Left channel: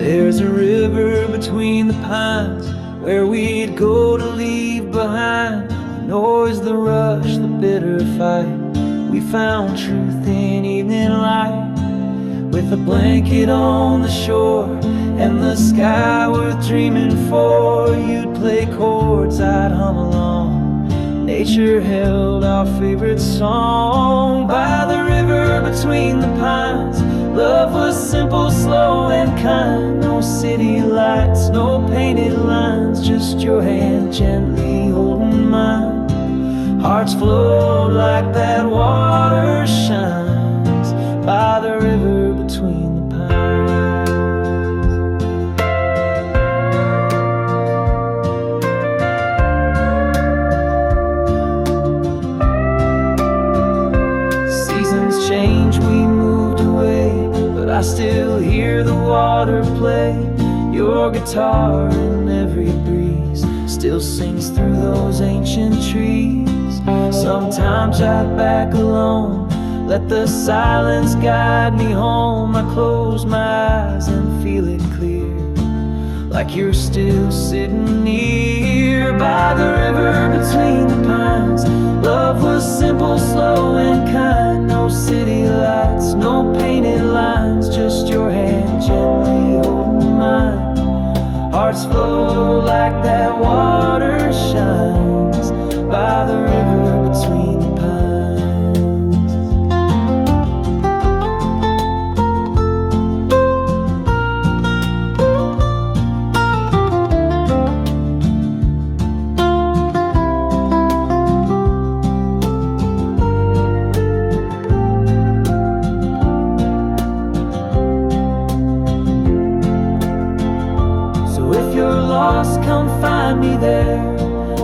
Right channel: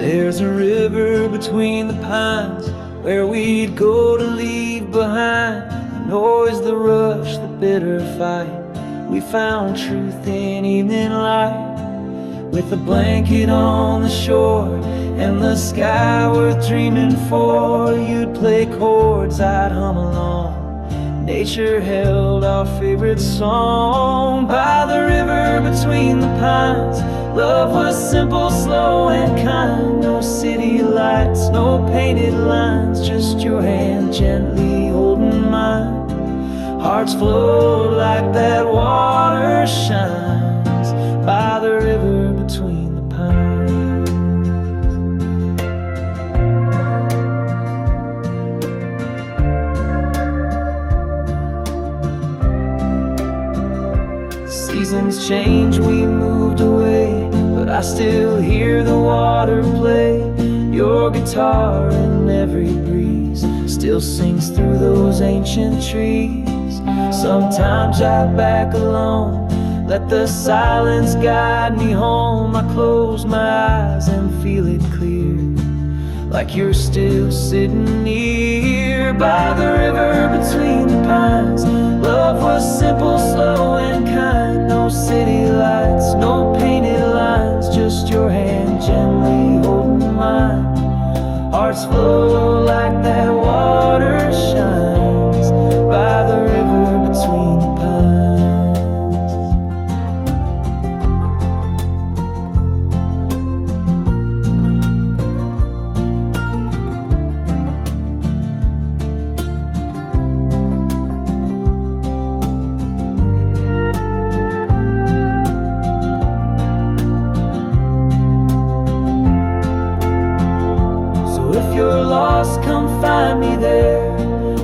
There's a river between the pines where we'd go to leave behind the noise, the rush, the bitter fight. We found truth in evening light, with a blanket on the shore and the sky worth dreaming for. You'd play chords, I'd hum along. Nature held our favorite song by the river between the pines. Love was simple, slow and kind. No city lights, no painted lines, just your hand gently holding mine. Hearts flowed like that water shines by the river between the pines. Seasons change, we moved away, but I still hear the water play. Your guitar in every breeze still sings through those ancient trees. Sometimes I back alone, let the silence guide me home. I close my eyes and feel it clear, like you're still sitting near by the river between the pines. Love was simple, slow and kind. No city lights, no painted lines, just your hand gently holding mine. Hearts flow like that water shines by the river between the pines. If you're lost, come find me there,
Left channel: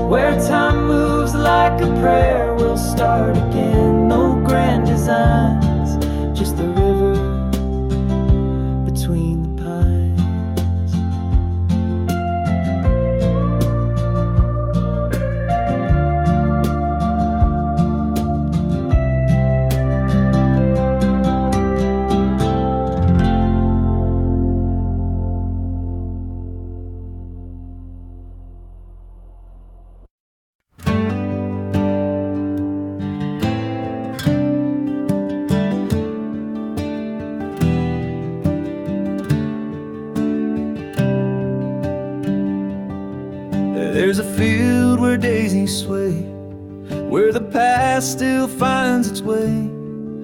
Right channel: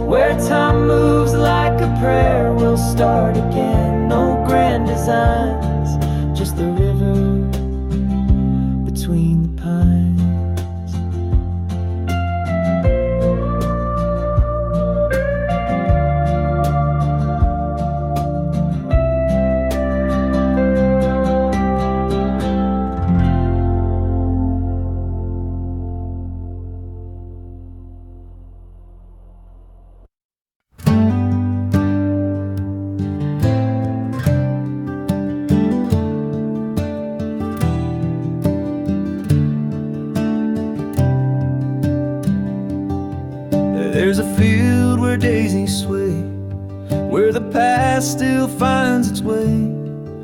where time moves like a prayer. We'll start again, no grand designs, just the river between the pines. There's a field where daisies sway, where the past still finds its way.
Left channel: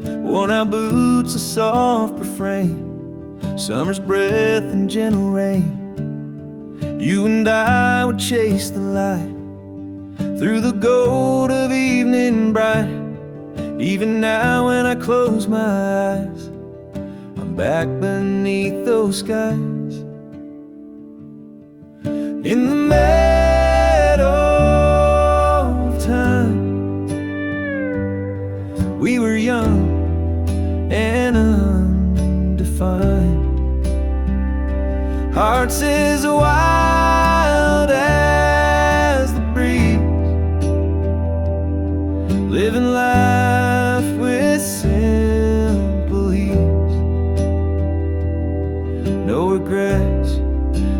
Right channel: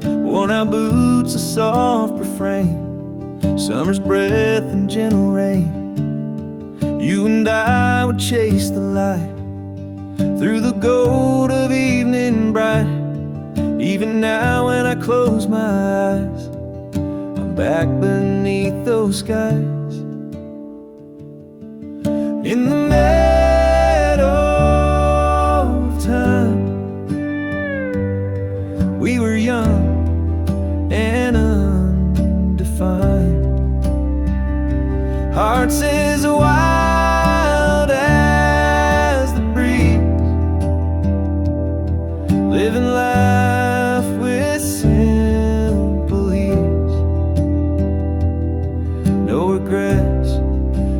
Worn-out boots, a soft refrain, summer's breath and gentle rain. You and I would chase the light through the gold of evening bright. Even now when I close my eyes, I'm back beneath those skies. In the meadow of time, we were young and undefined, hearts as wild as the breeze, living life with simple ease. No regrets,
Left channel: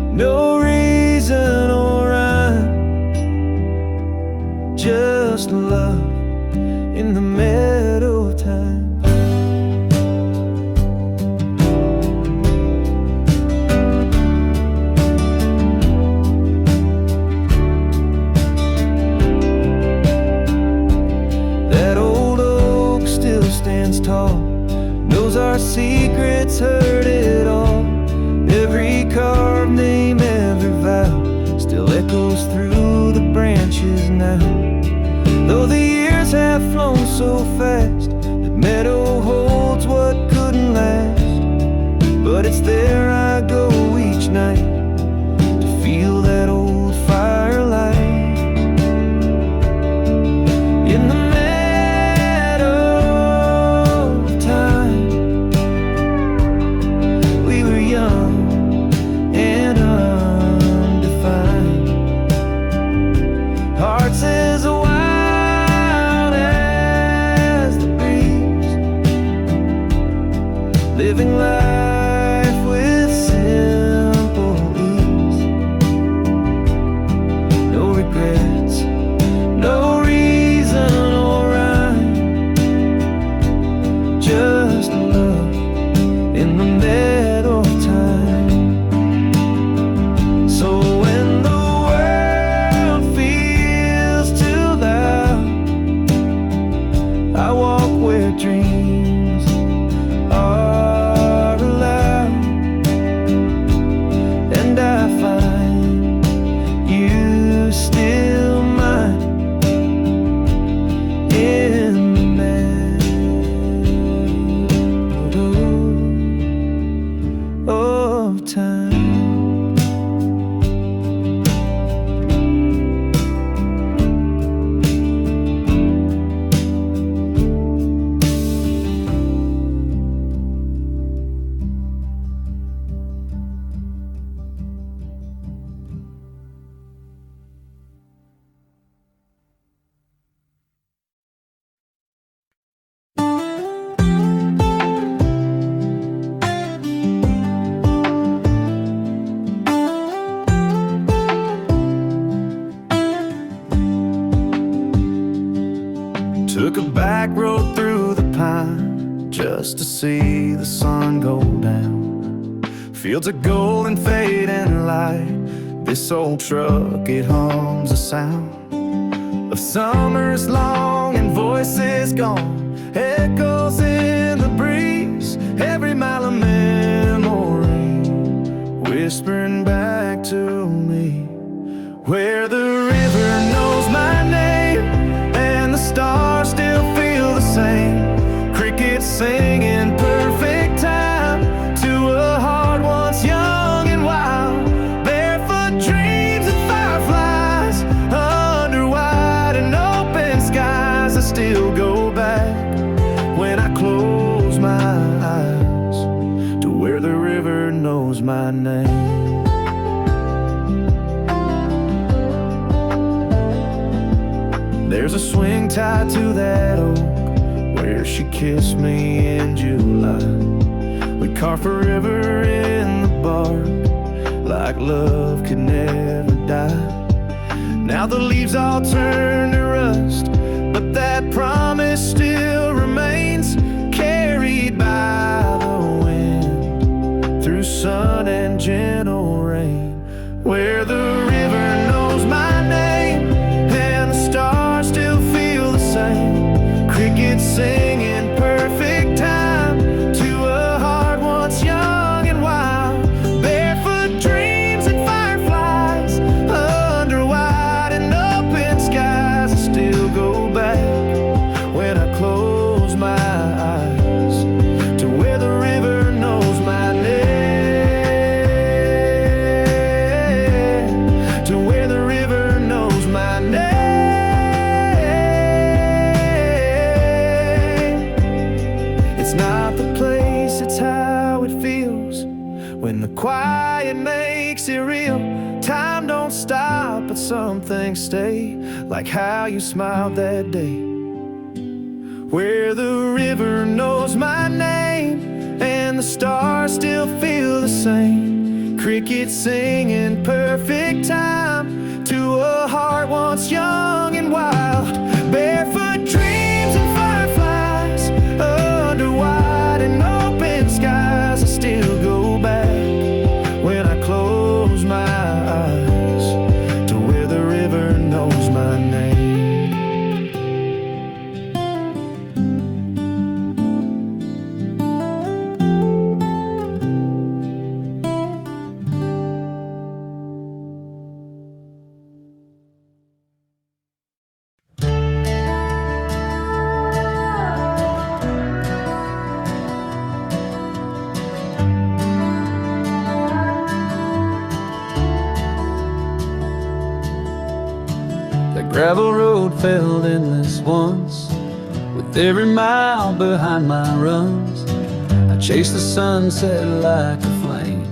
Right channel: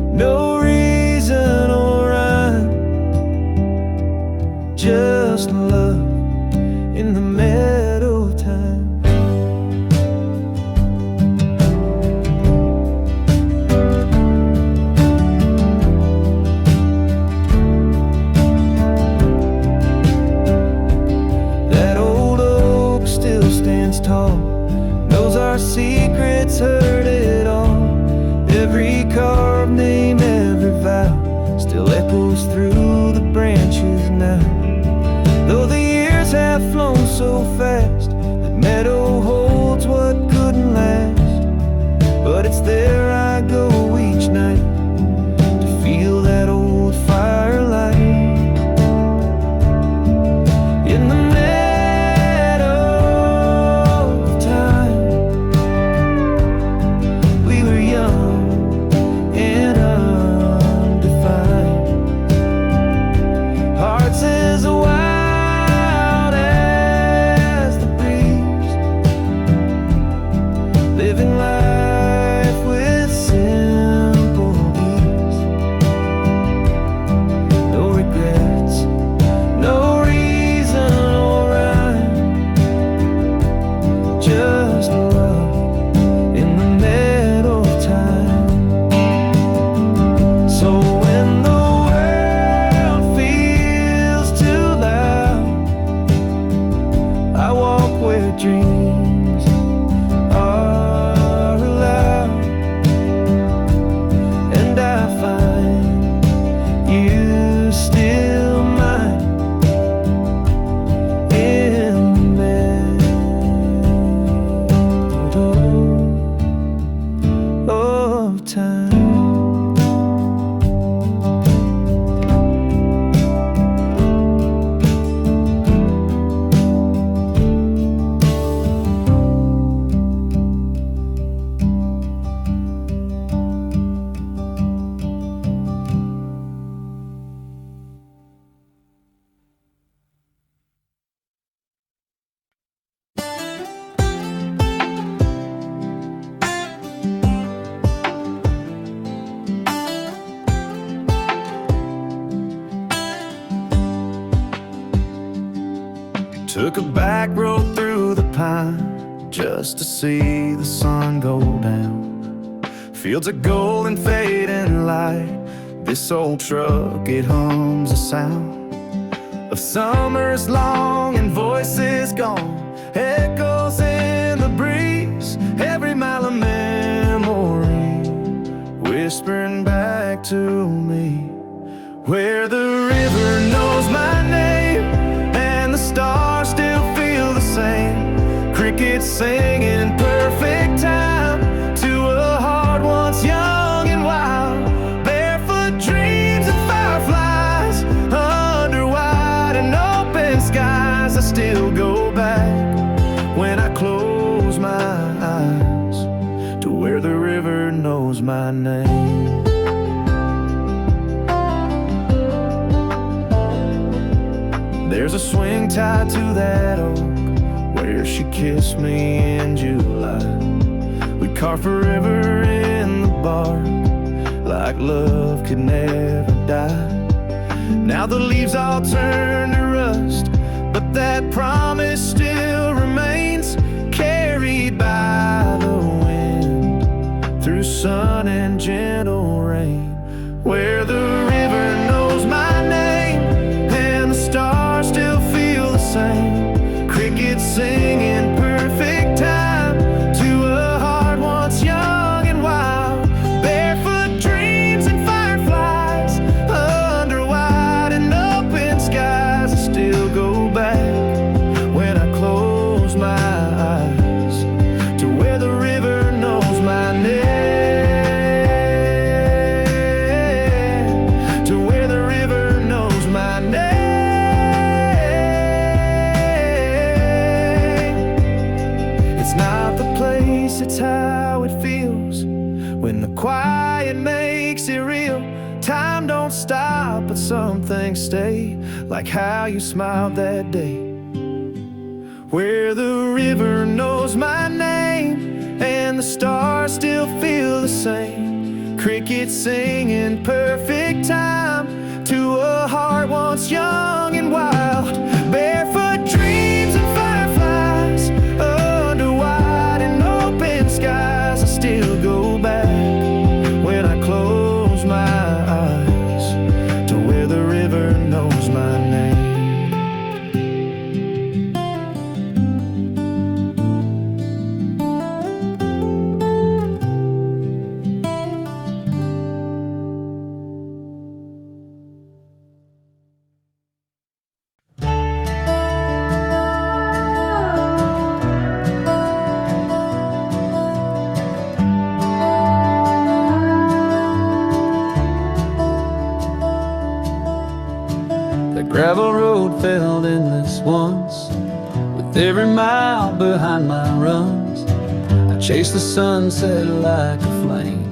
no reason or rhyme, just love in the meadow of time. That old oak still stands tall, knows our secrets, heard it all. Every carved name, every vow still echoes through the branches now. Though the years have flown so fast, that meadow holds what couldn't last. But it's there I go each night to feel that old firelight. In the meadow of time, we were young and undefined, hearts as wild as the breeze, living life with sin. in the meadow of time. So when the world feels too loud, I walk where dreams are allowed, and I find you still mine in the meadow of time. Took a back road through the pine just to see the sun go down. Fields of gold and fading light. This old truck, it hums a sound of summers long and voices gone. Echoes in the breeze, every mile of memory whispering back to me. Where the river knows my name and the stars still feel the same. Crickets sing in perfect time to a heart once young and wild. Barefoot dreams and fireflies under wide and open skies. I still go back when I close my eyes to where the river knows my name. There's a swing tied to that oak where she kissed me in July. We carved forever in the bark like love could never die. Now the leaves all turn to rust, but that promise still remains, carried by the wind through sun and gentle rain. Where the river knows my name and the stars still feel the same. Crickets sing in perfect time to a heart once young and wild. Barefoot dreams and fireflies under wide and open skies. I still go back when I close my eyes to where the river knows my name. To where the river knows my name. It's not the place, it's how it feels when the quiet makes it real. Time don't stop, but some things stay, like how you smiled that day. Where the river knows my name and the stars still feel the same. Crickets sing in perfect time to a heart once young and wild. Barefoot dreams and fireflies under wide and open skies. I still go back when I close my eyes to where the river knows my name. The gravel road felt endless once, with every mile behind my runs. I chased the sunset like a flame,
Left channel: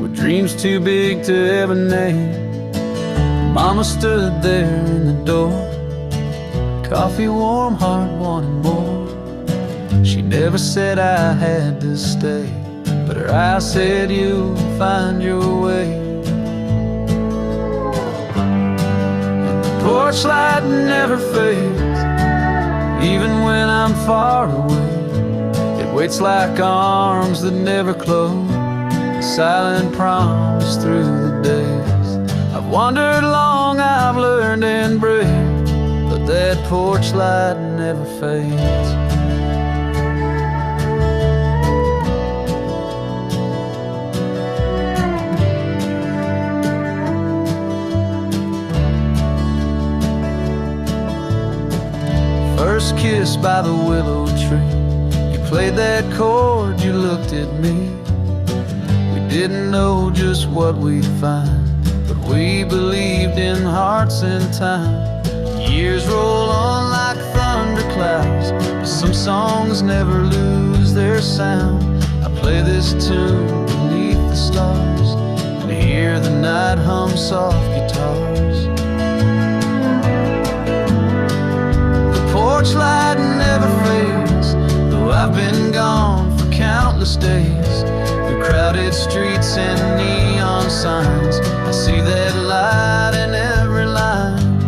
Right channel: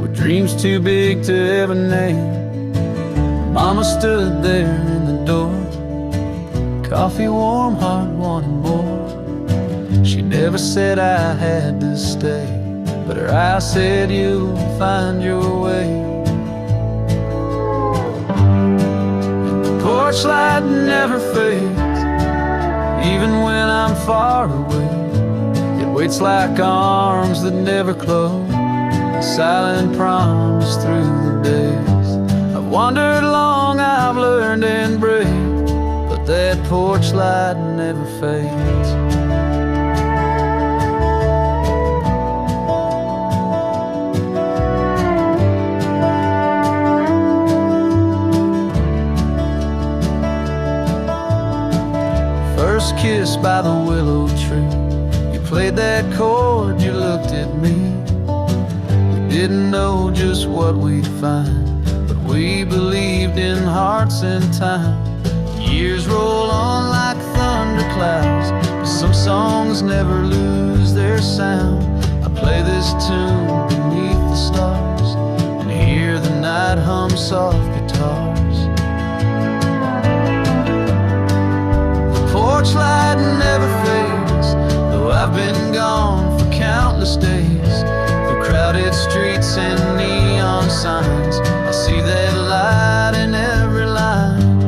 with dreams too big to ever name. Mama stood there in the door, coffee warm, heart wanting more. She never said I had to stay, but her eyes said you'll find your way. Porch light never fades, even when I'm far away. It Waits like arms that never close, a silent promise through the days. I've wandered long, I've learned and bred, but that porch light never fades. First kiss by the willow tree, you played that chord, you looked at me. We didn't know just what we'd find, but we believed in hearts and time. Years roll on like thunder clouds, but some songs never lose their sound. I play this tune beneath the stars and hear the night hum soft guitars. Porch light never fades, though I've been gone for countless days. Through crowded streets and neon signs, I see that light in every line.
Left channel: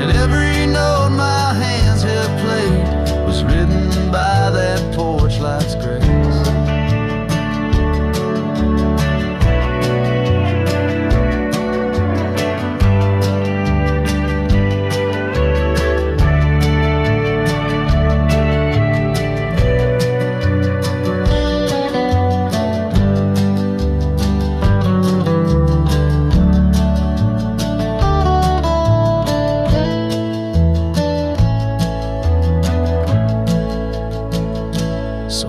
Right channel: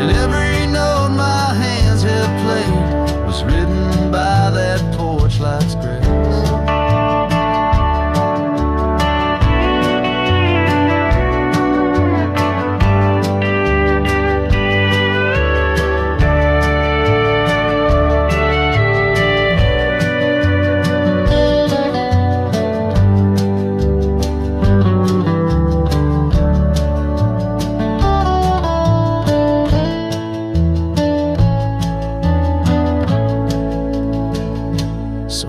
And every note my hands have played was written by that porch light's grace.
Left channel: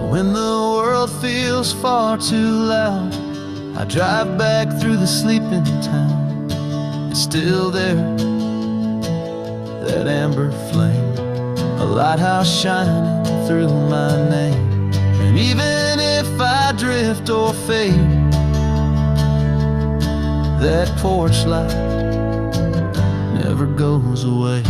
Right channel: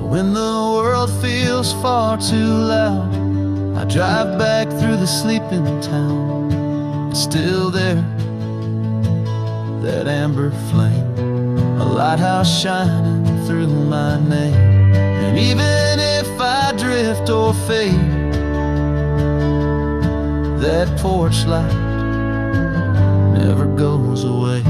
When the world feels far too loud, I drive back through the sleeping town. It's still there, that amber flame, a lighthouse shining through my name. And even if I drift or fade, that porch light never goes away.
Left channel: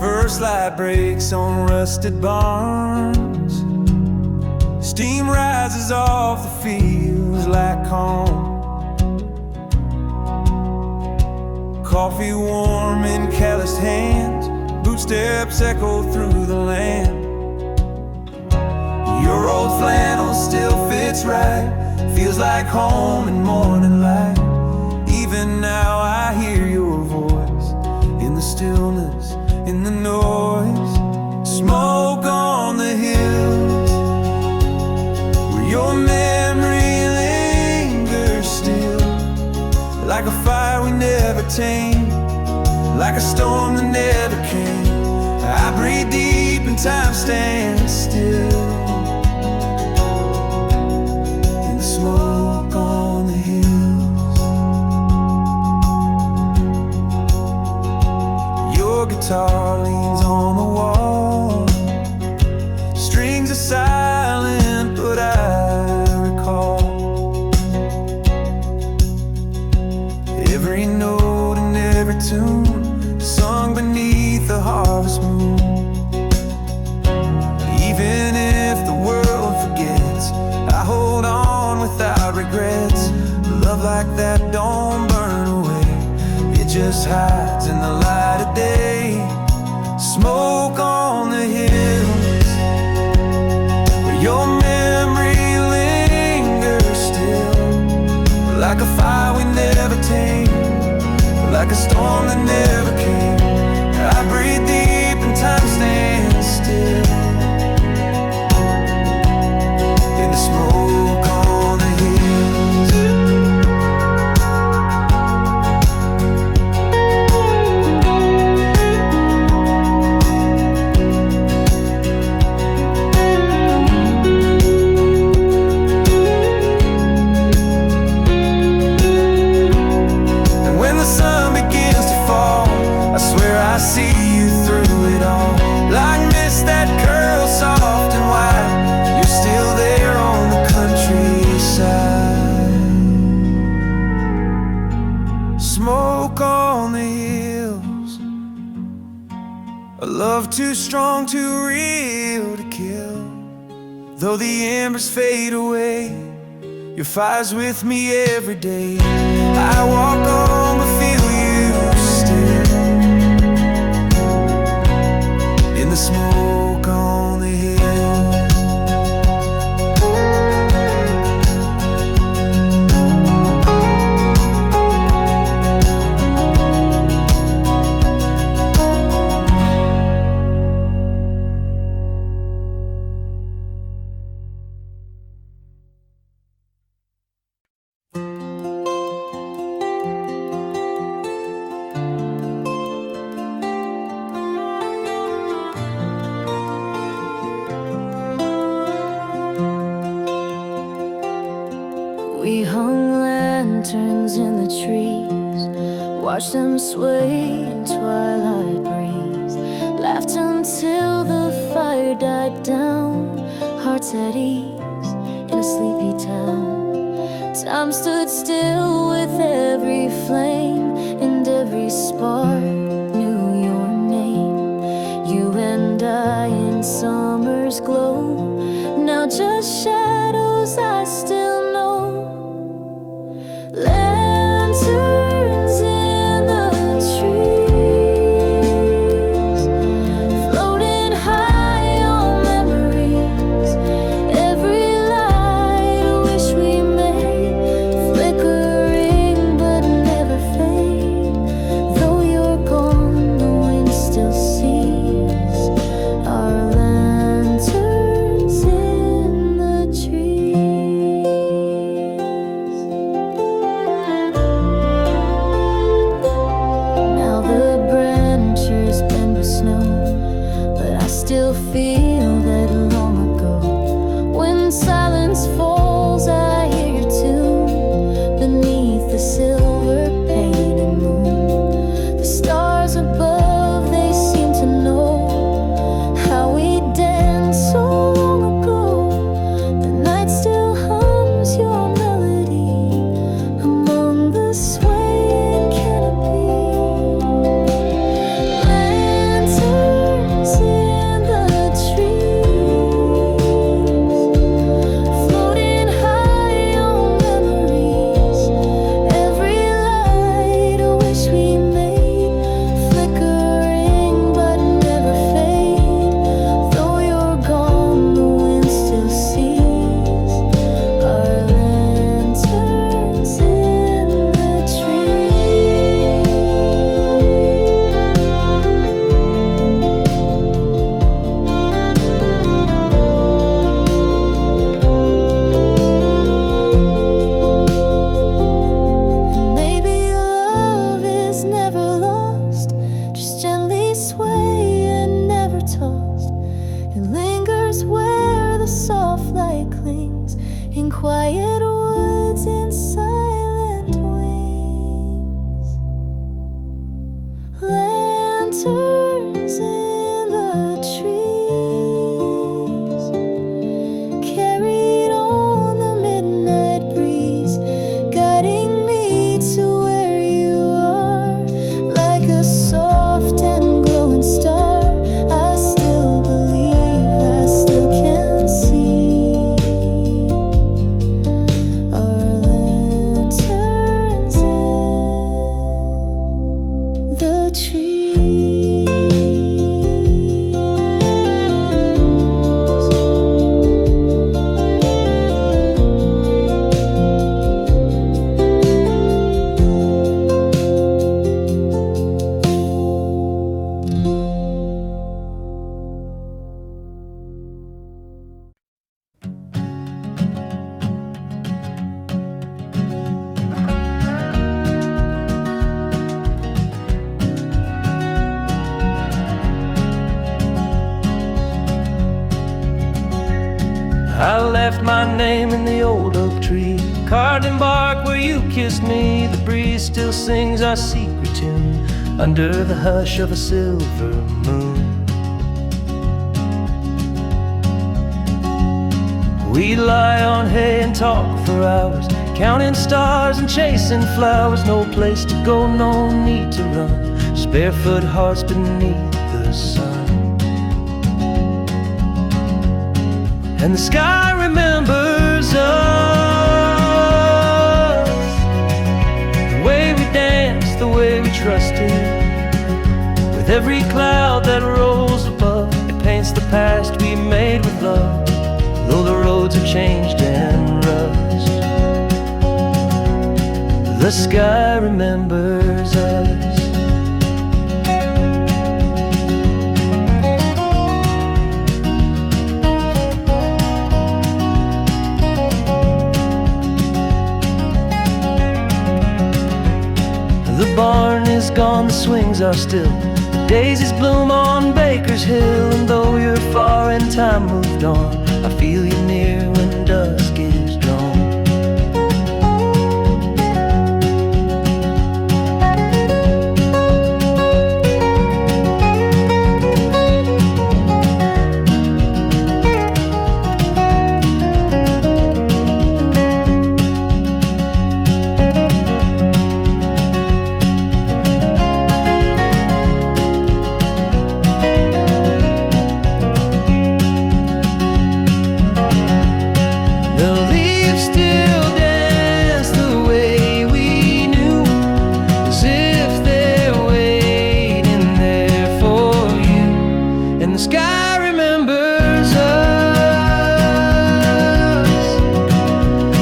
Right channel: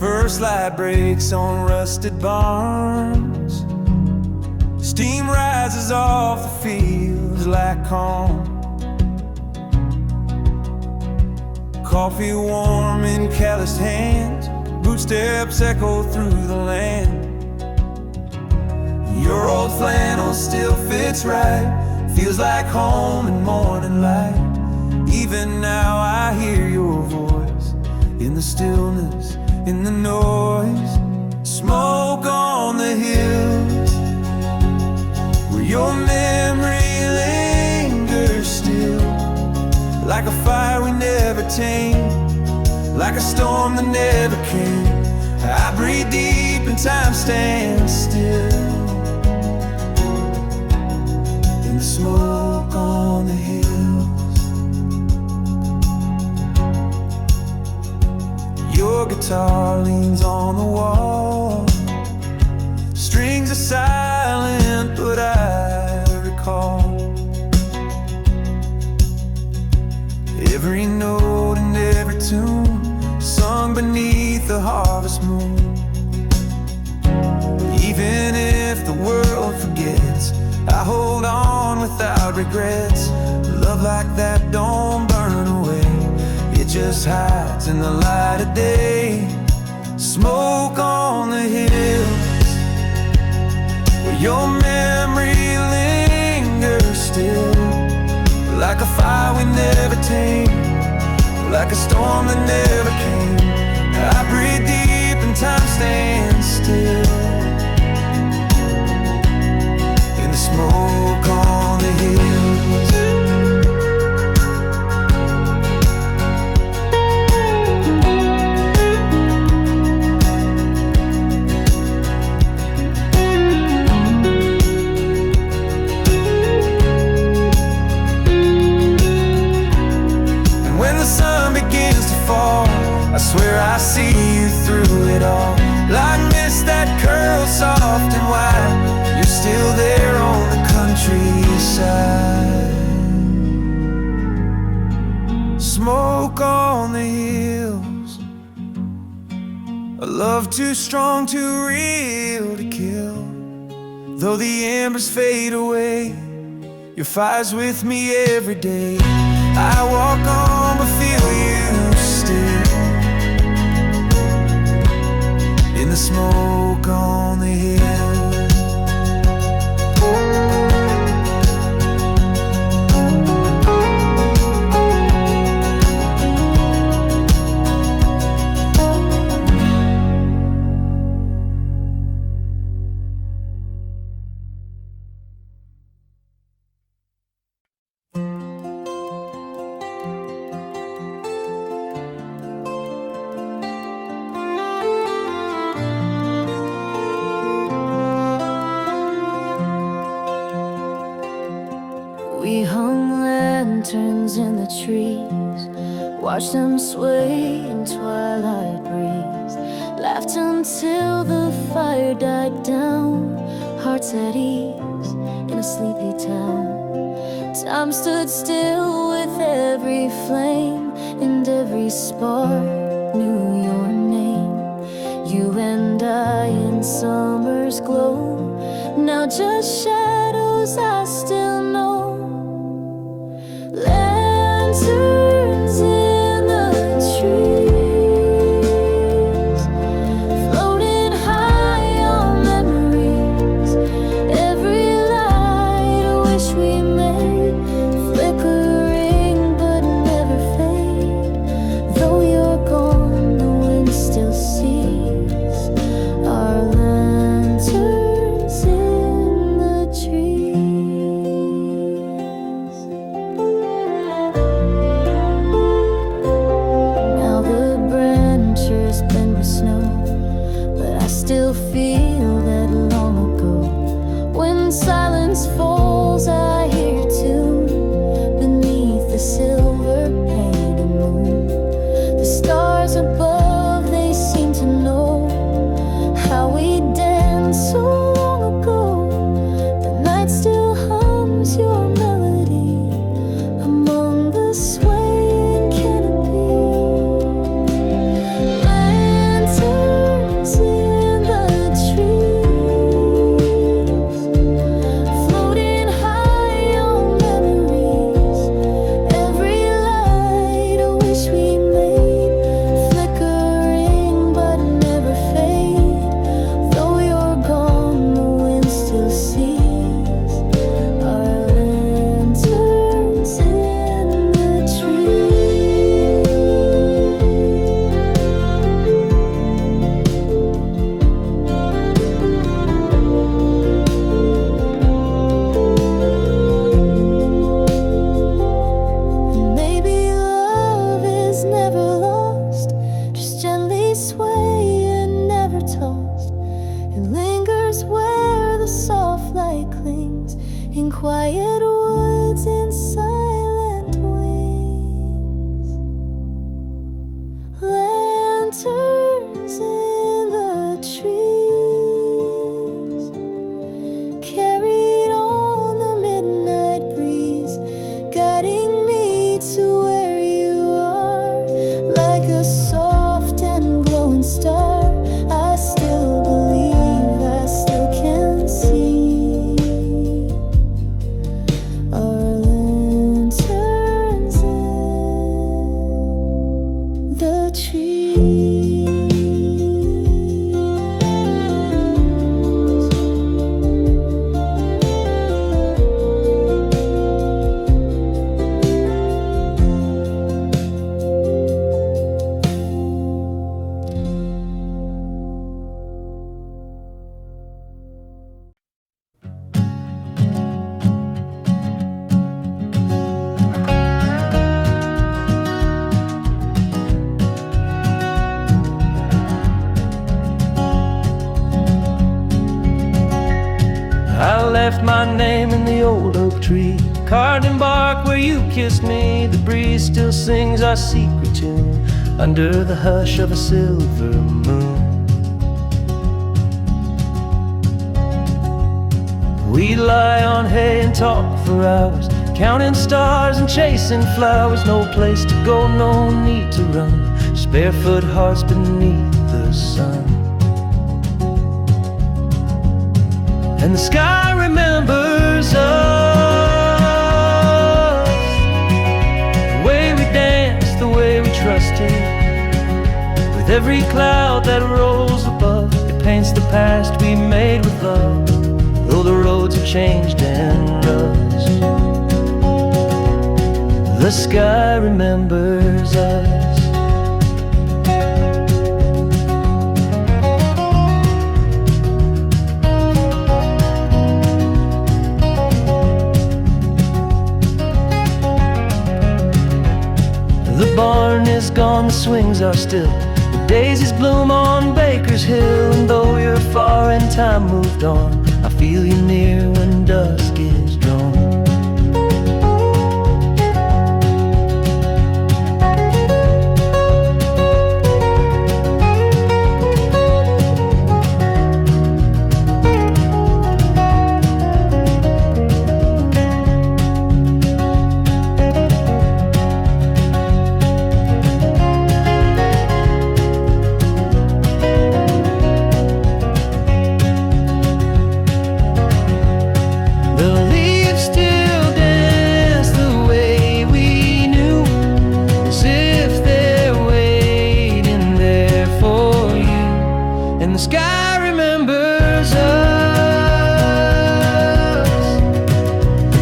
First light breaks on rusted barns, steam rises off the fields like home. Coffee warm in calloused hands, bootsteps echo through the land. Your old flannel still fits right, feels like home in morning light. Even now I hear your voice in the stillness, in the noise. Smoke on the hills where your memory lingers still, like a fire we never tamed, like a storm that never came. I breathe deep and time stands still in the smoke on the hills. Your guitar leans on the wall, strings are silent, but I recall every note and every tune sung beneath the harvest moon. Even if the world forgets, I hold on without regrets. Love like that don't burn away, it just hides in the light of day. Smoke on the hills where your memory lingers still, like a fire we never tamed, like a storm that never came. I breathe deep and time stands still in the smoke on the hills. I swear I see you through it all, like mist that curls soft and white. You're still there on the country side. Smoke on the hills, a love too strong, too real to kill. Though the embers fade away, your fire's with me every day. I walk on but feel you still, in the smoke on the hill. We hung lanterns in the trees, watched them sway in twilight breeze, laughed until the fire died down, hearts at ease in a sleepy town. Time stood still with every flame, and every spark knew your name. You and I in summer's glow, now just shadows I still know. Lanterns in the trees, floating high on memories. Every light a wish we made, flickering but never fade. Though you're gone, the wind still sees our lanterns in the trees. The branches bend with snow, but I still feel that long ago. When silence falls, I hear your tune beneath the silver painted moon. The stars above, they seem to know how we danced so long ago. The night still hums your melody among the swaying canopy. In the trees, floating high on memories. Every light a wish we made, flickering but never fade. Though you're gone, the wind still sees our lanterns in the trees. Maybe love is never lost, just gently sway and never tossed. It lingers where the soft light clings, in quiet woods, in silent wings. Lanterns in the trees, carried on the midnight breeze, guiding me to where you are. Like a soft and glowing star, I still believe, I still can see our lanterns in the trees. I left my name in the old oak tree, carved in bark where you kissed me. The breeze still sings our secret tune under the hush of a silver moon. We'd lie on hay and talk for hours, counting stars and chasing flowers. No place to go, no need to run, just barefoot hearts beneath the sun. And the sky remembers us, the way we danced, the way we trusted. With every cloud that rolls above, it paints the past we made with love, though the roads have changed and rust. The sky remembers us. The barn is gone, the swings are still, the daisies bloom on Baker's Hill. And though you're far and time moved on, I feel you near when dusk is drawn. The sky remembers us,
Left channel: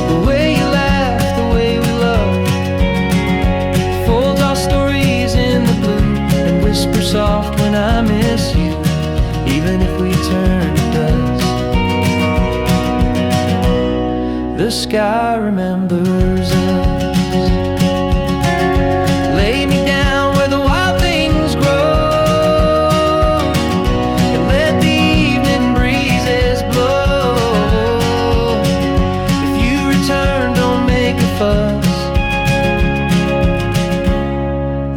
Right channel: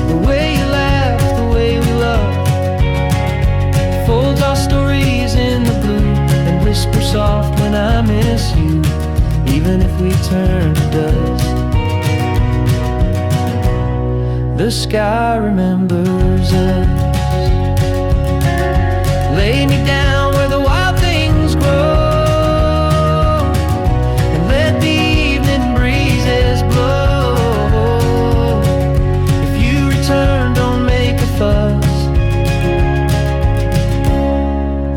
the way you laugh, the way we love, folds our stories in the blue and whisper soft when I miss you, even if we turn to dust. The sky remembers us. Lay me down where the wild things grow,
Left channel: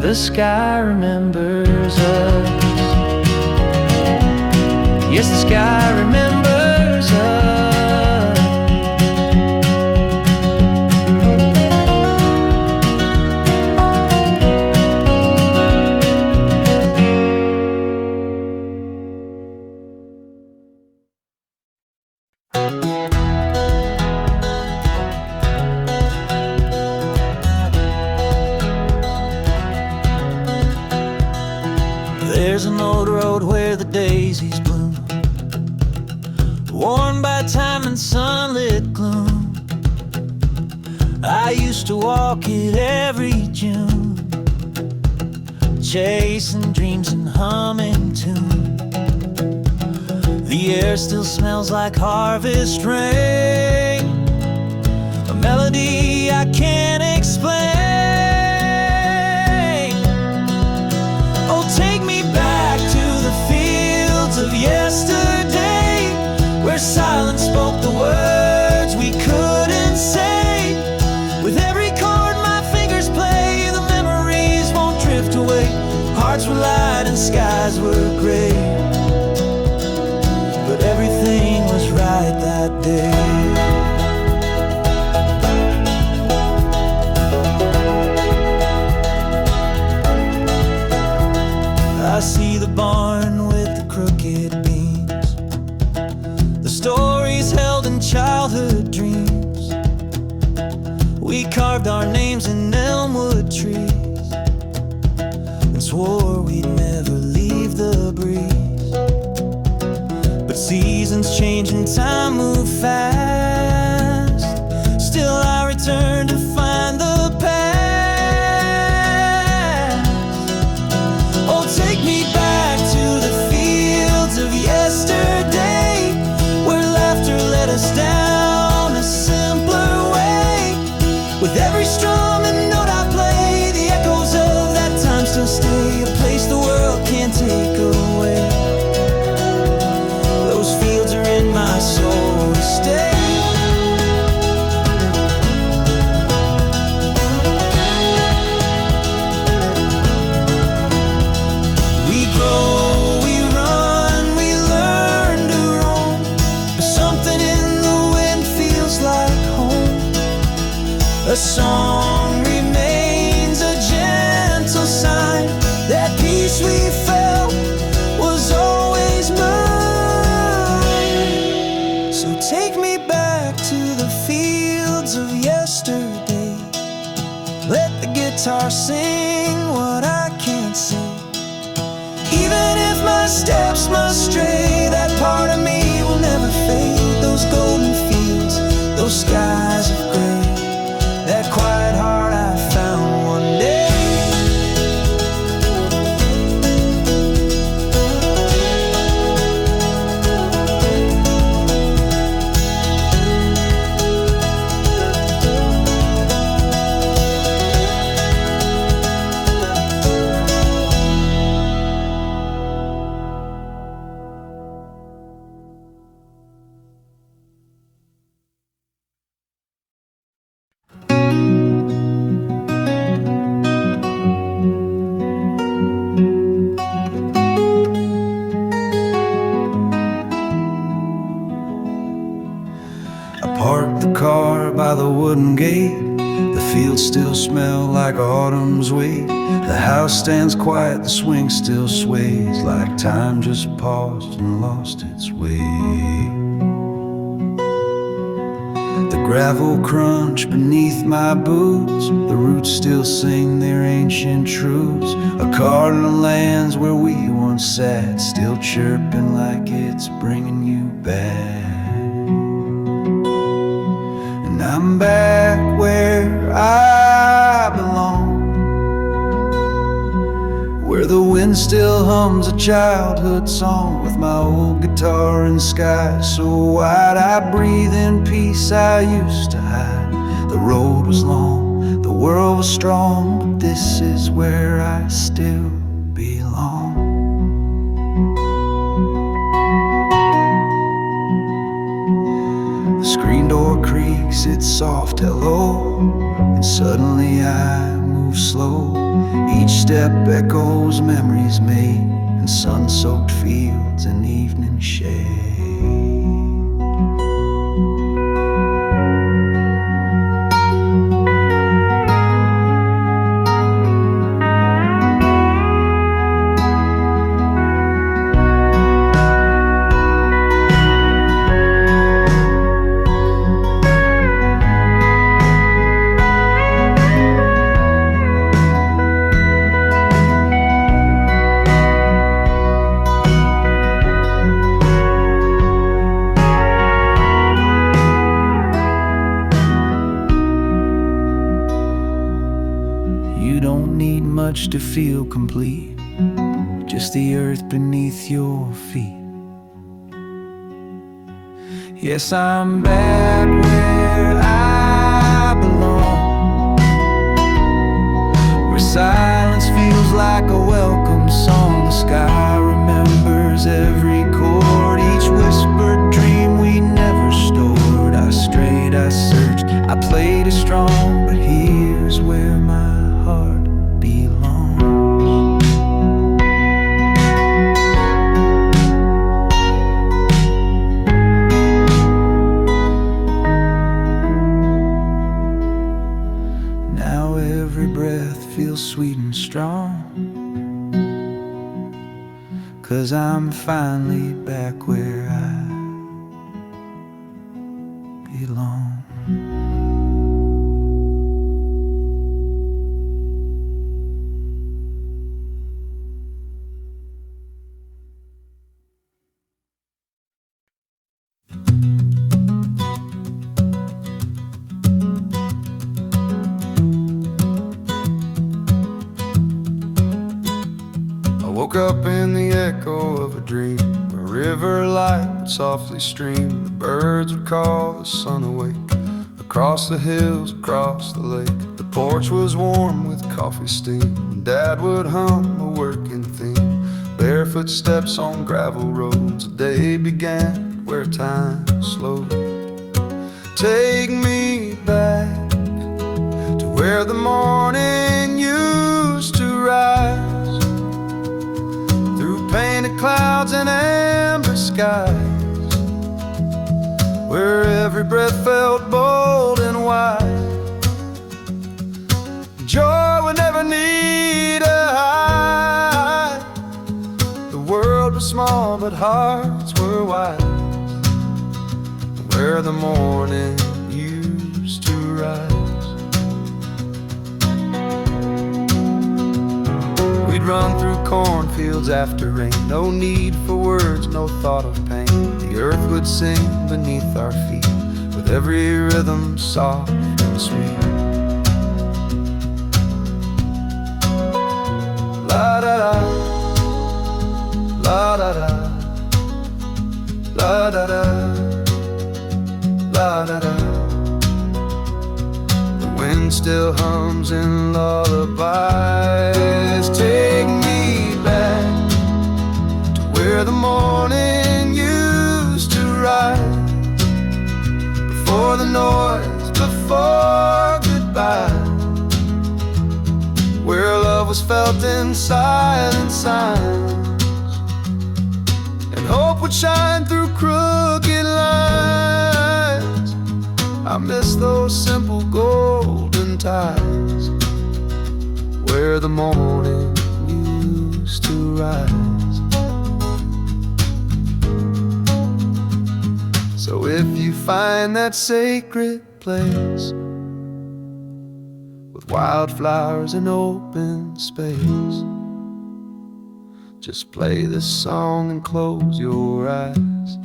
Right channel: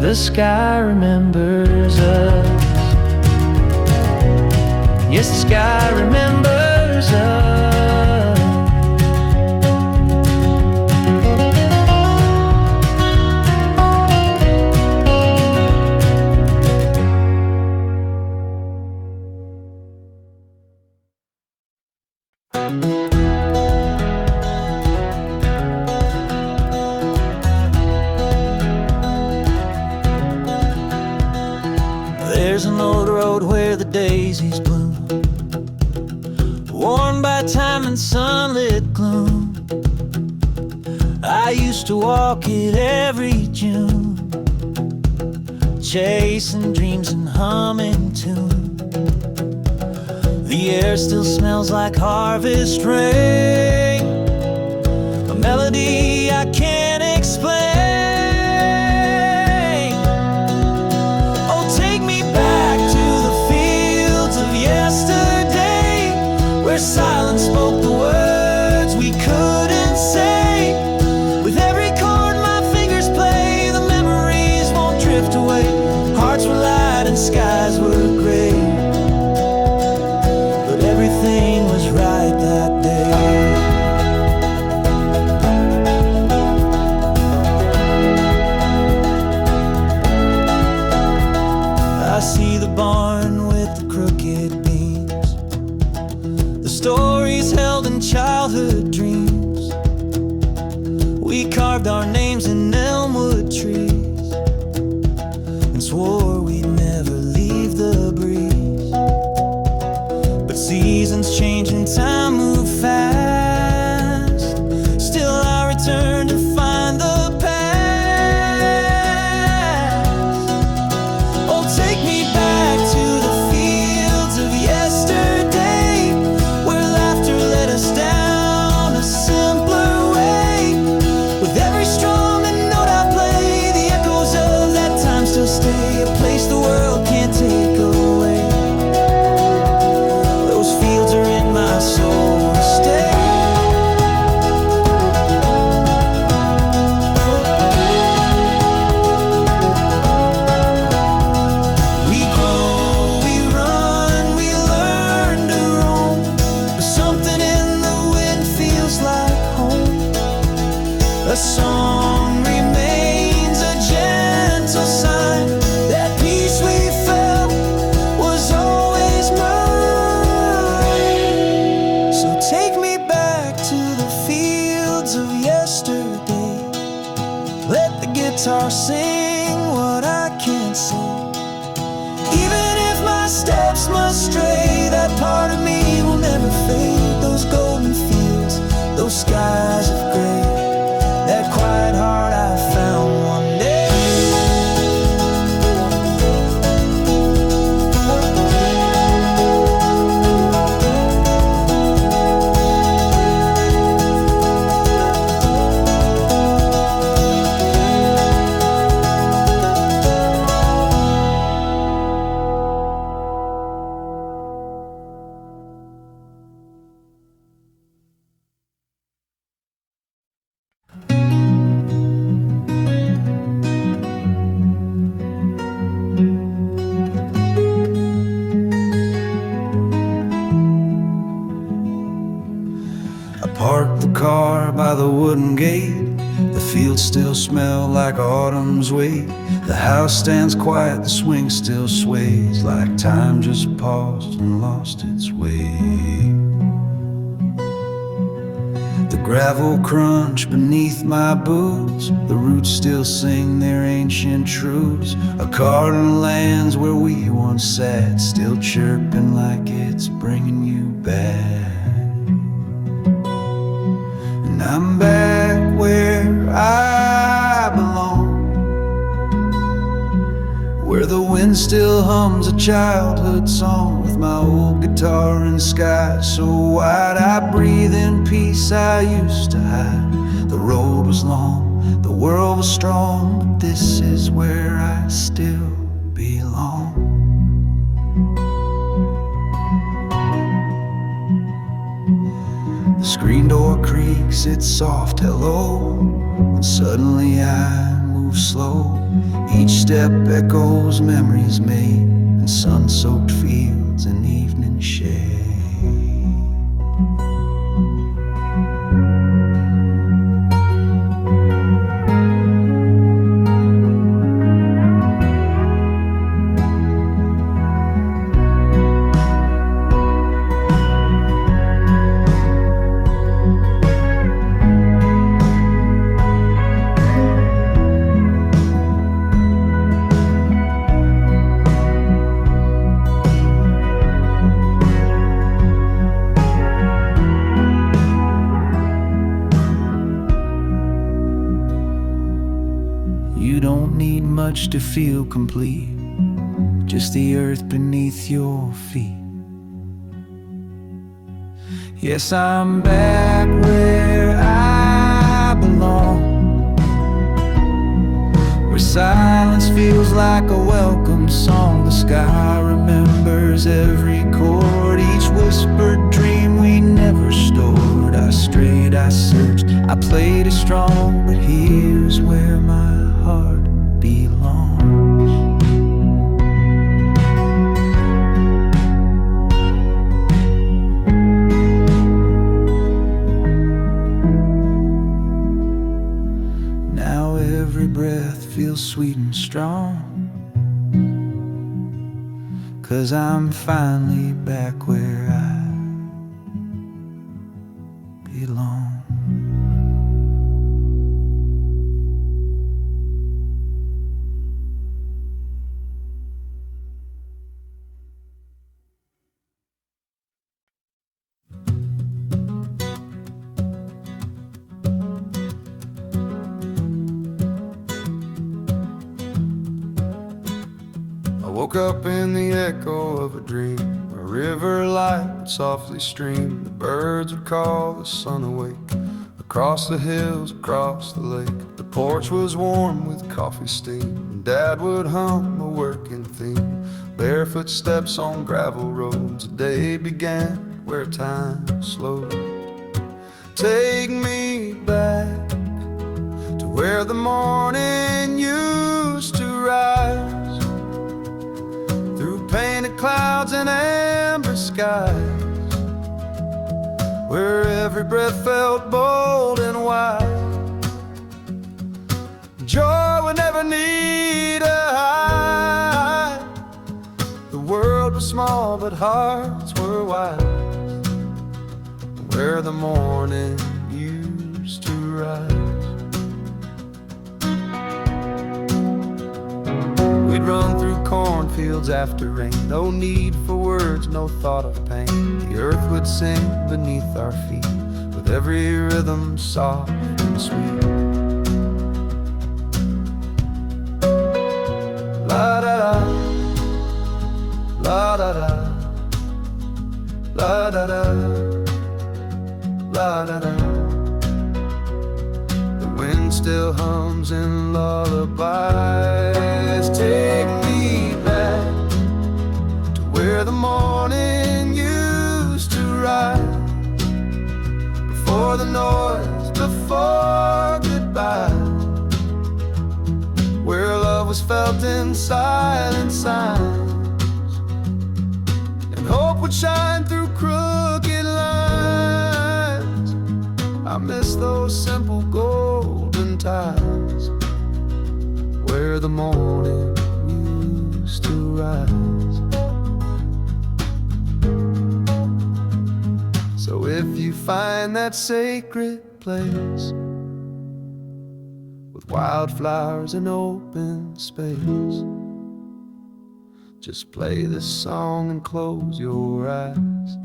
the sky remembers us. Yes, the sky remembers us. There's an old road where the daisies bloom, worn by time and sunlit gloom. I used to walk it every June, chasing dreams and humming tune. The air still smells like harvest rain, a melody I can't explain. Take me back to the fields of yesterday, where silence spoke the words we couldn't say. With every chord my fingers play, the memories won't drift away. Hearts were light and skies were gray, but everything was right that day. I see the barn with the crooked beams, the stories held in childhood dreams. We carved our names in elmwood trees and swore we'd never leave the breeze. But seasons change and time move fast, still I return to find the past. Take me back to the fields of yesterday, where laughter led us down a simpler way. With every strum and note I play, the echoes of that time still stay, a place the world can't take away. Those fields are in my soul to stay. Something in the wind feels like home. A song remains a gentle sign that peace we felt was always mine. So take me back to the fields of yesterday. Let the guitar sing what I can't say. Even if my steps must stray, that part of me will never fade. Those golden fields, those skies of gray, that quiet heart I found one day. Parked the car by the wooden gate. The fields still smell like autumn's weight. The house stands quiet, the swing still sways, like time just paused and lost its way. The gravel crunch beneath my boots, the roots still sing their ancient truths. A cardinal lands where we once sat, still chirping like it's bringing you back. And I'm back where I belong, where the wind still hums a childhood song, with my old guitar and sky so wide I breathe in peace I used to hide. The road was long, the world was strong, but this is where I still belong. The screen door creaks its soft hello, and suddenly I move slow. Each step echoes memories made in sun-soaked fields and evening shade. You don't need much to feel complete, just the earth beneath your feet. Yes, I'm back where I belong, where silence feels like a welcome song. The sky remembers every chord, each whispered dream we never stored. I strayed, I searched, I played it strong, but here's where my heart belongs. Now every breath feels sweet and strong, 'cause I'm finally back where I belong. I woke up in the echo of a dream, a river light would softly stream. The birds would call the sun awake, across the hills, across the lake. The porch was warm with coffee steam, and Dad would hum a working theme. Barefoot steps on gravel roads, a day began where time slowed. Take me back to where the morning used to rise, through painted clouds and amber skies, where every breath felt bold and wide. Joy would never need a high. The world was small but hearts were wide, where the morning used to rise. We'd run through cornfields after rain, no need for words, no thought of pain. The earth would sing beneath our feet, with every rhythm soft and sweet. La da da, la da da, la da da, la da da. The wind still hums in lullabies. Take me back to where the morning used to rise, before the noise, before goodbye, where love was felt in silent signs, and hope would shine through crooked lines. I miss those simple golden times, where the morning used to rise. So if you find that sacred place with wildflowers and open space, just play this song and close your eyes.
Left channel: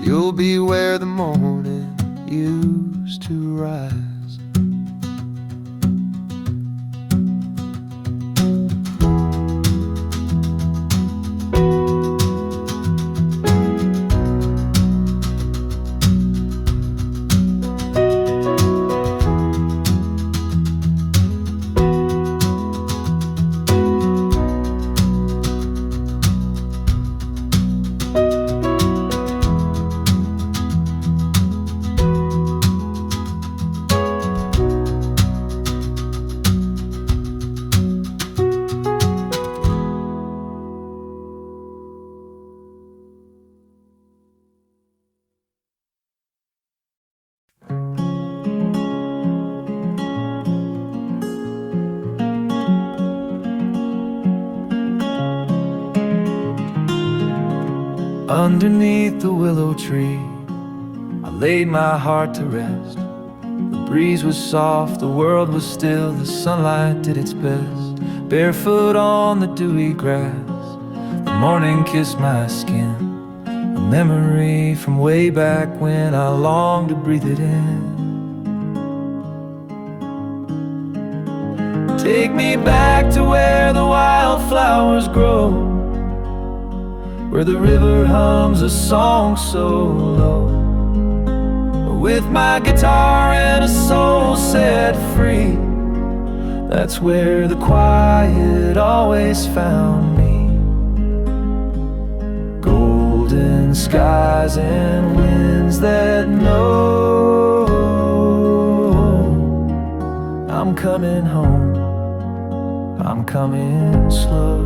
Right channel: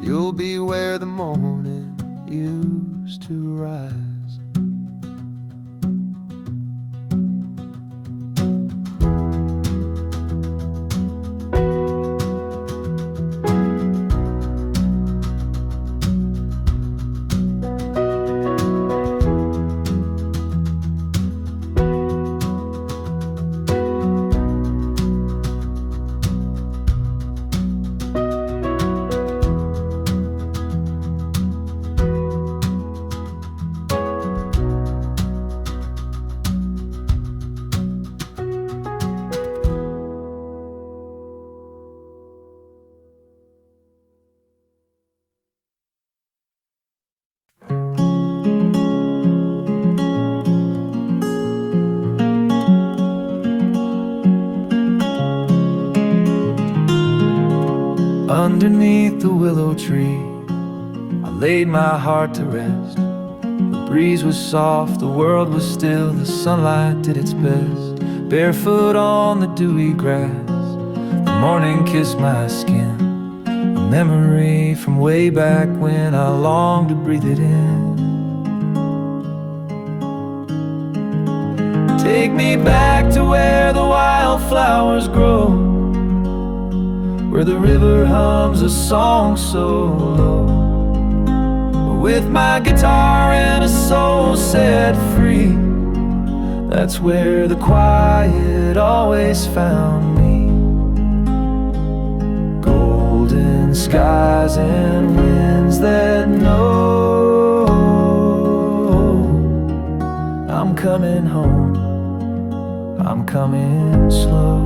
You'll be where the morning used to rise. Underneath the willow tree, I laid my heart to rest. The breeze was soft, the world was still, the sunlight did its best. Barefoot on the dewy grass, the morning kissed my skin, a memory from way back when I longed to breathe it in. Take me back to where the wildflowers grow, where the river hums a song so low, with my guitar and a soul set free. That's where the quiet always found me. Golden skies and winds that know I'm coming home, I'm coming slow.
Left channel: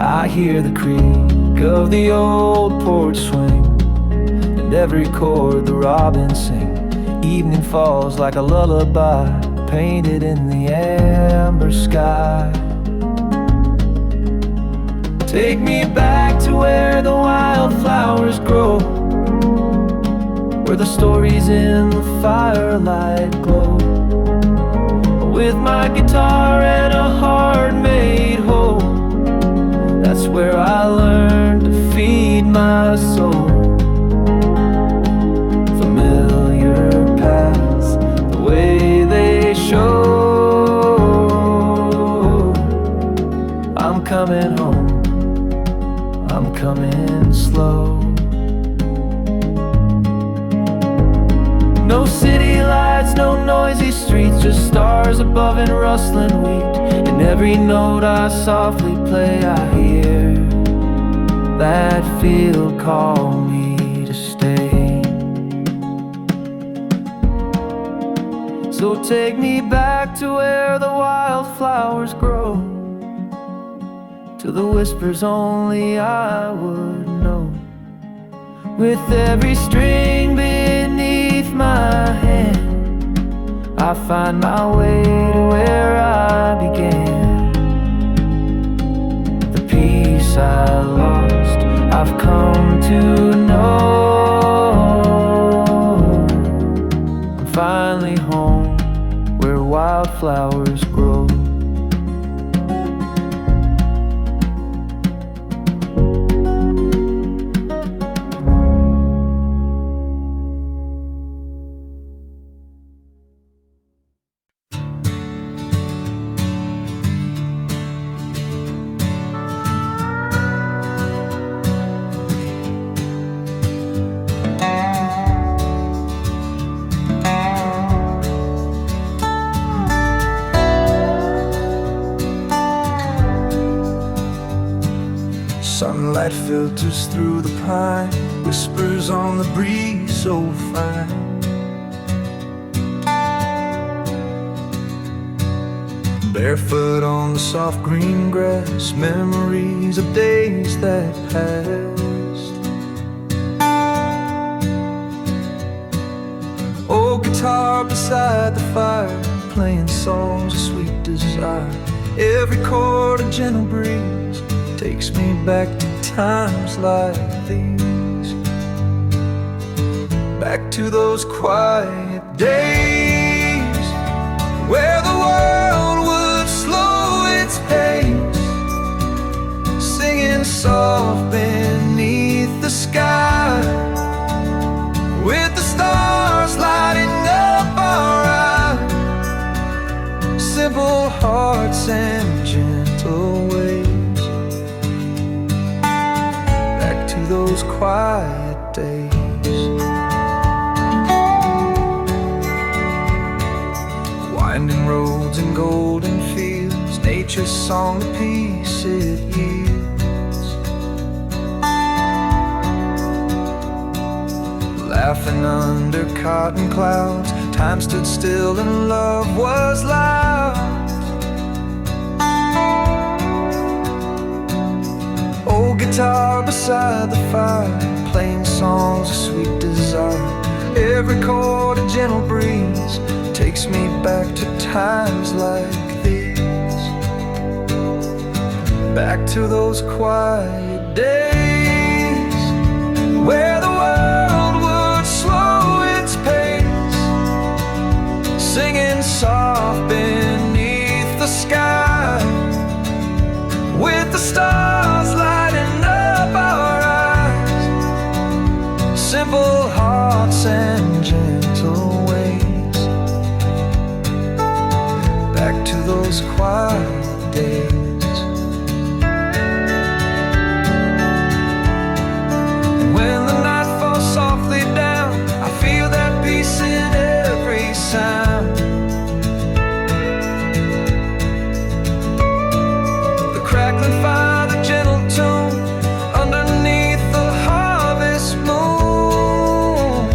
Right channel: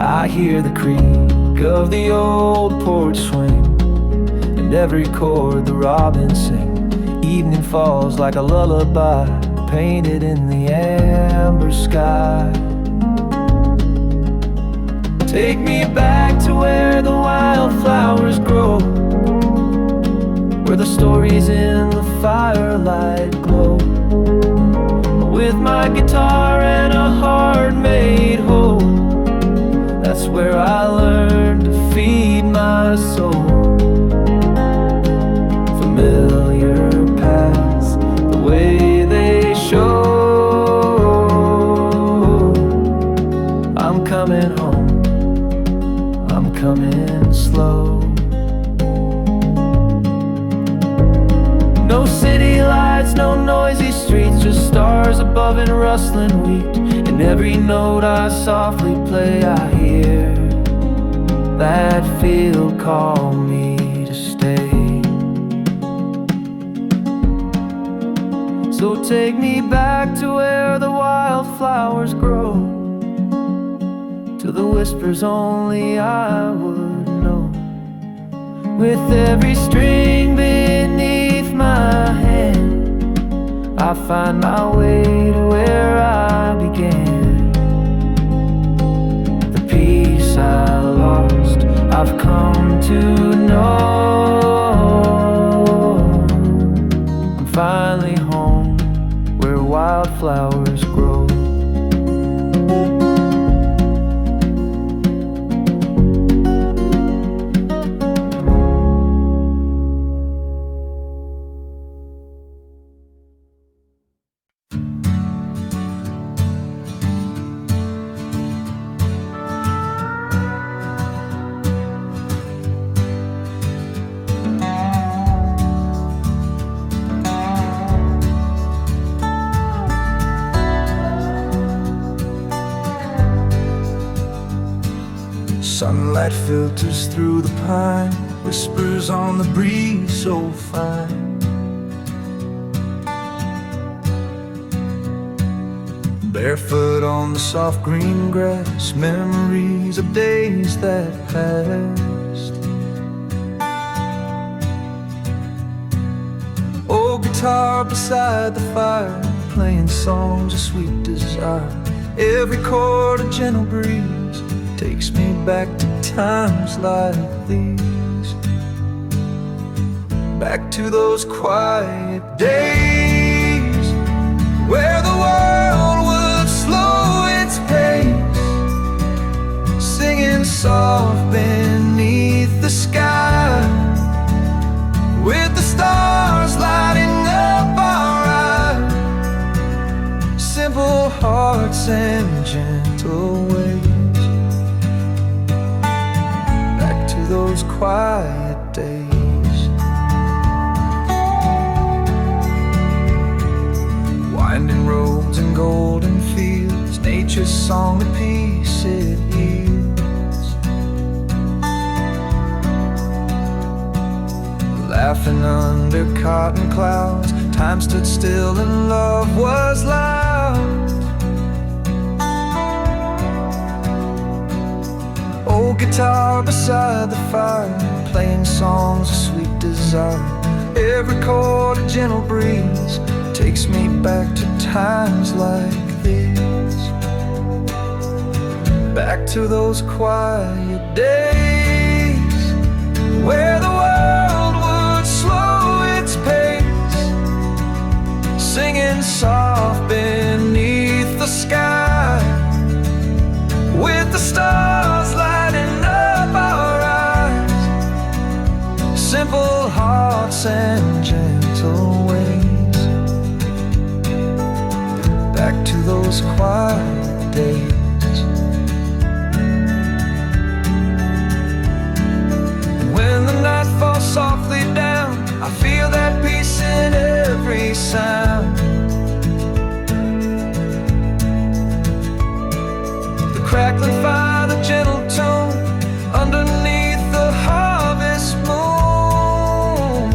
I hear the creak of the old porch swing, and every chord the robins sing. Evening falls like a lullaby, painted in the amber sky. Take me back to where the wildflowers grow, where the stories in the firelight glow, with my guitar and a heart made whole. That's where I learned to feed my soul. Familiar paths, the way they show. I'm coming home, I'm coming slow. No city lights, no noisy streets, just stars above and rustling wheat. In every note I softly play, I hear that field call me to stay. So take me back to where the wildflowers grow, to the whispers only I would know, With every string beneath my hand, I find my way to where I began. The peace I lost, I've come to know. I'm finally home, where wildflowers grow. Sunlight filters through the pine, whispers on the breeze so fine. Barefoot on the soft green grass, memories of days that passed. Old guitar beside the fire, playing songs of sweet desire. Every chord a gentle breeze takes me back to times like these. Back to those quiet days where the world would slow its pace, singing soft beneath the sky, with the stars lighting up our eyes. Simple hearts and gentle ways. To those quiet days. Winding roads and golden fields, nature's song the peace it yields. Laughing under cotton clouds, time stood still and love was loud. Guitar beside the fire, playing songs of sweet desire. Every chord a gentle breeze takes me back to times like these. Back to those quiet days where the world would slow its pace, singing soft beneath the sky, with the stars lighting up our eyes. Simple hearts and gentle ways. Back to those quiet days. And when the night falls softly down, I feel that peace in every sound. Crackling fire, the gentle tune underneath the harvest moon.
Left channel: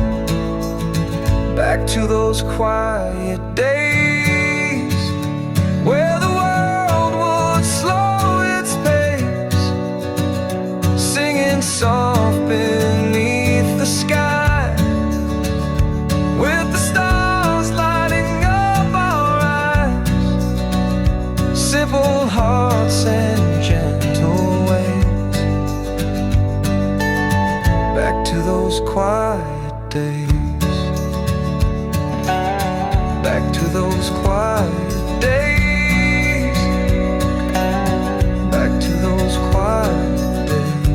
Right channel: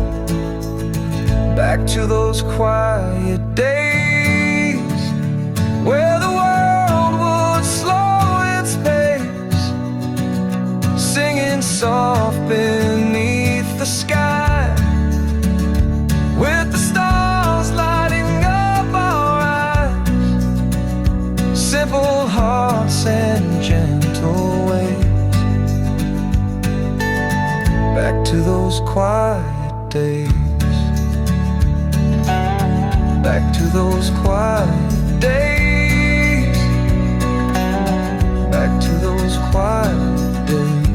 Back to those quiet days where the world would slow its pace, singing soft beneath the sky, with the stars lighting up our eyes. Simple hearts and gentle ways. Back to those quiet days. Back to those quiet days. Back to those quiet days.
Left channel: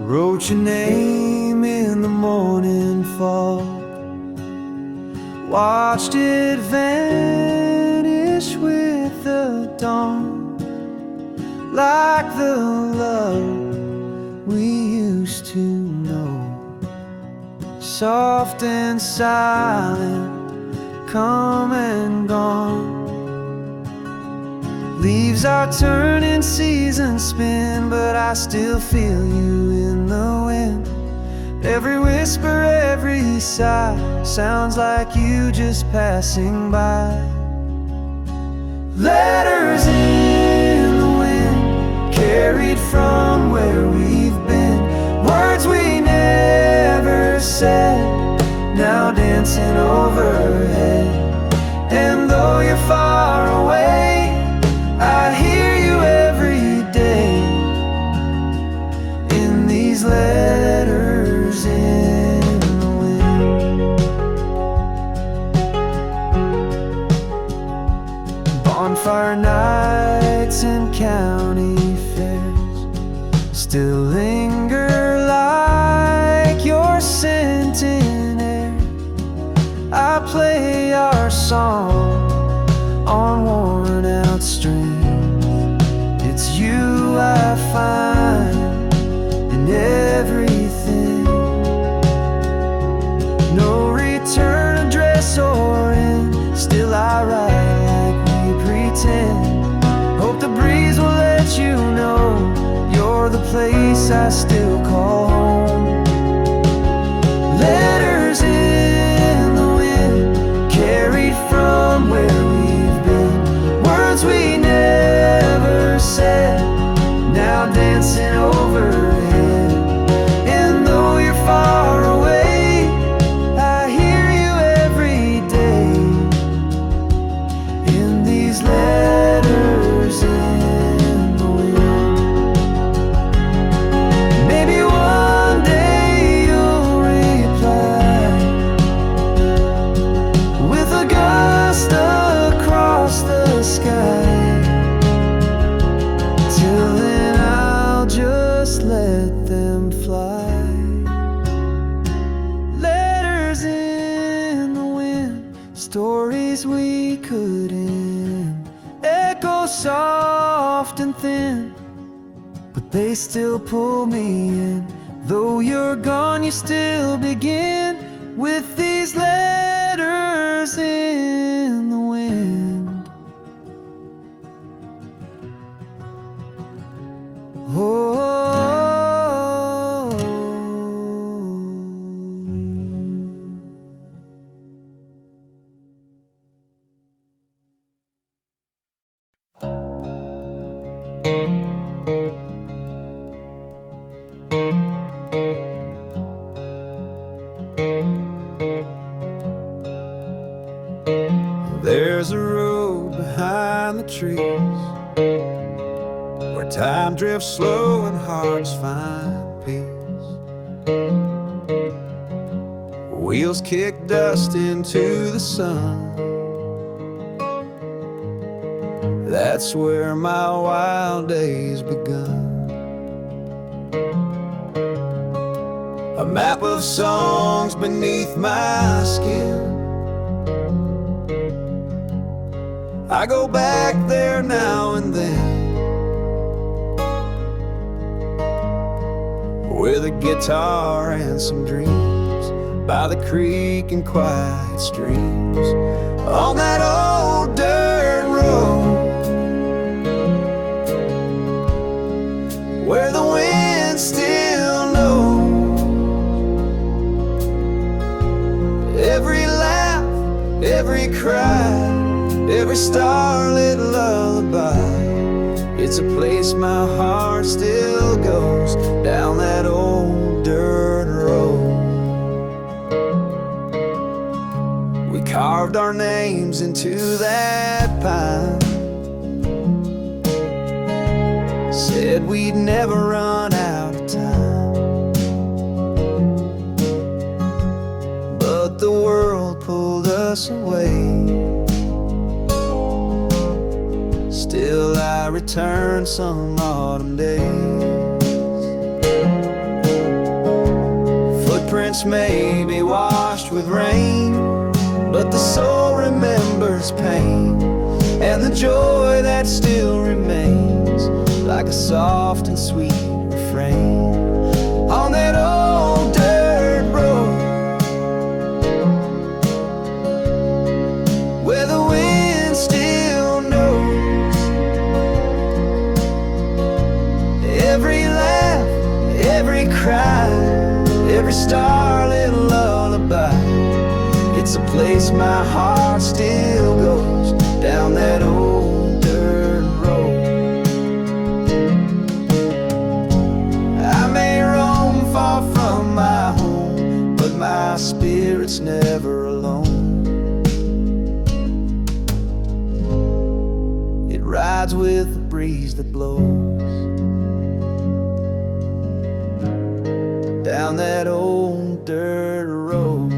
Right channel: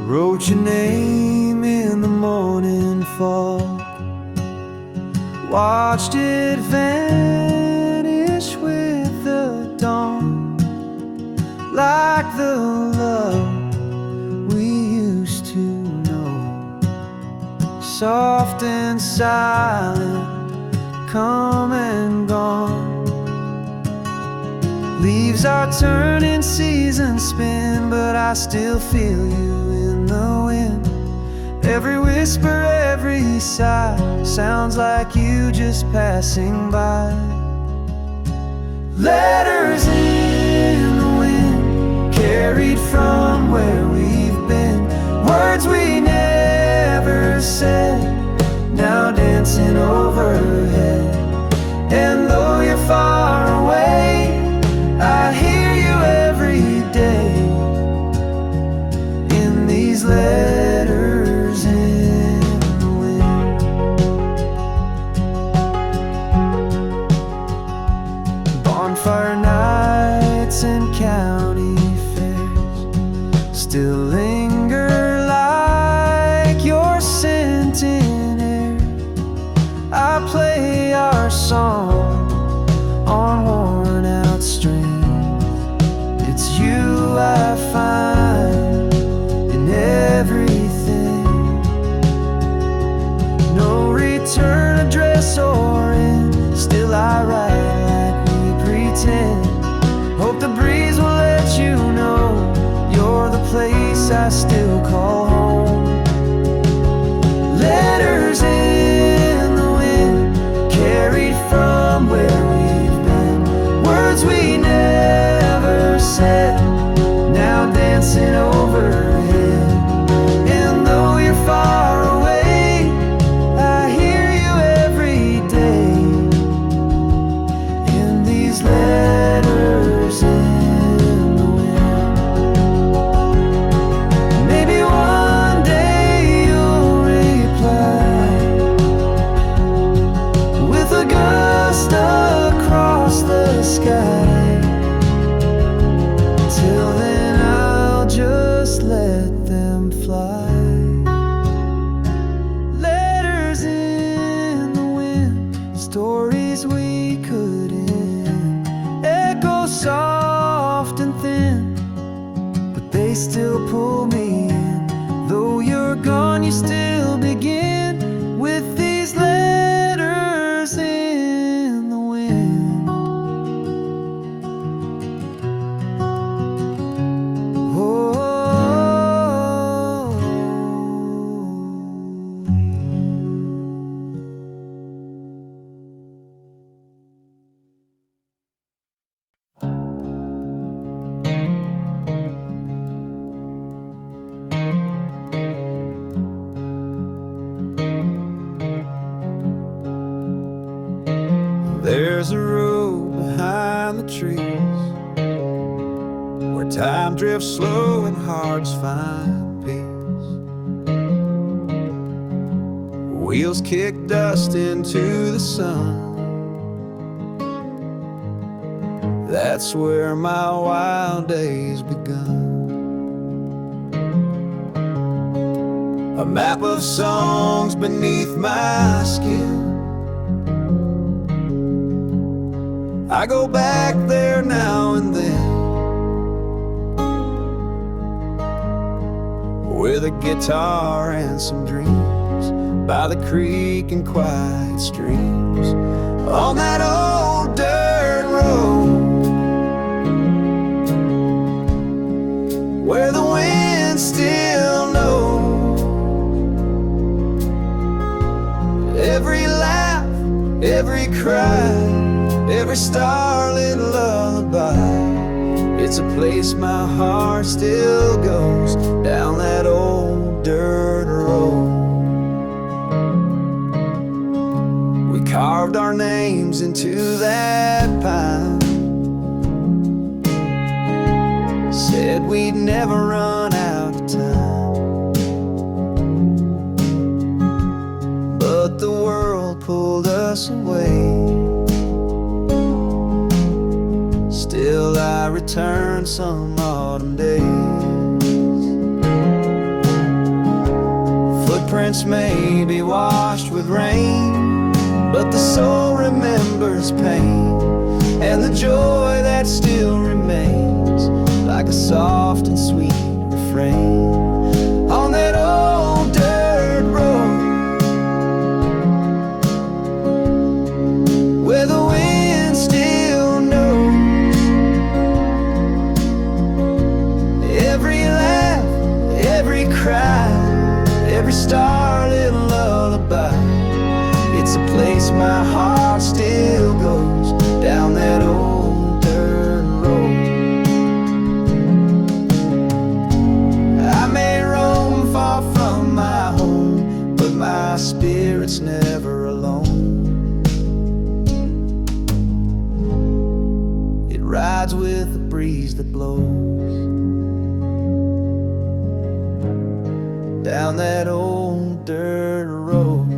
Wrote your name in the morning fog, watched it vanish with the dawn, like the love we used to know. Soft and silent, come and gone. Leaves are turning, seasons spin, but I still feel you in the wind. Every whisper, every sigh sounds like you just passing by. Letters in the wind, carried from where we've been. Words we never said, now dancing overhead. And though you're far away, I hear you every day in these letters in the wind. Bonfire nights and county fairs still linger like your scent in air. I play our song on worn out strings. It's you I find in everything. No return address or end, still I write like we pretend. Hope the breeze will let you know you're the place I still call home. Letters in the wind, carried from where we've been. Words we never said, now dancing overhead. And though you're far away, I hear you every day in these letters in the wind. Maybe one day you'll reply with a gust across the sky. Till then I'll just let them fly. Letters in the wind, stories we could end. Echo soft and thin, but they still pull me in. Though you're gone, you still begin with these letters in the wind. There's a road behind the trees where time drifts slow and hearts find peace. Wheels kick dust into the sun. That's where my wild days begun. A map of songs beneath my skin. I go back there now and then with a guitar and some dreams by the creek and quiet streams on that old dirt road where the wind still knows every laugh, every cry, every starlit lullaby. It's a place my heart still goes down that old dirt road. We carved our names into that pine, said we'd never run out of time, but the world pulled us away. Still I return some autumn days. Footprints may be washed with rain, but the soul remembers pain and the joy that still remains, like a soft and sweet refrain on that old dirt road where the wind still knows night, every starlit lullaby. It's a place my heart still goes, down that old dirt road. I may roam far from my home, but my spirit's never alone. It rides with the breeze that blows, down that old dirt road.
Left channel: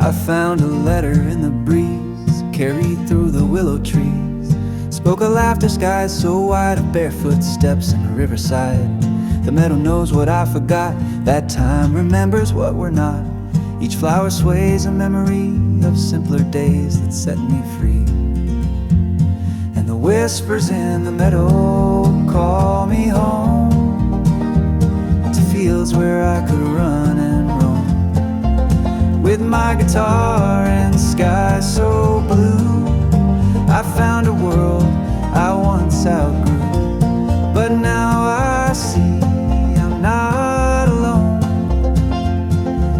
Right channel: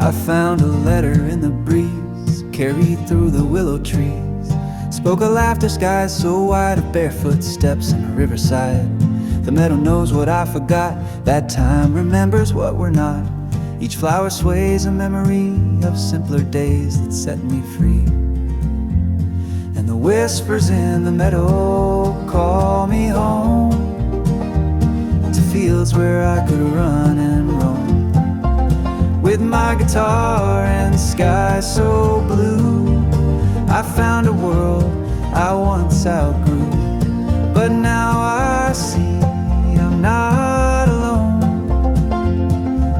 I found a letter in the breeze, carried through the willow trees. Spoke of laughter skies so wide, of barefoot steps and a riverside. The meadow knows what I forgot, that time remembers what we're not. Each flower sways a memory of simpler days that set me free. And the whispers in the meadow call me home, to fields where I could run and roam, with my guitar and sky so blue. I found a world I once outgrew, but now I see I'm not alone.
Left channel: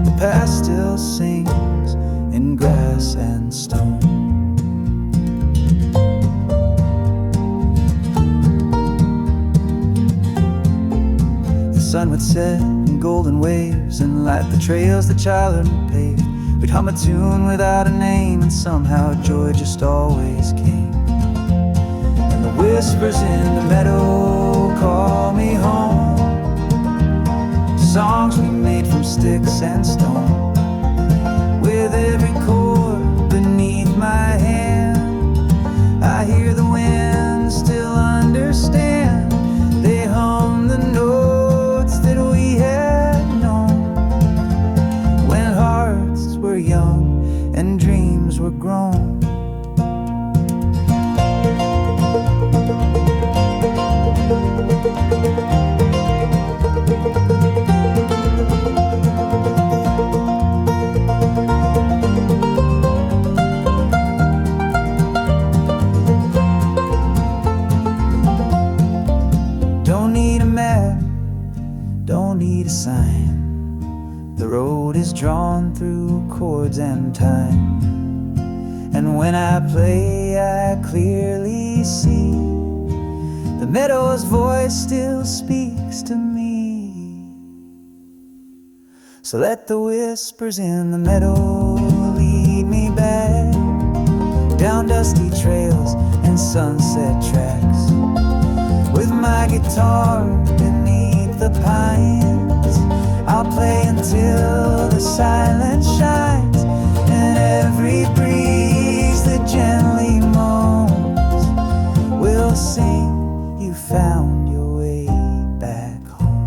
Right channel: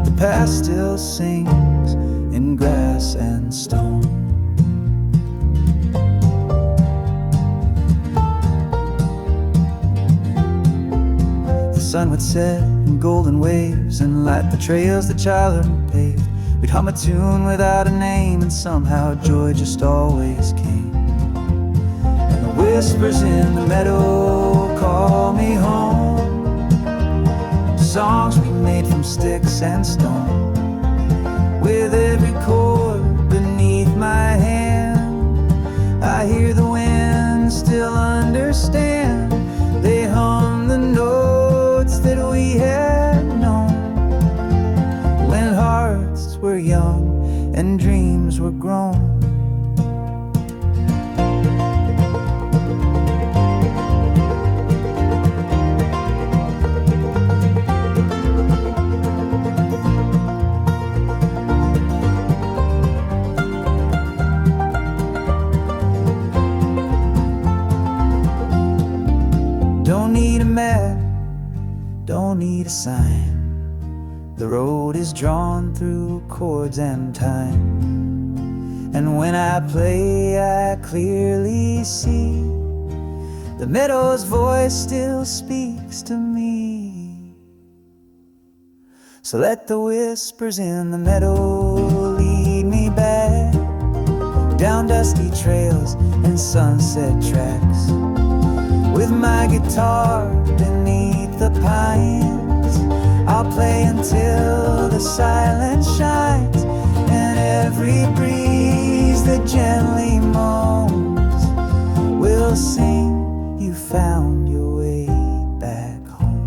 The past still sings in grass and stone. The sun would set in golden waves and light the trails that childhood paved. We'd hum a tune without a name, and somehow joy just always came. And the whispers in the meadow call me home, songs we made from sticks and stone. With every chord beneath my hand, I hear the wind still understand. They hum the notes that we had known when hearts were young and dreams were grown. Don't need a map, don't need a sign. The road is drawn through chords and time. And when I play, I clearly see the meadow's voice still speaks to me. So let the whispers in the meadow lead me back, down dusty trails and sunset tracks, with my guitar beneath the pines. I'll play until the silence shines, and every breeze that gently moans will sing, you found your way back home.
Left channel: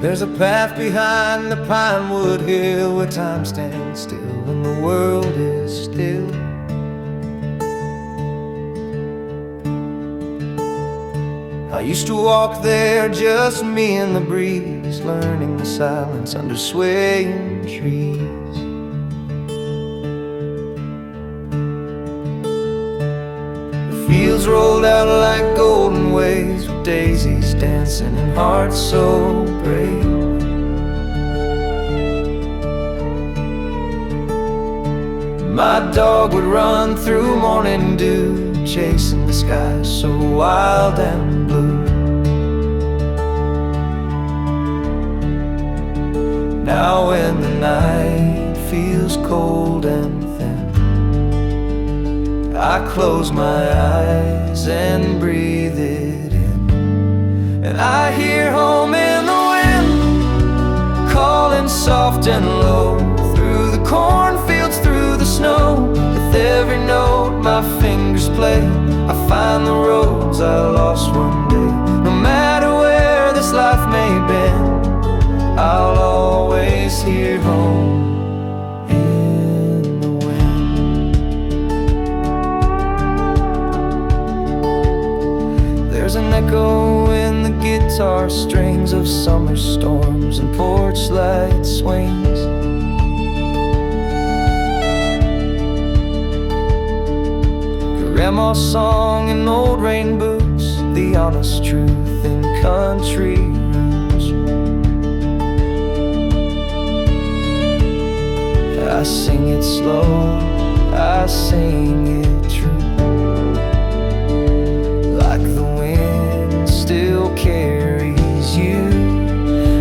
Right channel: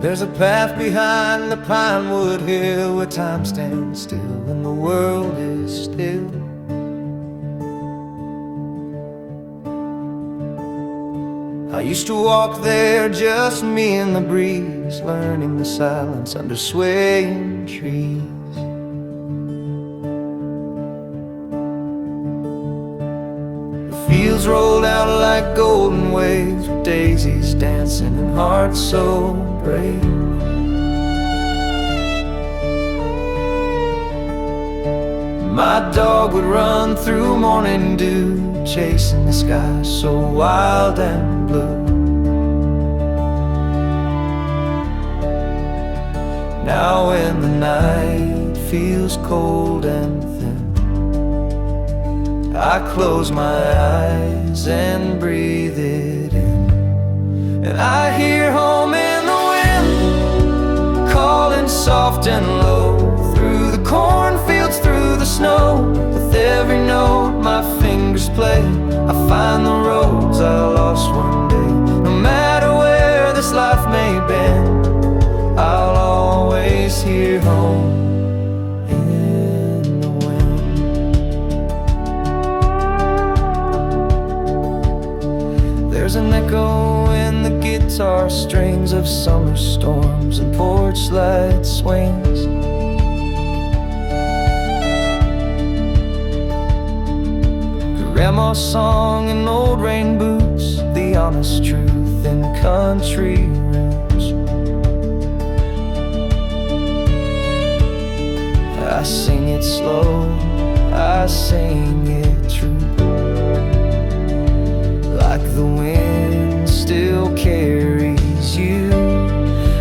There's a path behind the pinewood hill where time stands still and the world is still. I used to walk there, just me and the breeze, learning the silence under swaying trees. The fields rolled out like golden waves, with daisies dancing and hearts so brave. My dog would run through morning dew, chasing the sky so wild and blue. Now when the night feels cold and thin, I close my eyes and breathe it in, and I hear home in the wind, calling soft and low, through the cornfields, through the snow. With every note my fingers play, I find the roads I lost one day. No matter where this life may bend, I'll always hear home in the wind. There's an echo in the guitar strings of summer storms and porch light swings. Grandma's song in old rain boots, the honest truth in country roots. I sing it slow, I sing it true, like the wind still carries you.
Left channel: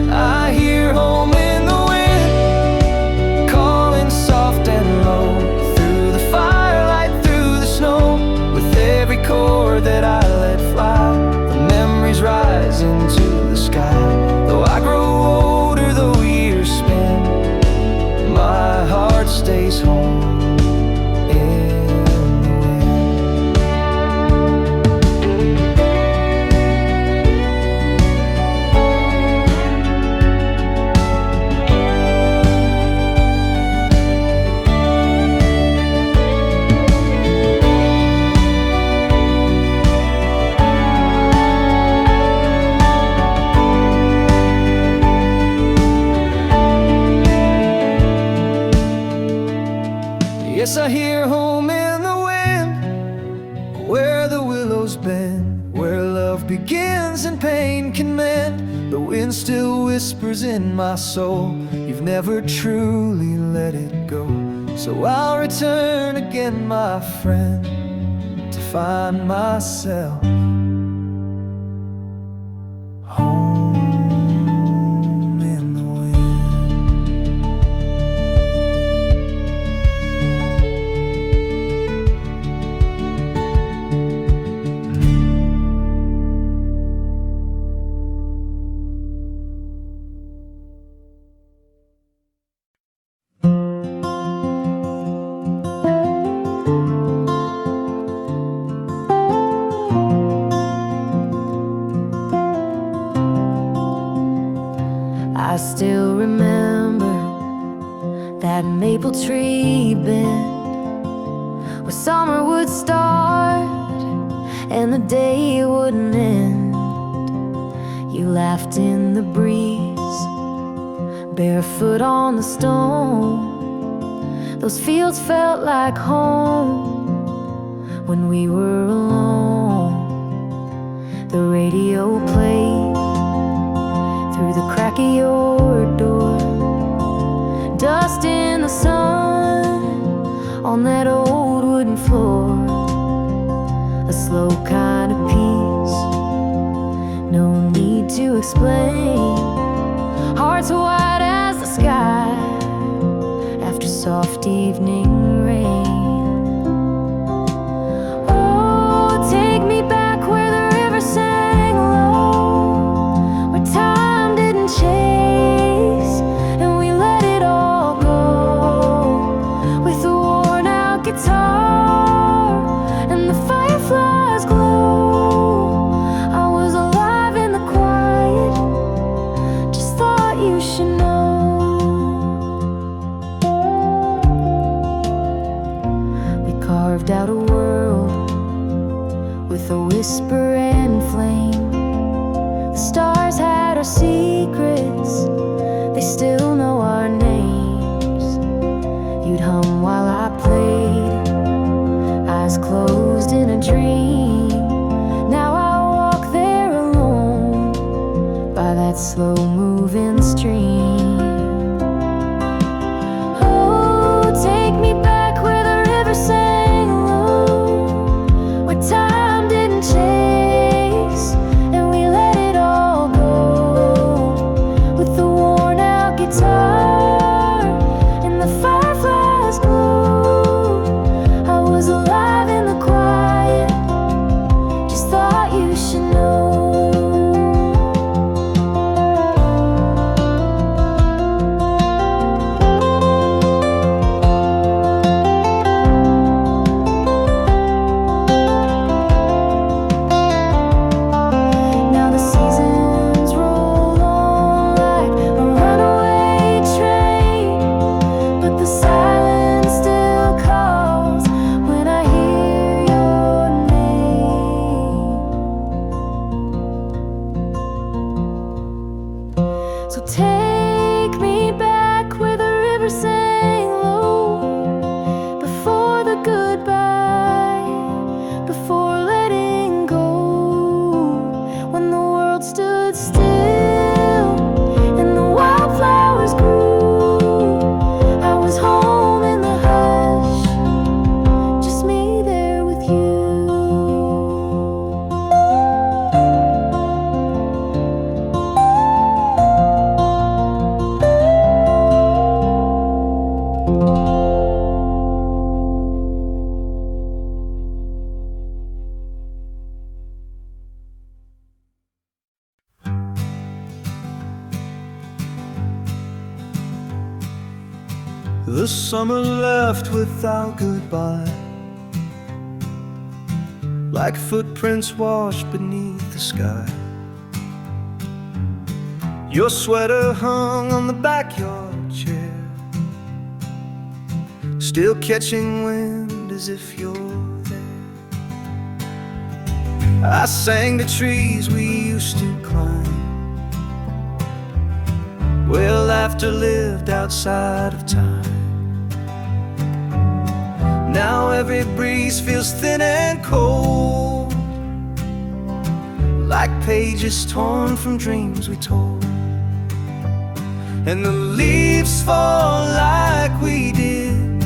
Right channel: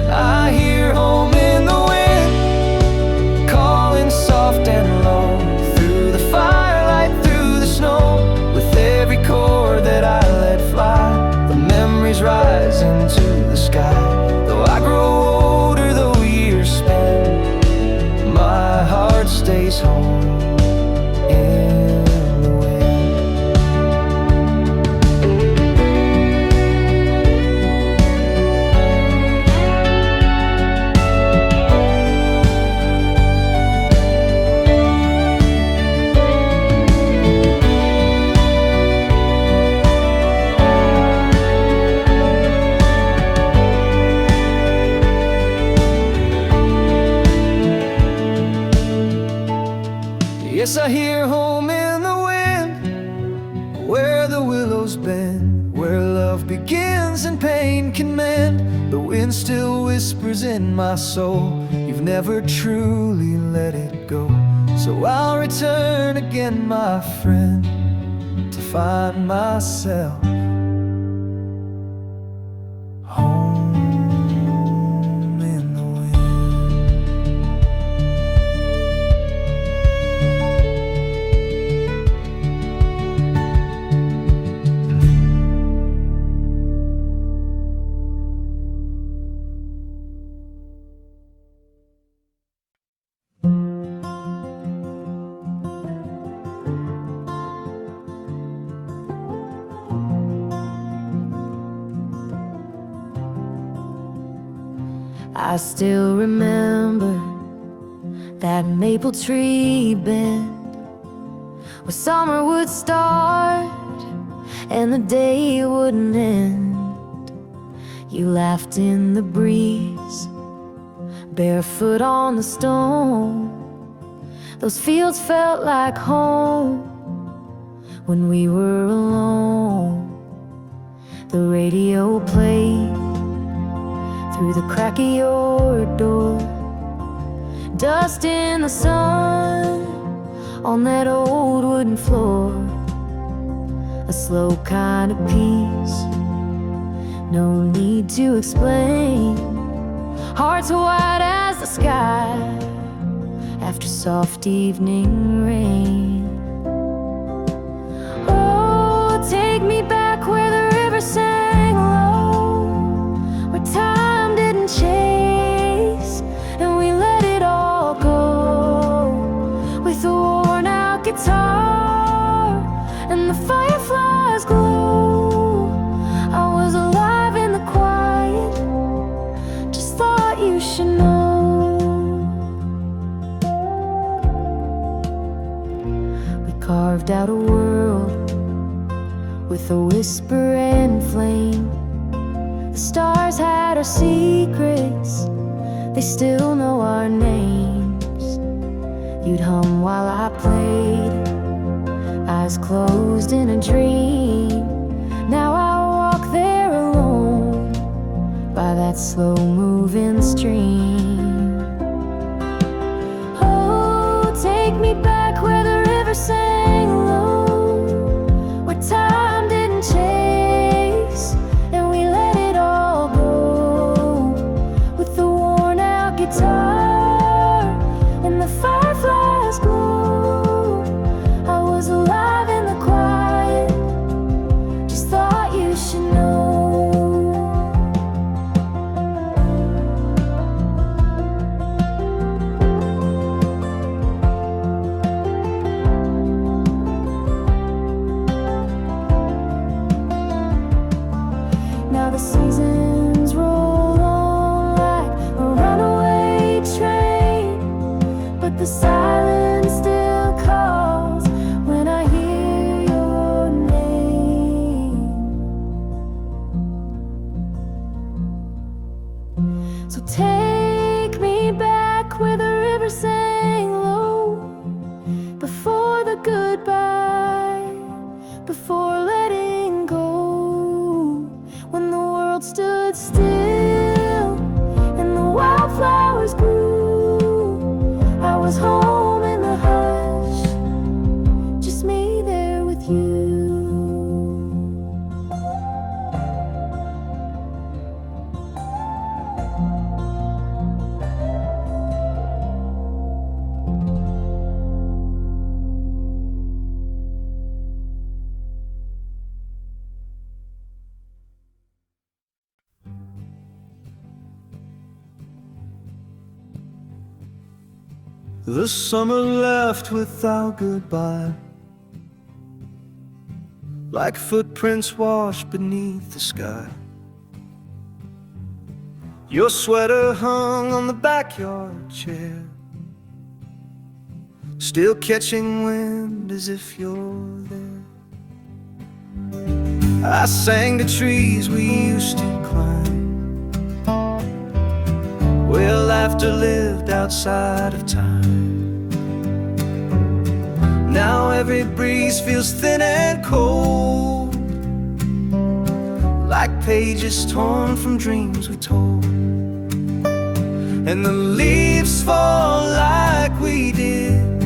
I hear home in the wind, calling soft and low, through the firelight, through the snow. With every chord that I let fly, the memories rise into the sky. Though I grow older, though years spin, my heart stays home in the wind. Yes, I hear home in the wind, where the willows bend, where love begins and pain can mend. The wind still whispers in my soul, you've never truly let it go. So I'll return again, my friend, to find myself home in the wind. I still remember that maple tree bend, where summer would start and the day wouldn't end. You laughed in the breeze, barefoot on the stone. Those fields felt like home when we were alone. The radio played through the crack of your door, dust in the sun on that old wooden floor. A slow kind of peace, no need to explain. Hearts white as the sky after soft evening rain. Oh, take me back where the river sang low, where time didn't chase and we let it all go. With a worn out guitar and the fireflies glow, I was alive in the quiet, just thought you should know. We carved out a world with a whisper and flame. The stars had our secrets, they still know our names. You'd hum while I played, eyes closed in a dream. Now I walk there alone by that slow-moving stream. Oh, take me back where the the seasons roll on like a runaway train, but the silence still calls when I hear your name. So take me back where the river sang low, before the goodbye, before letting go, when the world stood still and the wildflowers grew. I was home in the hush, just me there with you. The summer left without goodbye, like footprints washed beneath the sky. Your sweater hung on the backyard chair, still catching wind as if you're there. I sang the trees we used to climb, where laughter lived outside of time. Now every breeze feels thin and cold, like pages torn from dreams we told. And the leaves fall like we did,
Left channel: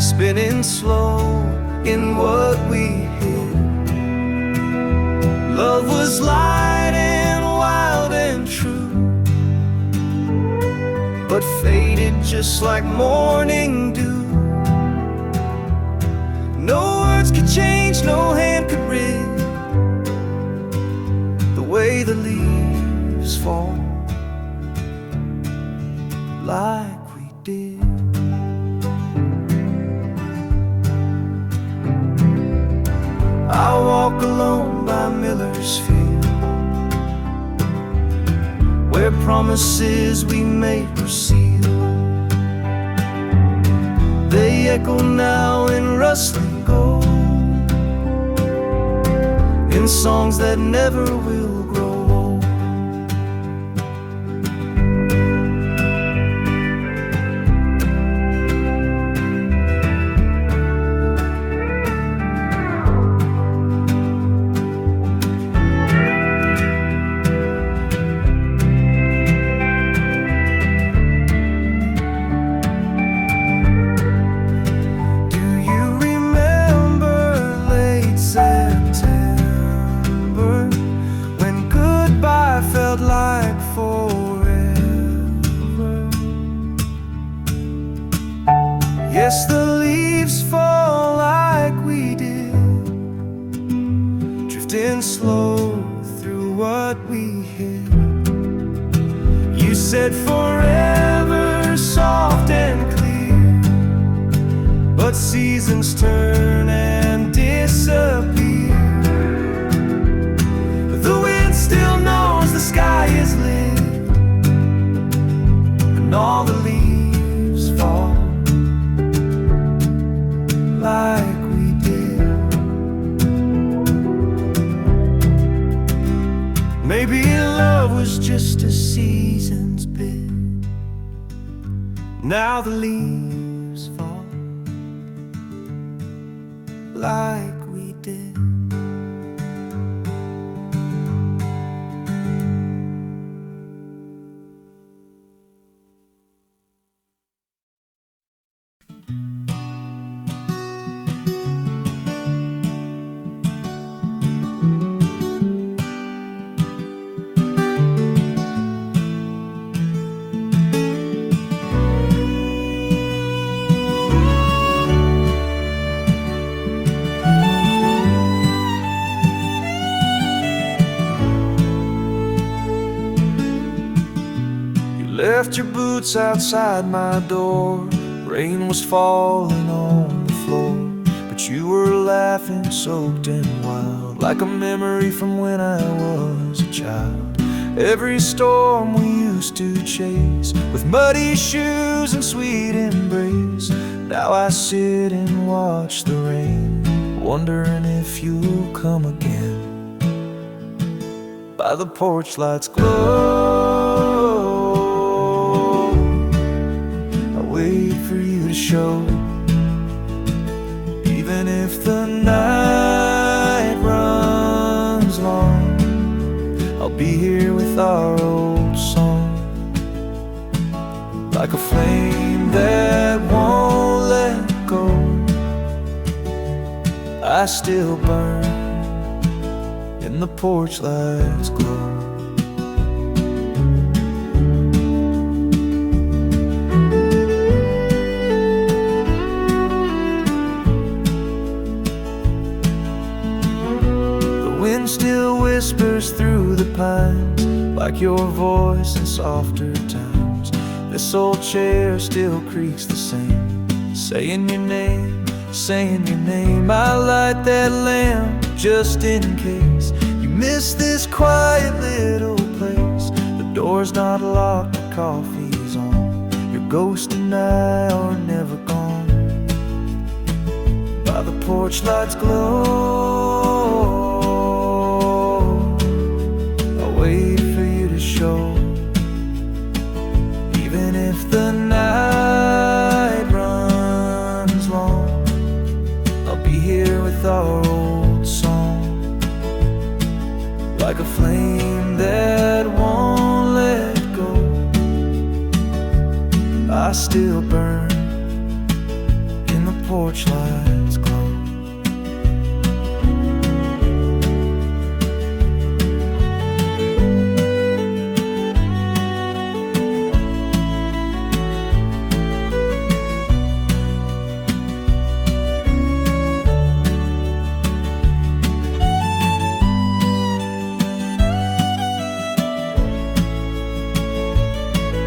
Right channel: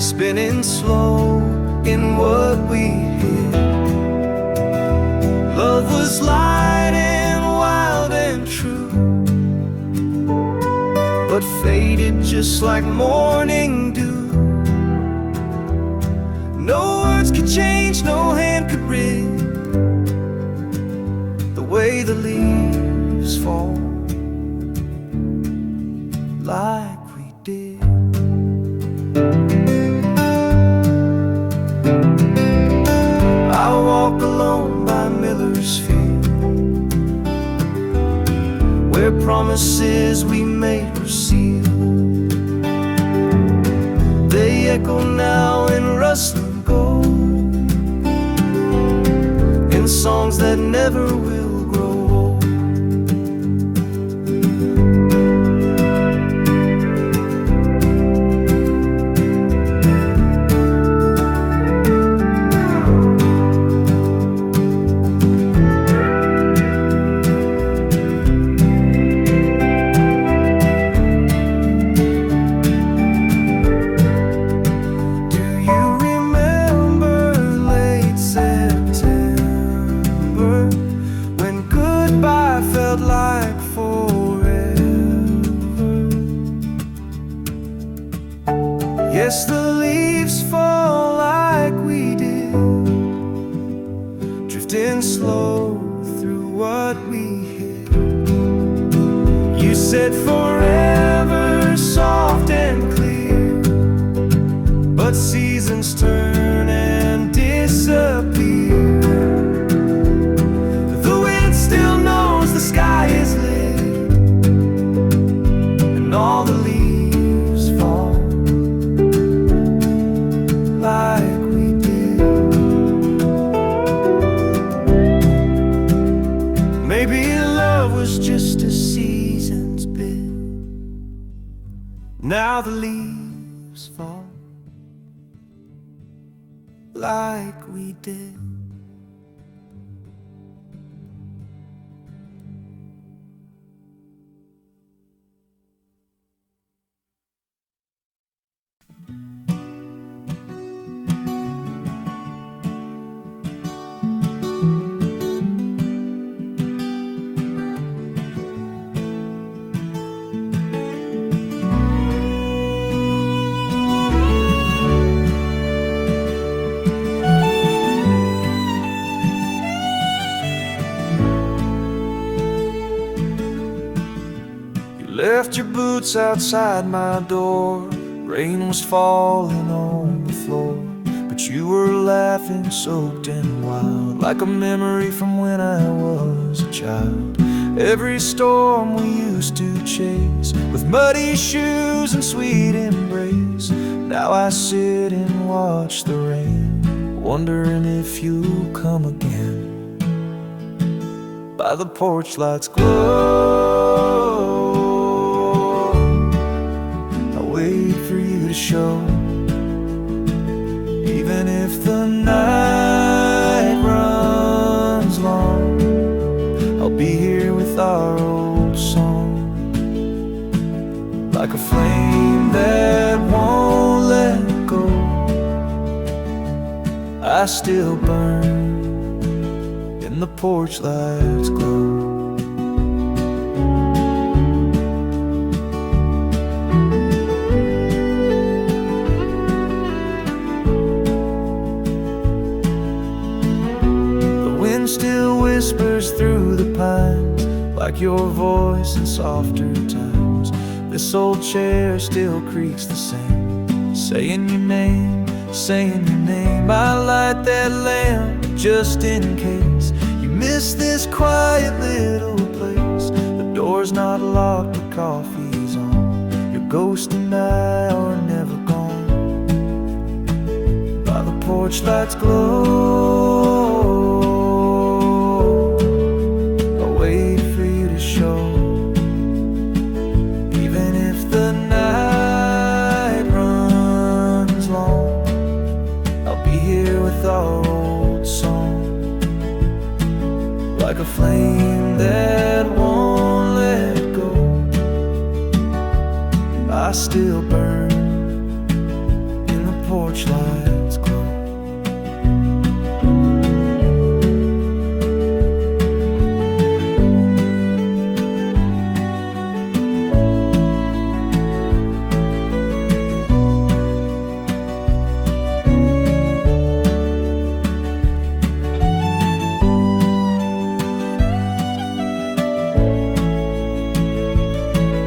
spinning slow in what we hid. Love was light and wild and true, but faded just like morning dew. No words could change, no hand could rid the way the leaves fall, like we did. I walk alone by Miller's Field, where promises we made were sealed. They echo now in rustling gold, in songs that never will grow old. Like forever. Yes, the leaves fall like we did, drifting slow through what we hid. You said forever, soft and clear, but seasons turn and disappear. The wind still knows the sky is lit, and all the leaves fall like we did. Maybe love was just a season's bit. Now the leaves fall like we did. Left your boots outside my door. Rain was falling on the floor, but but you were laughing, soaked and wild, like a memory from when I was a child. Every storm we used to chase, with muddy shoes and sweet embrace. Now I sit and watch the rain, wondering if you'll come again. By the porch light's glow, I wait for you to show. Even if the night runs long, I'll be here with our old song. Like a flame that won't let go, I still burn in the porch light's glow. The wind still whispers through the pines, like your voice in softer times. This old chair still creaks the same, saying your name, saying your name. I light that lamp just in case you miss this quiet little place. The door's not locked, the coffee's on. Your ghost and I are never gone. By the porch light's glow, I wait for you to show. Even if the night runs long, I'll be here with our old song. Like a flame that won't let go, I still burn in the porch light's glow.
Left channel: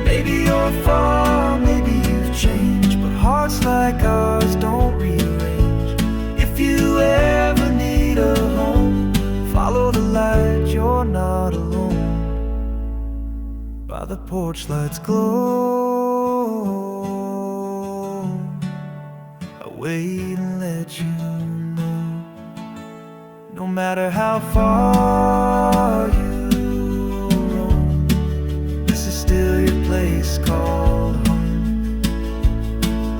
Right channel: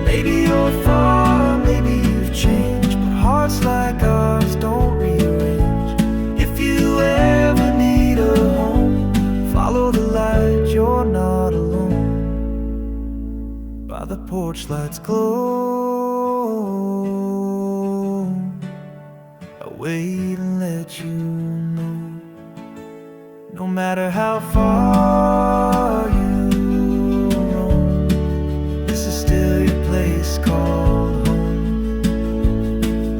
Maybe you're far, maybe you've changed, but hearts like ours don't rearrange. If you ever need a home, follow the light, you're not alone. By the porch light's glow, I wait and let you know. No matter how far you roam, this is still your place called home.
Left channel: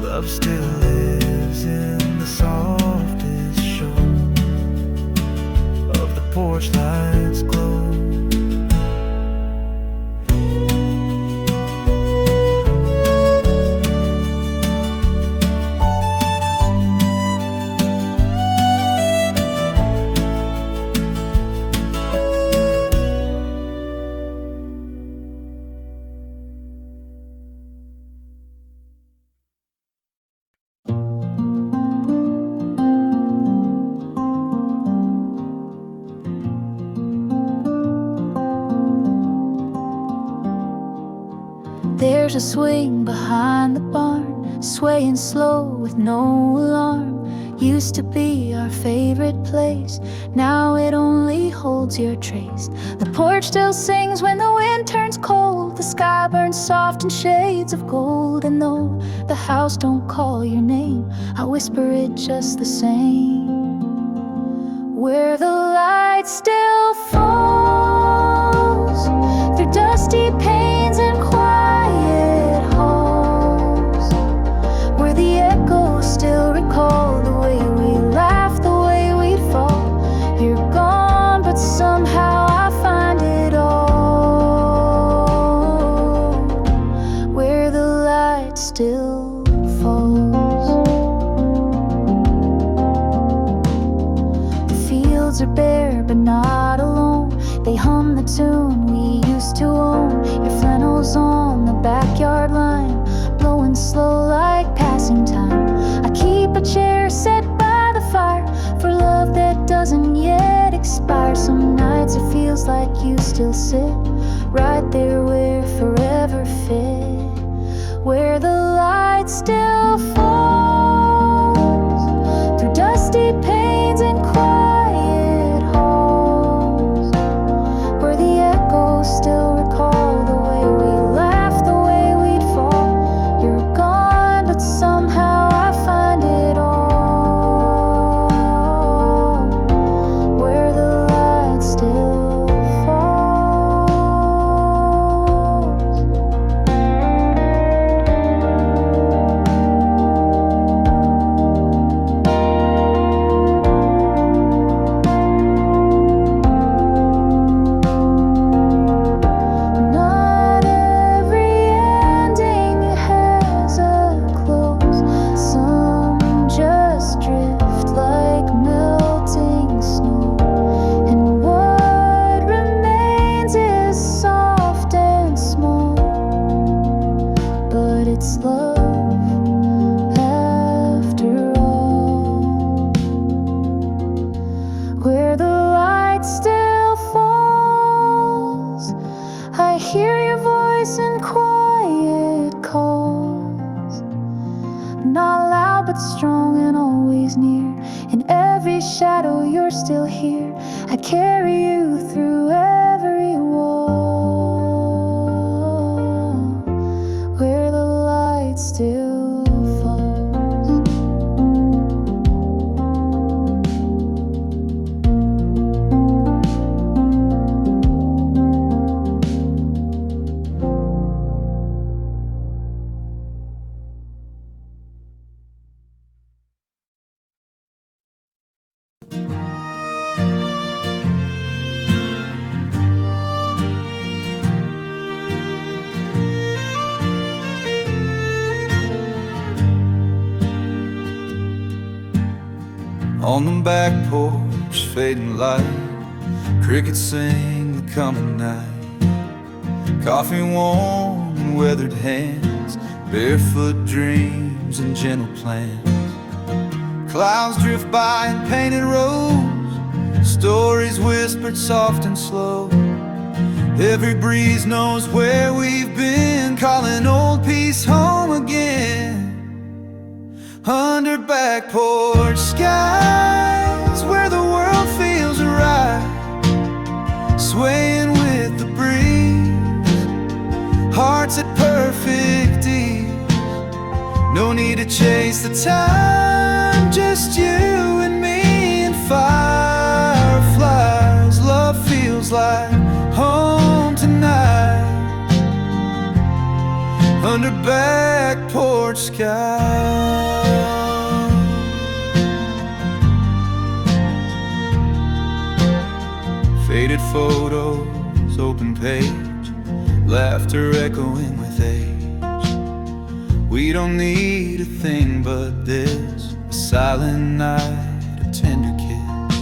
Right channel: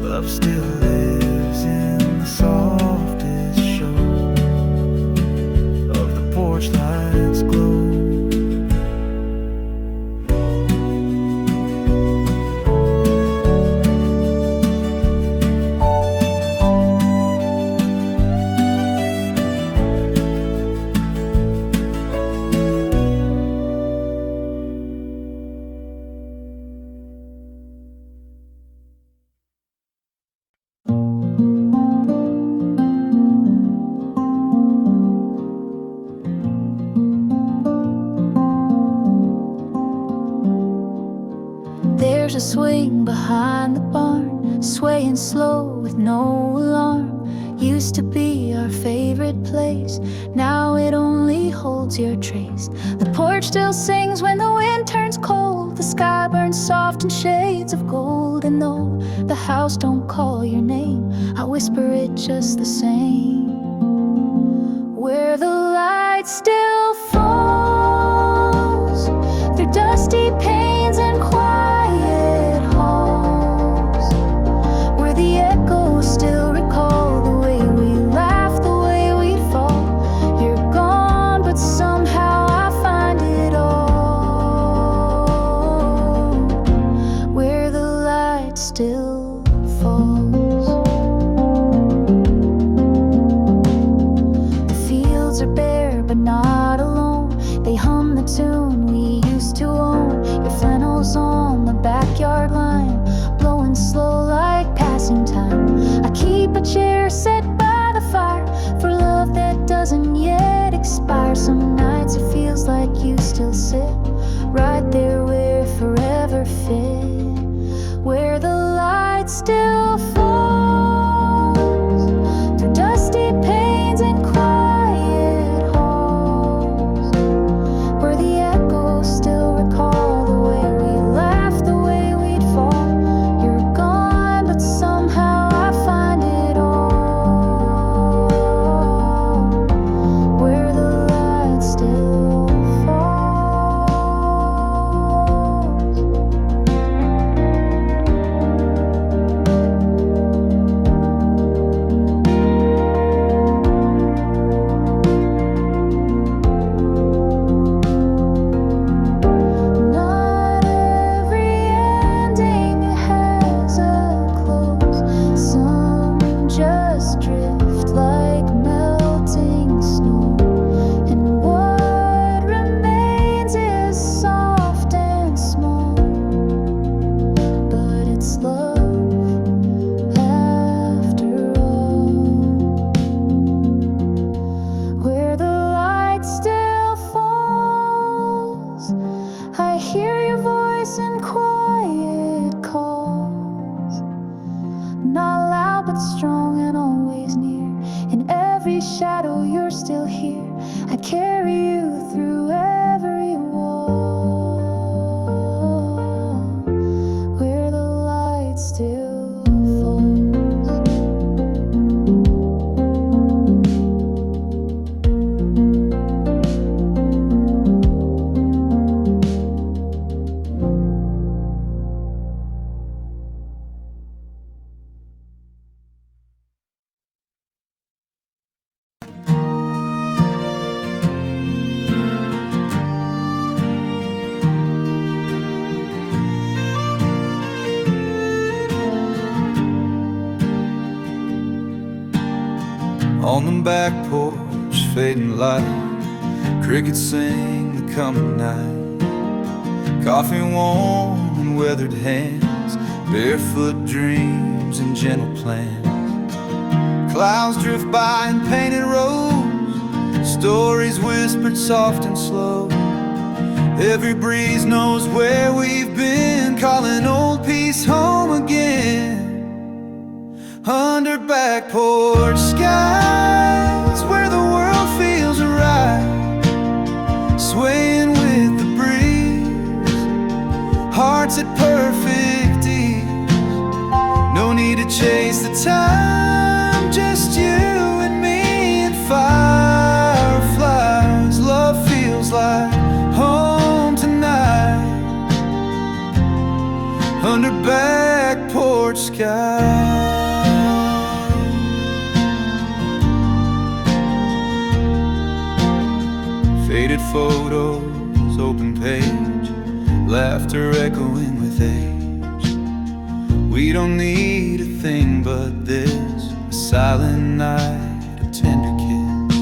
Love still lives in the softest show of the porch light's glow. There's a swing behind the barn, swaying slow with no alarm. Used to be our favorite place, now it only holds your trace. The porch still sings when the wind turns cold, the sky burns soft in shades of gold. And though the house don't call your name, I whisper it just the same. Where the light still falls through dusty panes and quiet halls, where the echoes still recall the way we laughed, the way we'd fall. You're gone, but somehow I find it all, where the light still falls. The fields are bare, but not alone. They hum the tune we used to own. Your flannel's on the backyard line, blowing slow like passing time. I keep a chair set by the fire for love that doesn't yet expire. Some nights it feels like you still sit right there where forever fit, where the light still falls through dust dusty panes and quiet halls, where the echoes still recall the way we laughed, the way we'd fall. You're gone, but somehow I find it all, where the light still falls. Not every ending has a close. Some just drift like melting snow, and what remains is soft and small, but it's love after all, where the light still falls. I hear your voice in quiet calls, not loud but strong and always near. In every shadow you're still here. I carry you through every wall, where the light still falls. On the back porch, fading light, crickets sing the coming night. Coffee warm and weathered hands, barefoot dreams and gentle plans. Clouds drift by in painted rows, stories whispered soft and slow. Every breeze knows where we've been, calling old peace home again. Under back porch skies, where the world feels right, swaying with the breeze, hearts at perfect ease. No need to chase the time, just you and me and fireflies. Love feels like home tonight, under back porch skies. Faded photos, open page, laughter echoing with age. We don't need a thing but this, a silent night of tender kiss.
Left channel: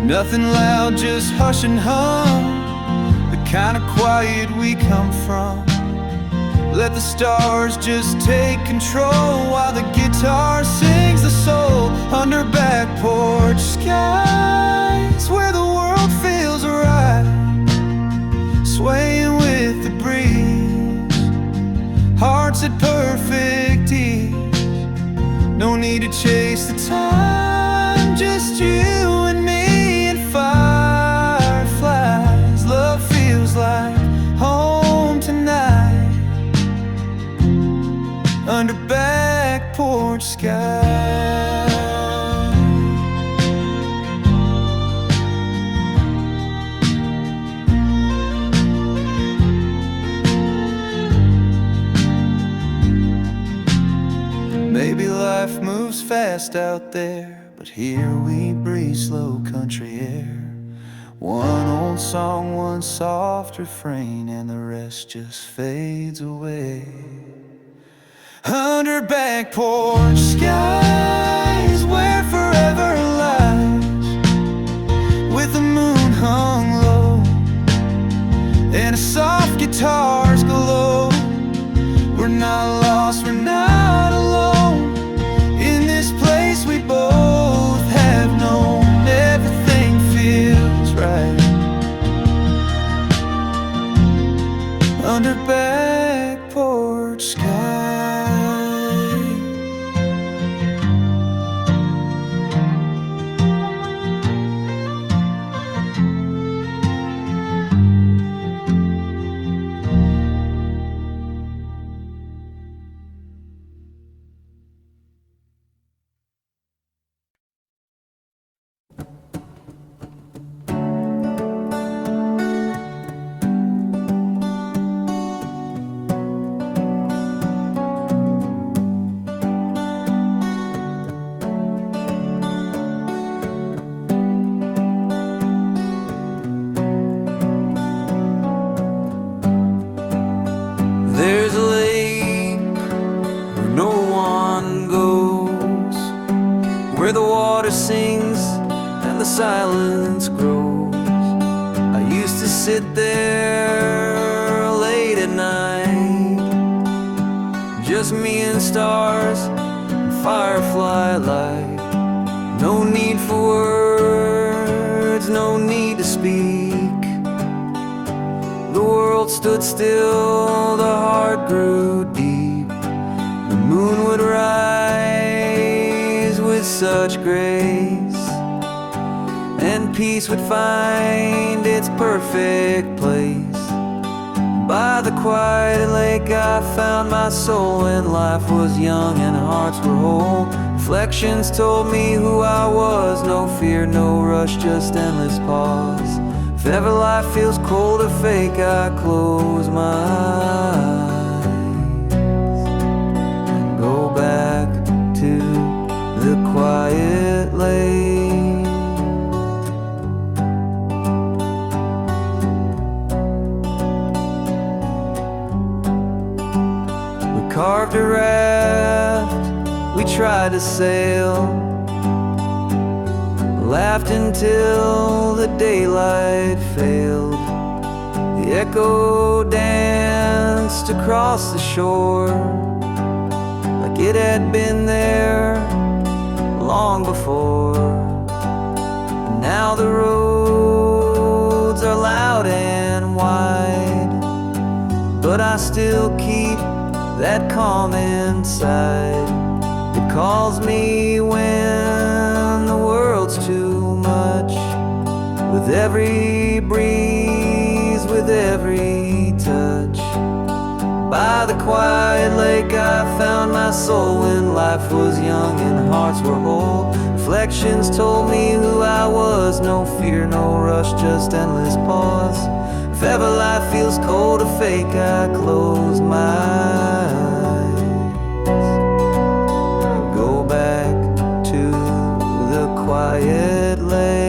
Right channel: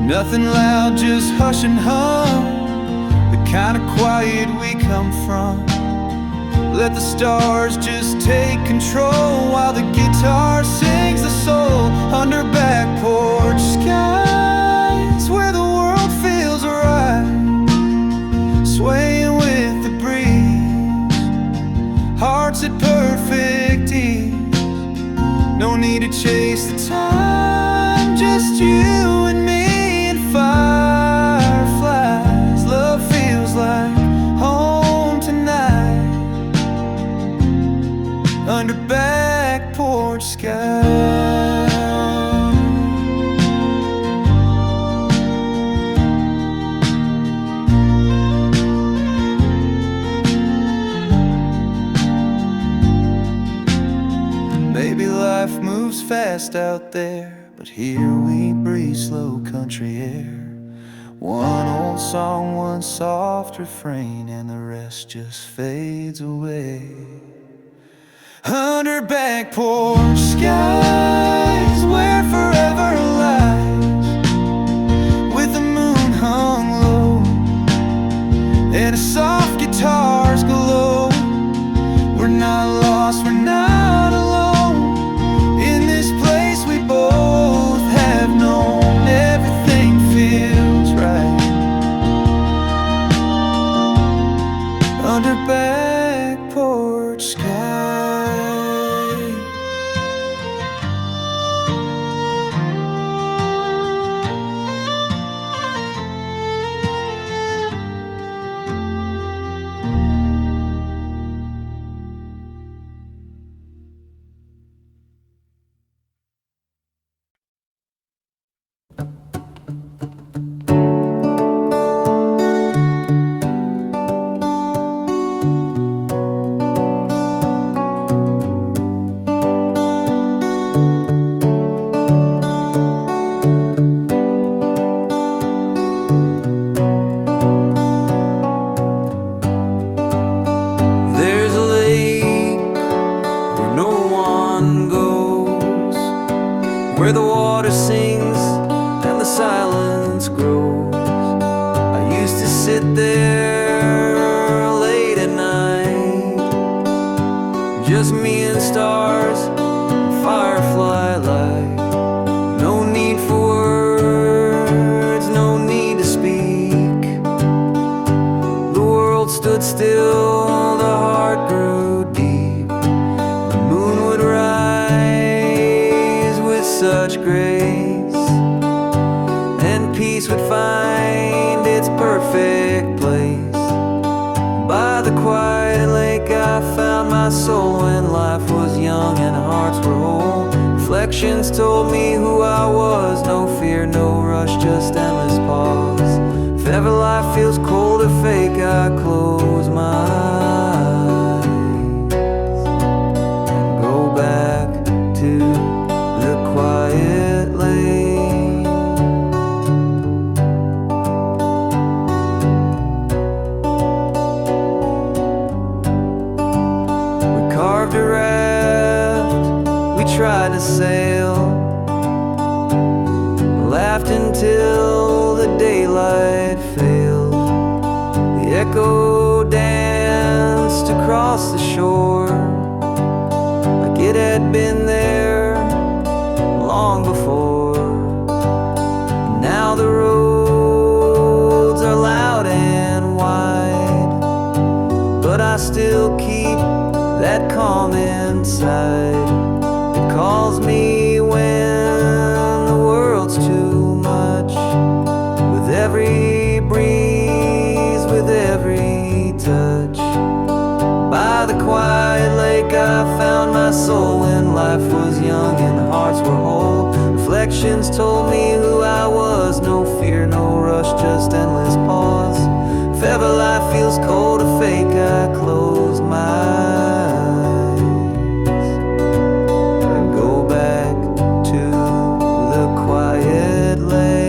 Nothing loud, just hush and hum, the kind of quiet we come from. Let the stars just take control while the guitar sings the soul. Under back porch skies, where the world feels right, swaying with the breeze, hearts at perfect ease. No need to chase the time, just you and me and fireflies. Love feels like home tonight, under back porch skies. Maybe life moves fast out there, but here we breathe slow country air. One old song, one soft refrain, and the rest just fades away. Under back porch skies, where forever lies, with the moon hung low and a soft guitar's glow. We're not lost, we're not alone. In this place we both have known, everything feels right. Under back porch sky. where the water sings and the silence grows. I used to sit there late at night, just me and stars and firefly light. No need for words, no need to speak. The world stood still, the heart grew deep. The moon would rise with such grace, and peace would find its perfect place. By the quiet lake I found my soul when life was young and hearts were whole. Reflections told me who I was, no fear, no rush, just endless pause. If ever life feels cold or fake, I close my eyes and go back to the quiet lake. Carved a raft, we tried to sail, laughed until the daylight failed. The echo danced across the shore like it had been there long before. Now the roads are loud and wide, but I still keep that calm inside. It calls me when the world's too much. With every breeze, with every touch. By the quiet lake I found my soul when life was young and hearts were whole. Reflections told me who I was, no fear, no rush, just endless pause. If ever life feels cold or fake, I close my eyes and go back to the quiet lake.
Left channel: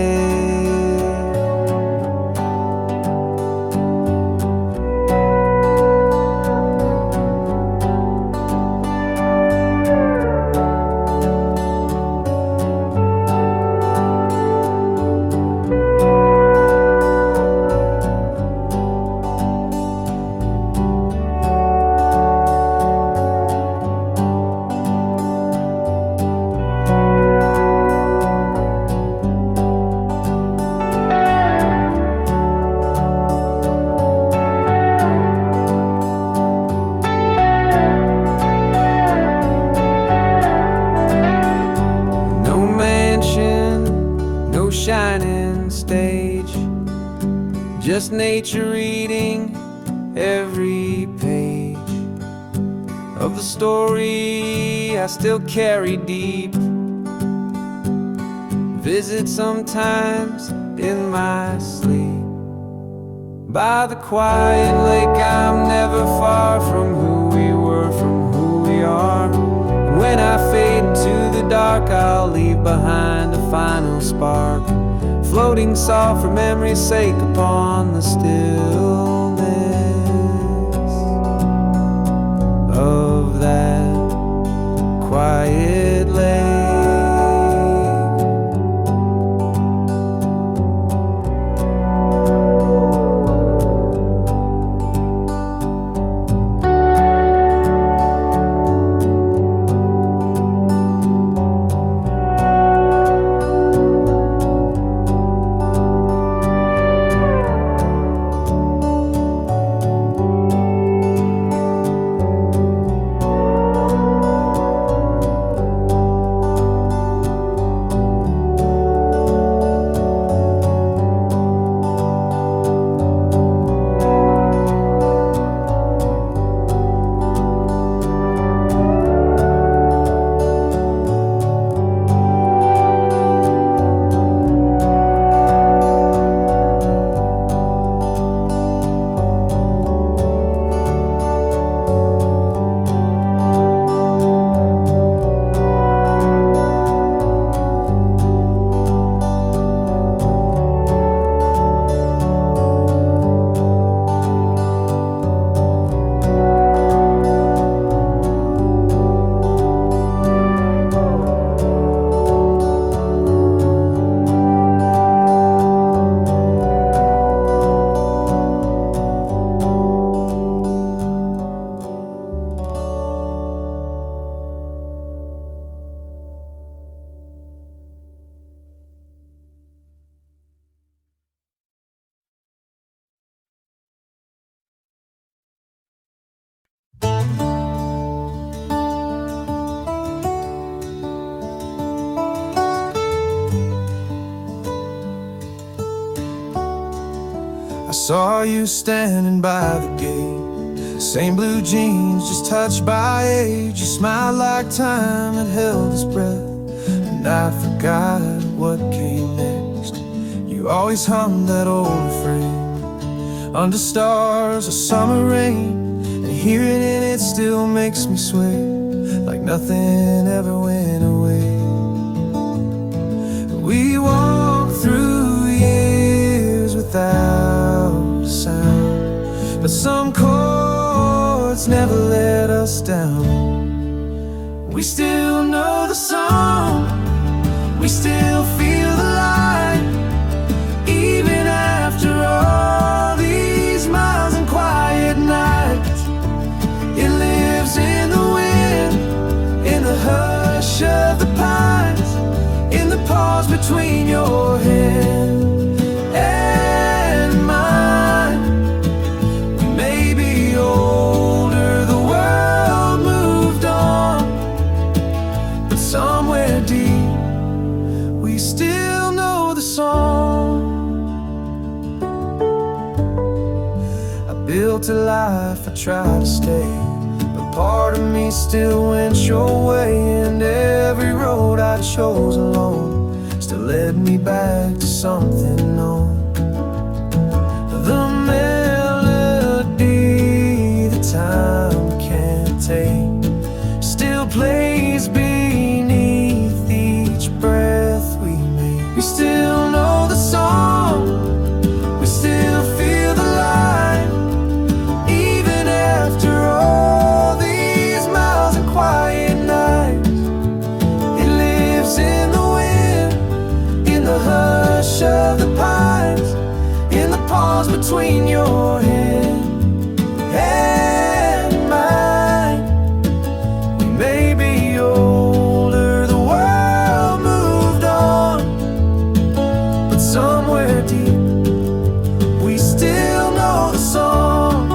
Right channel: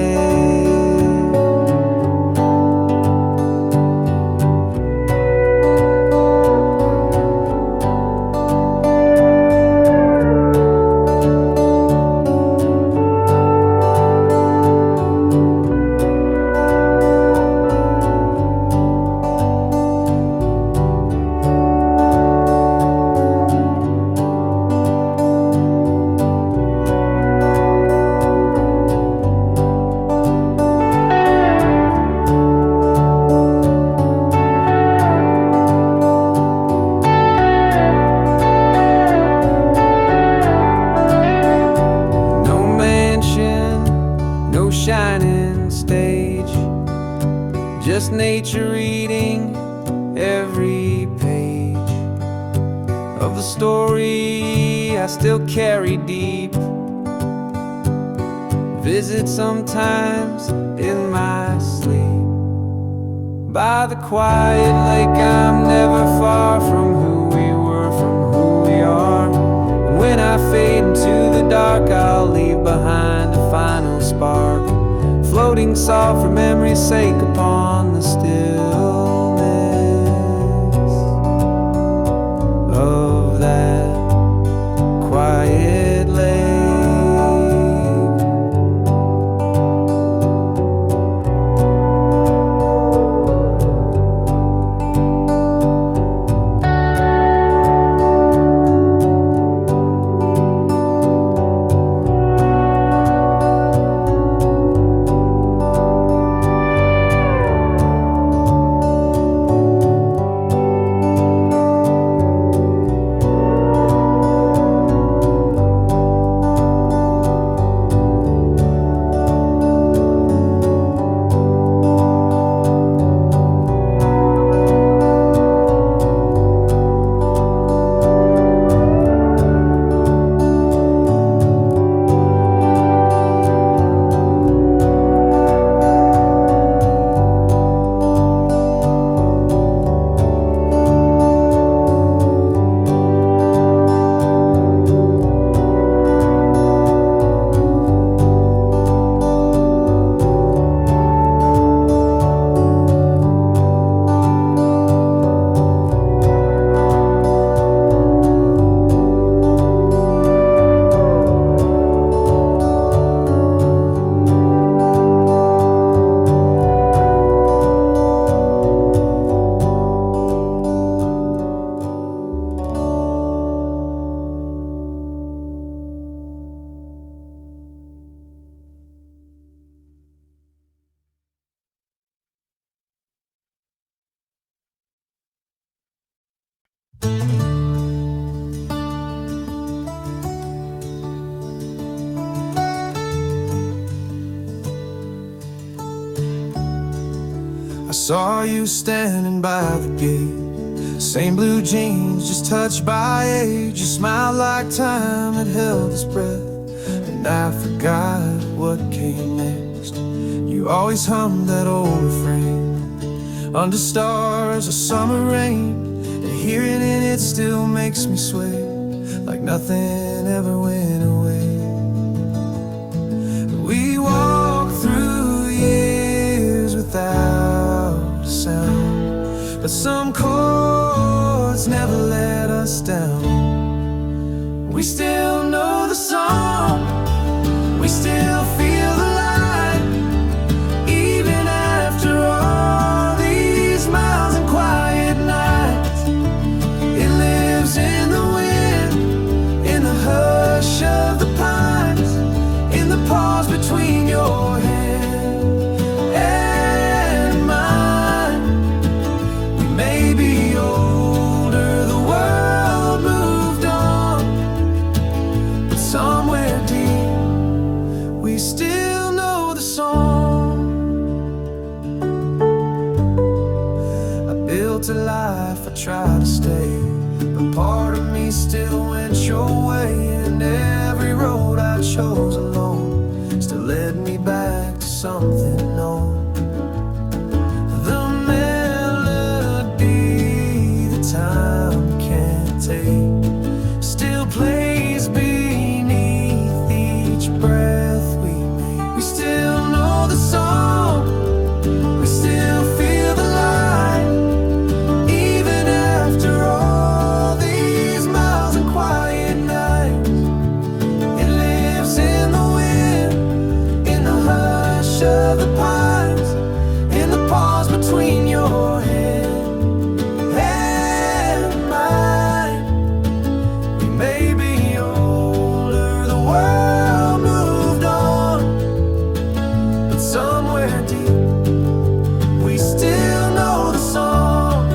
No shining stage, just nature reading every page of the story I still carry deep. Visit sometimes in my sleep. By the quiet lake I'm never far from who we were, from who we are. And when I fade into the dark, I'll leave behind a final spark, floating soft for memory's sake upon the stillness of that quiet lake. saw you standing by the gate. Same blue jeans, just touched by age. You smiled like time had held its breath, and I forgot what came next. You always hummed that old refrain, under stars of summer rain, and hearing it still makes me sway, like nothing ever went away. We walked through years without a sound, but some chords never let us down. We still know the song, we still feel the light, even after all these miles and quiet nights. It lives in the wind, in the hush of the pines, in the pause between your hand and mine. We may be older, the world moved on, but somewhere deep we still know the song. I built a life, I tried to stay, but part of me still went your way, and every road I chose alone still led me back to something known. The melody that time can't take still plays beneath each breath we make. We still know the song, we still feel the light, even after all these miles and quiet nights. It lives in the wind, in the hush of the pines, in the pause between your hand and mine. We may be older, the world moved on, but somewhere deep we still know the song.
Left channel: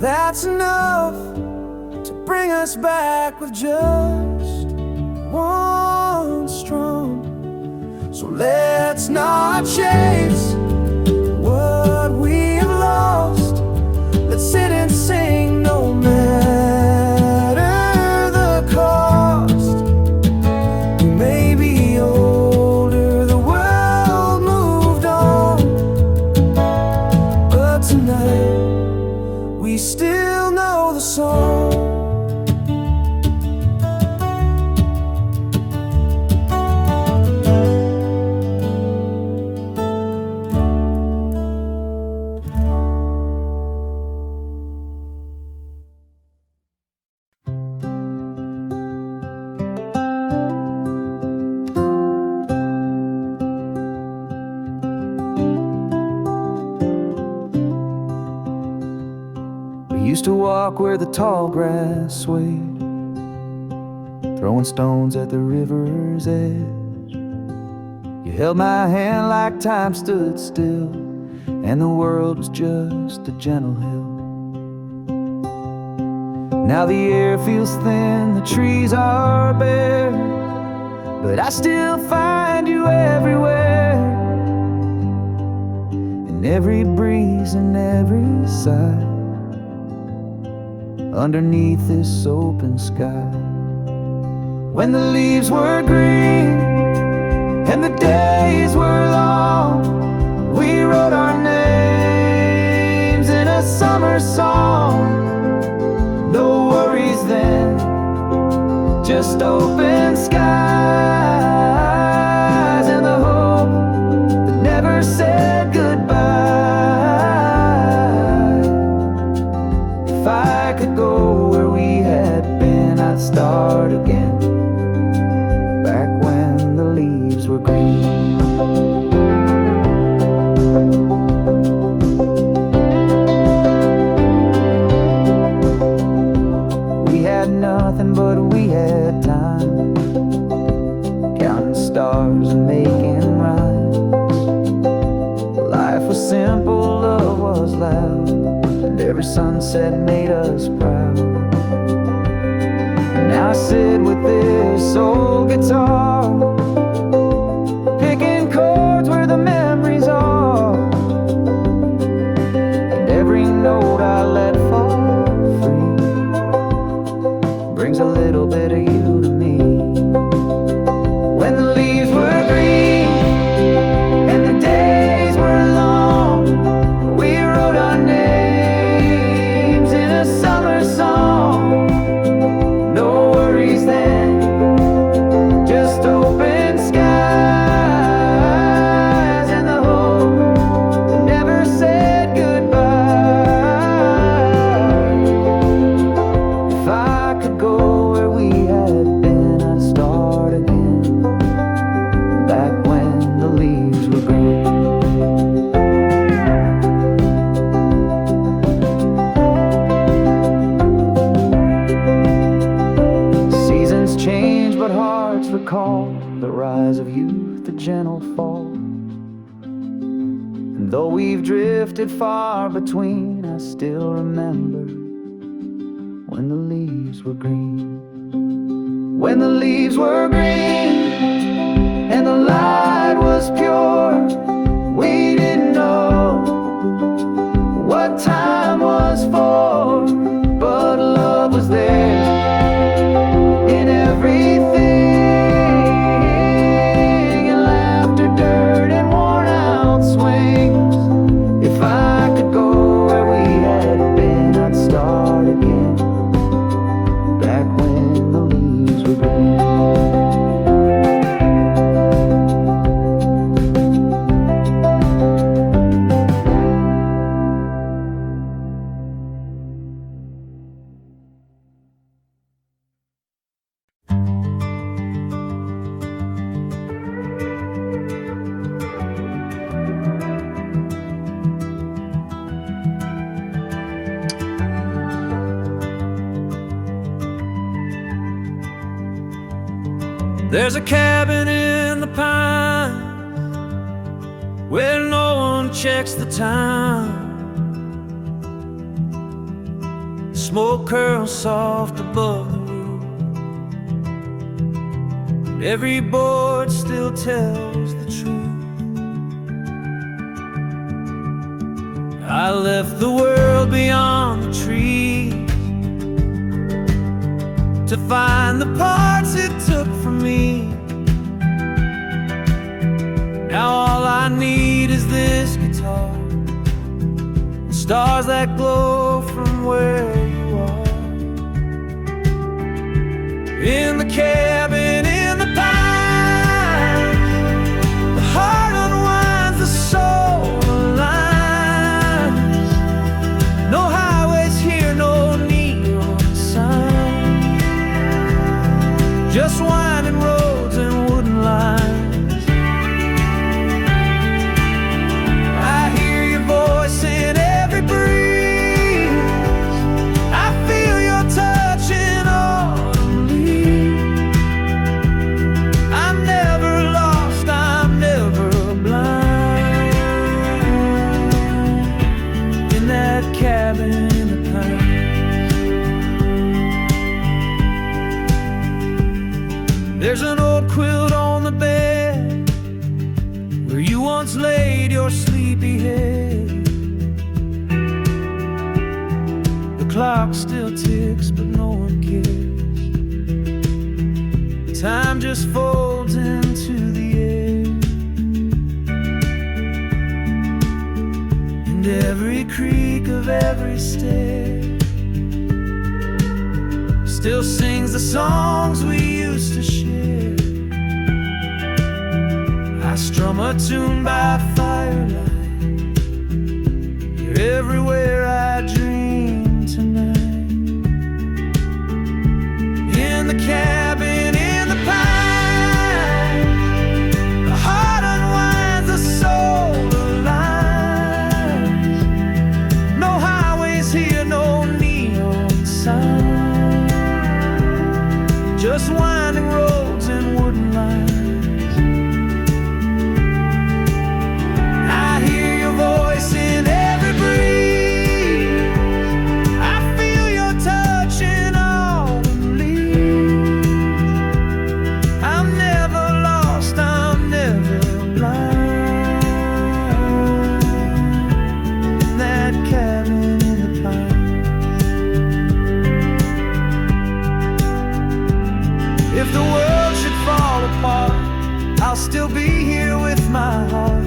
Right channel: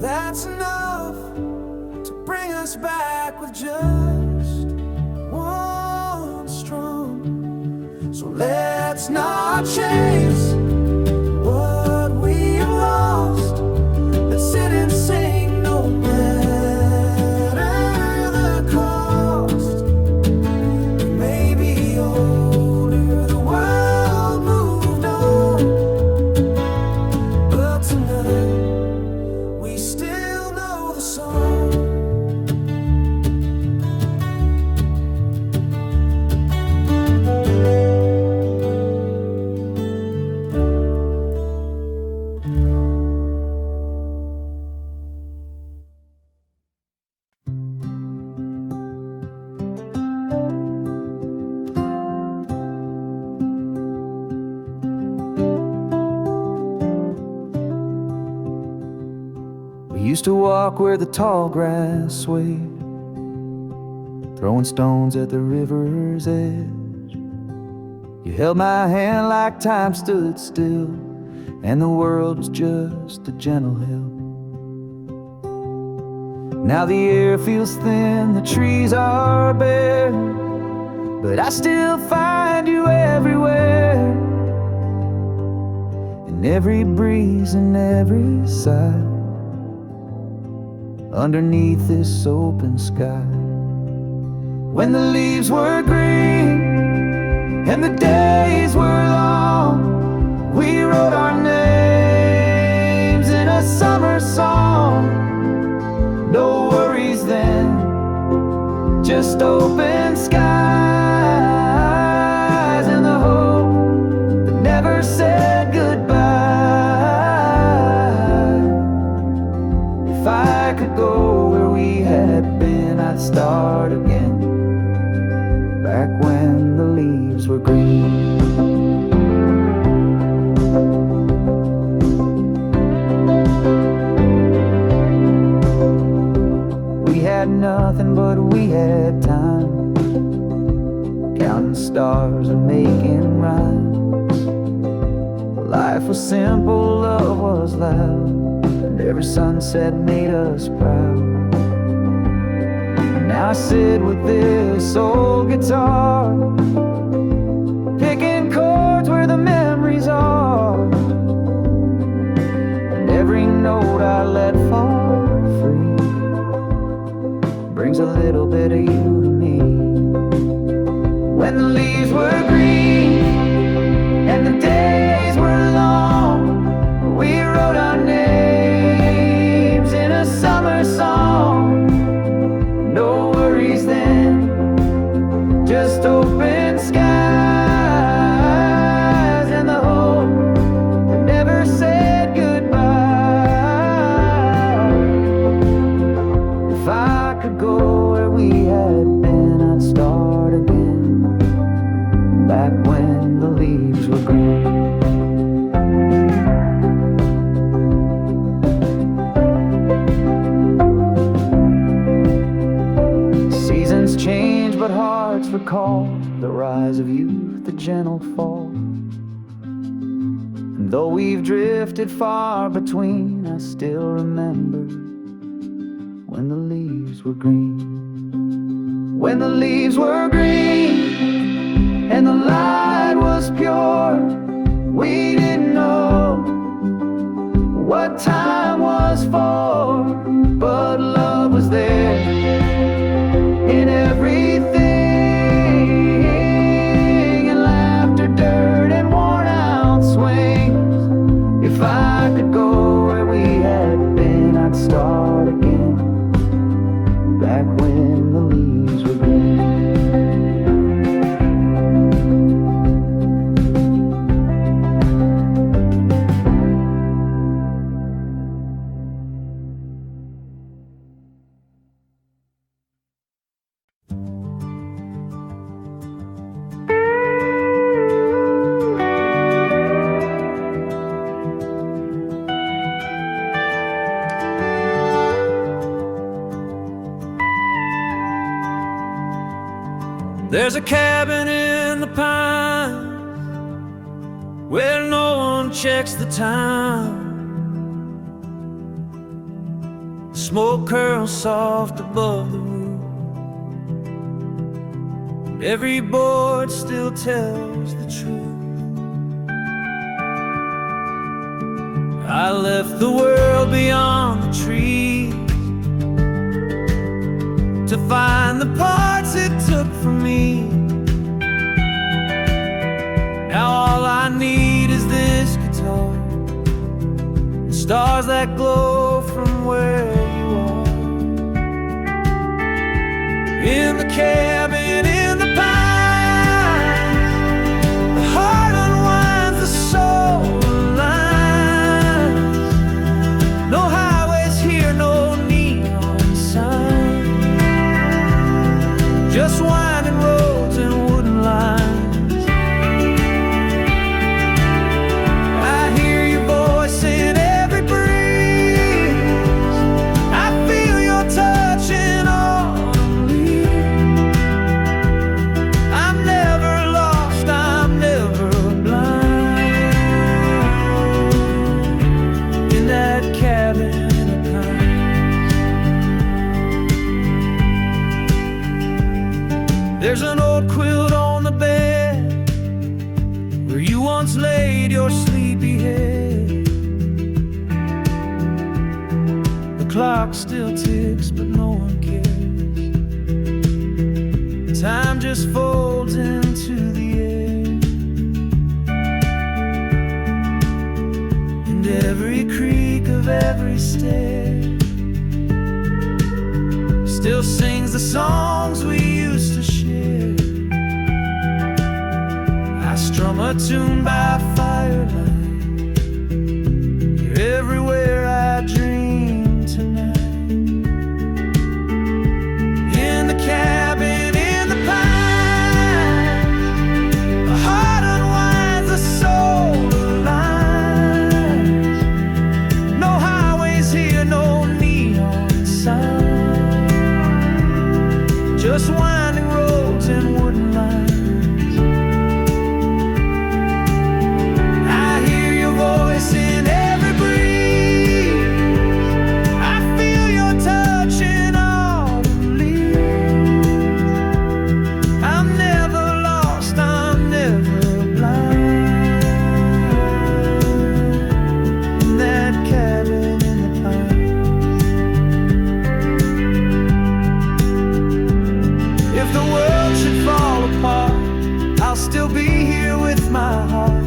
That's enough to bring us back with just one strum. So let's not chase what we have lost. Let's sit and sing no matter the cost. We may be older, the world moved on, but tonight we still know the song. We used to walk where the tall grass swayed, throwing stones at the river's edge. You held my hand like time stood still, and the world was just a gentle hill. Now the air feels thin, the trees are bare, but I still find you everywhere, in every breeze and every sigh, underneath this open sky. When the leaves were green and the days were long, we wrote our names in a summer song. No worries then, just open skies and the hope that never said goodbye. I could go where we had been, I'd start again, back when the leaves were green. We had nothing, but we had time, counting stars and making rhymes. Life was simple, love was loud, and every sunset made us proud. And now I sit with this old guitar, picking chords where the memories are, and every note I let fall free brings a little bit of you to me. When the leaves were green and the days were long, we wrote our names in a summer song. No worries then, just open skies and the hope that never said goodbye. If I could go where we had been, I'd start again, back when the leaves were green. Seasons change, but hearts recall the rise of youth, the gentle fall. And though we've drifted far between, I still remember when the leaves were green. When the leaves were green and the light was pure, we didn't know what time was for, but love was there in everything, and laughter, dirt, and worn out swings. If I could go where we had been, I'd start again, back when the leaves were green. There's a cabin in the pines where no one checks the time. Smoke curls soft above the roof, and every board still tells the truth. I left the world beyond the trees to find the parts it took from me. Now all I need is this guitar, the stars that glow from where you are. In the cabin, in the pines, the heart unwinds, the soul aligns. No highways here, no neon signs, just winding roads and wooden lines. I hear your voice in every breeze, I feel your touch in autumn leaves. I'm never lost, I'm never blind, in that cabin in the pines. There's an old quilt on the bed where you once laid your sleepy head. The clock still ticks, but no one cares. Time just folds into the air, and every creak of every stair still sings the songs we used to share. I strum a tune by firelight, you're everywhere I dream tonight. noise here, no neon sign, just winding roads and wooden lines. I hear your voice in every breeze, I feel your touch in autumn leaves. I'm never lost, I'm never blind, in that cabin in the pines. If the world should fall apart, I'll still be here with my heart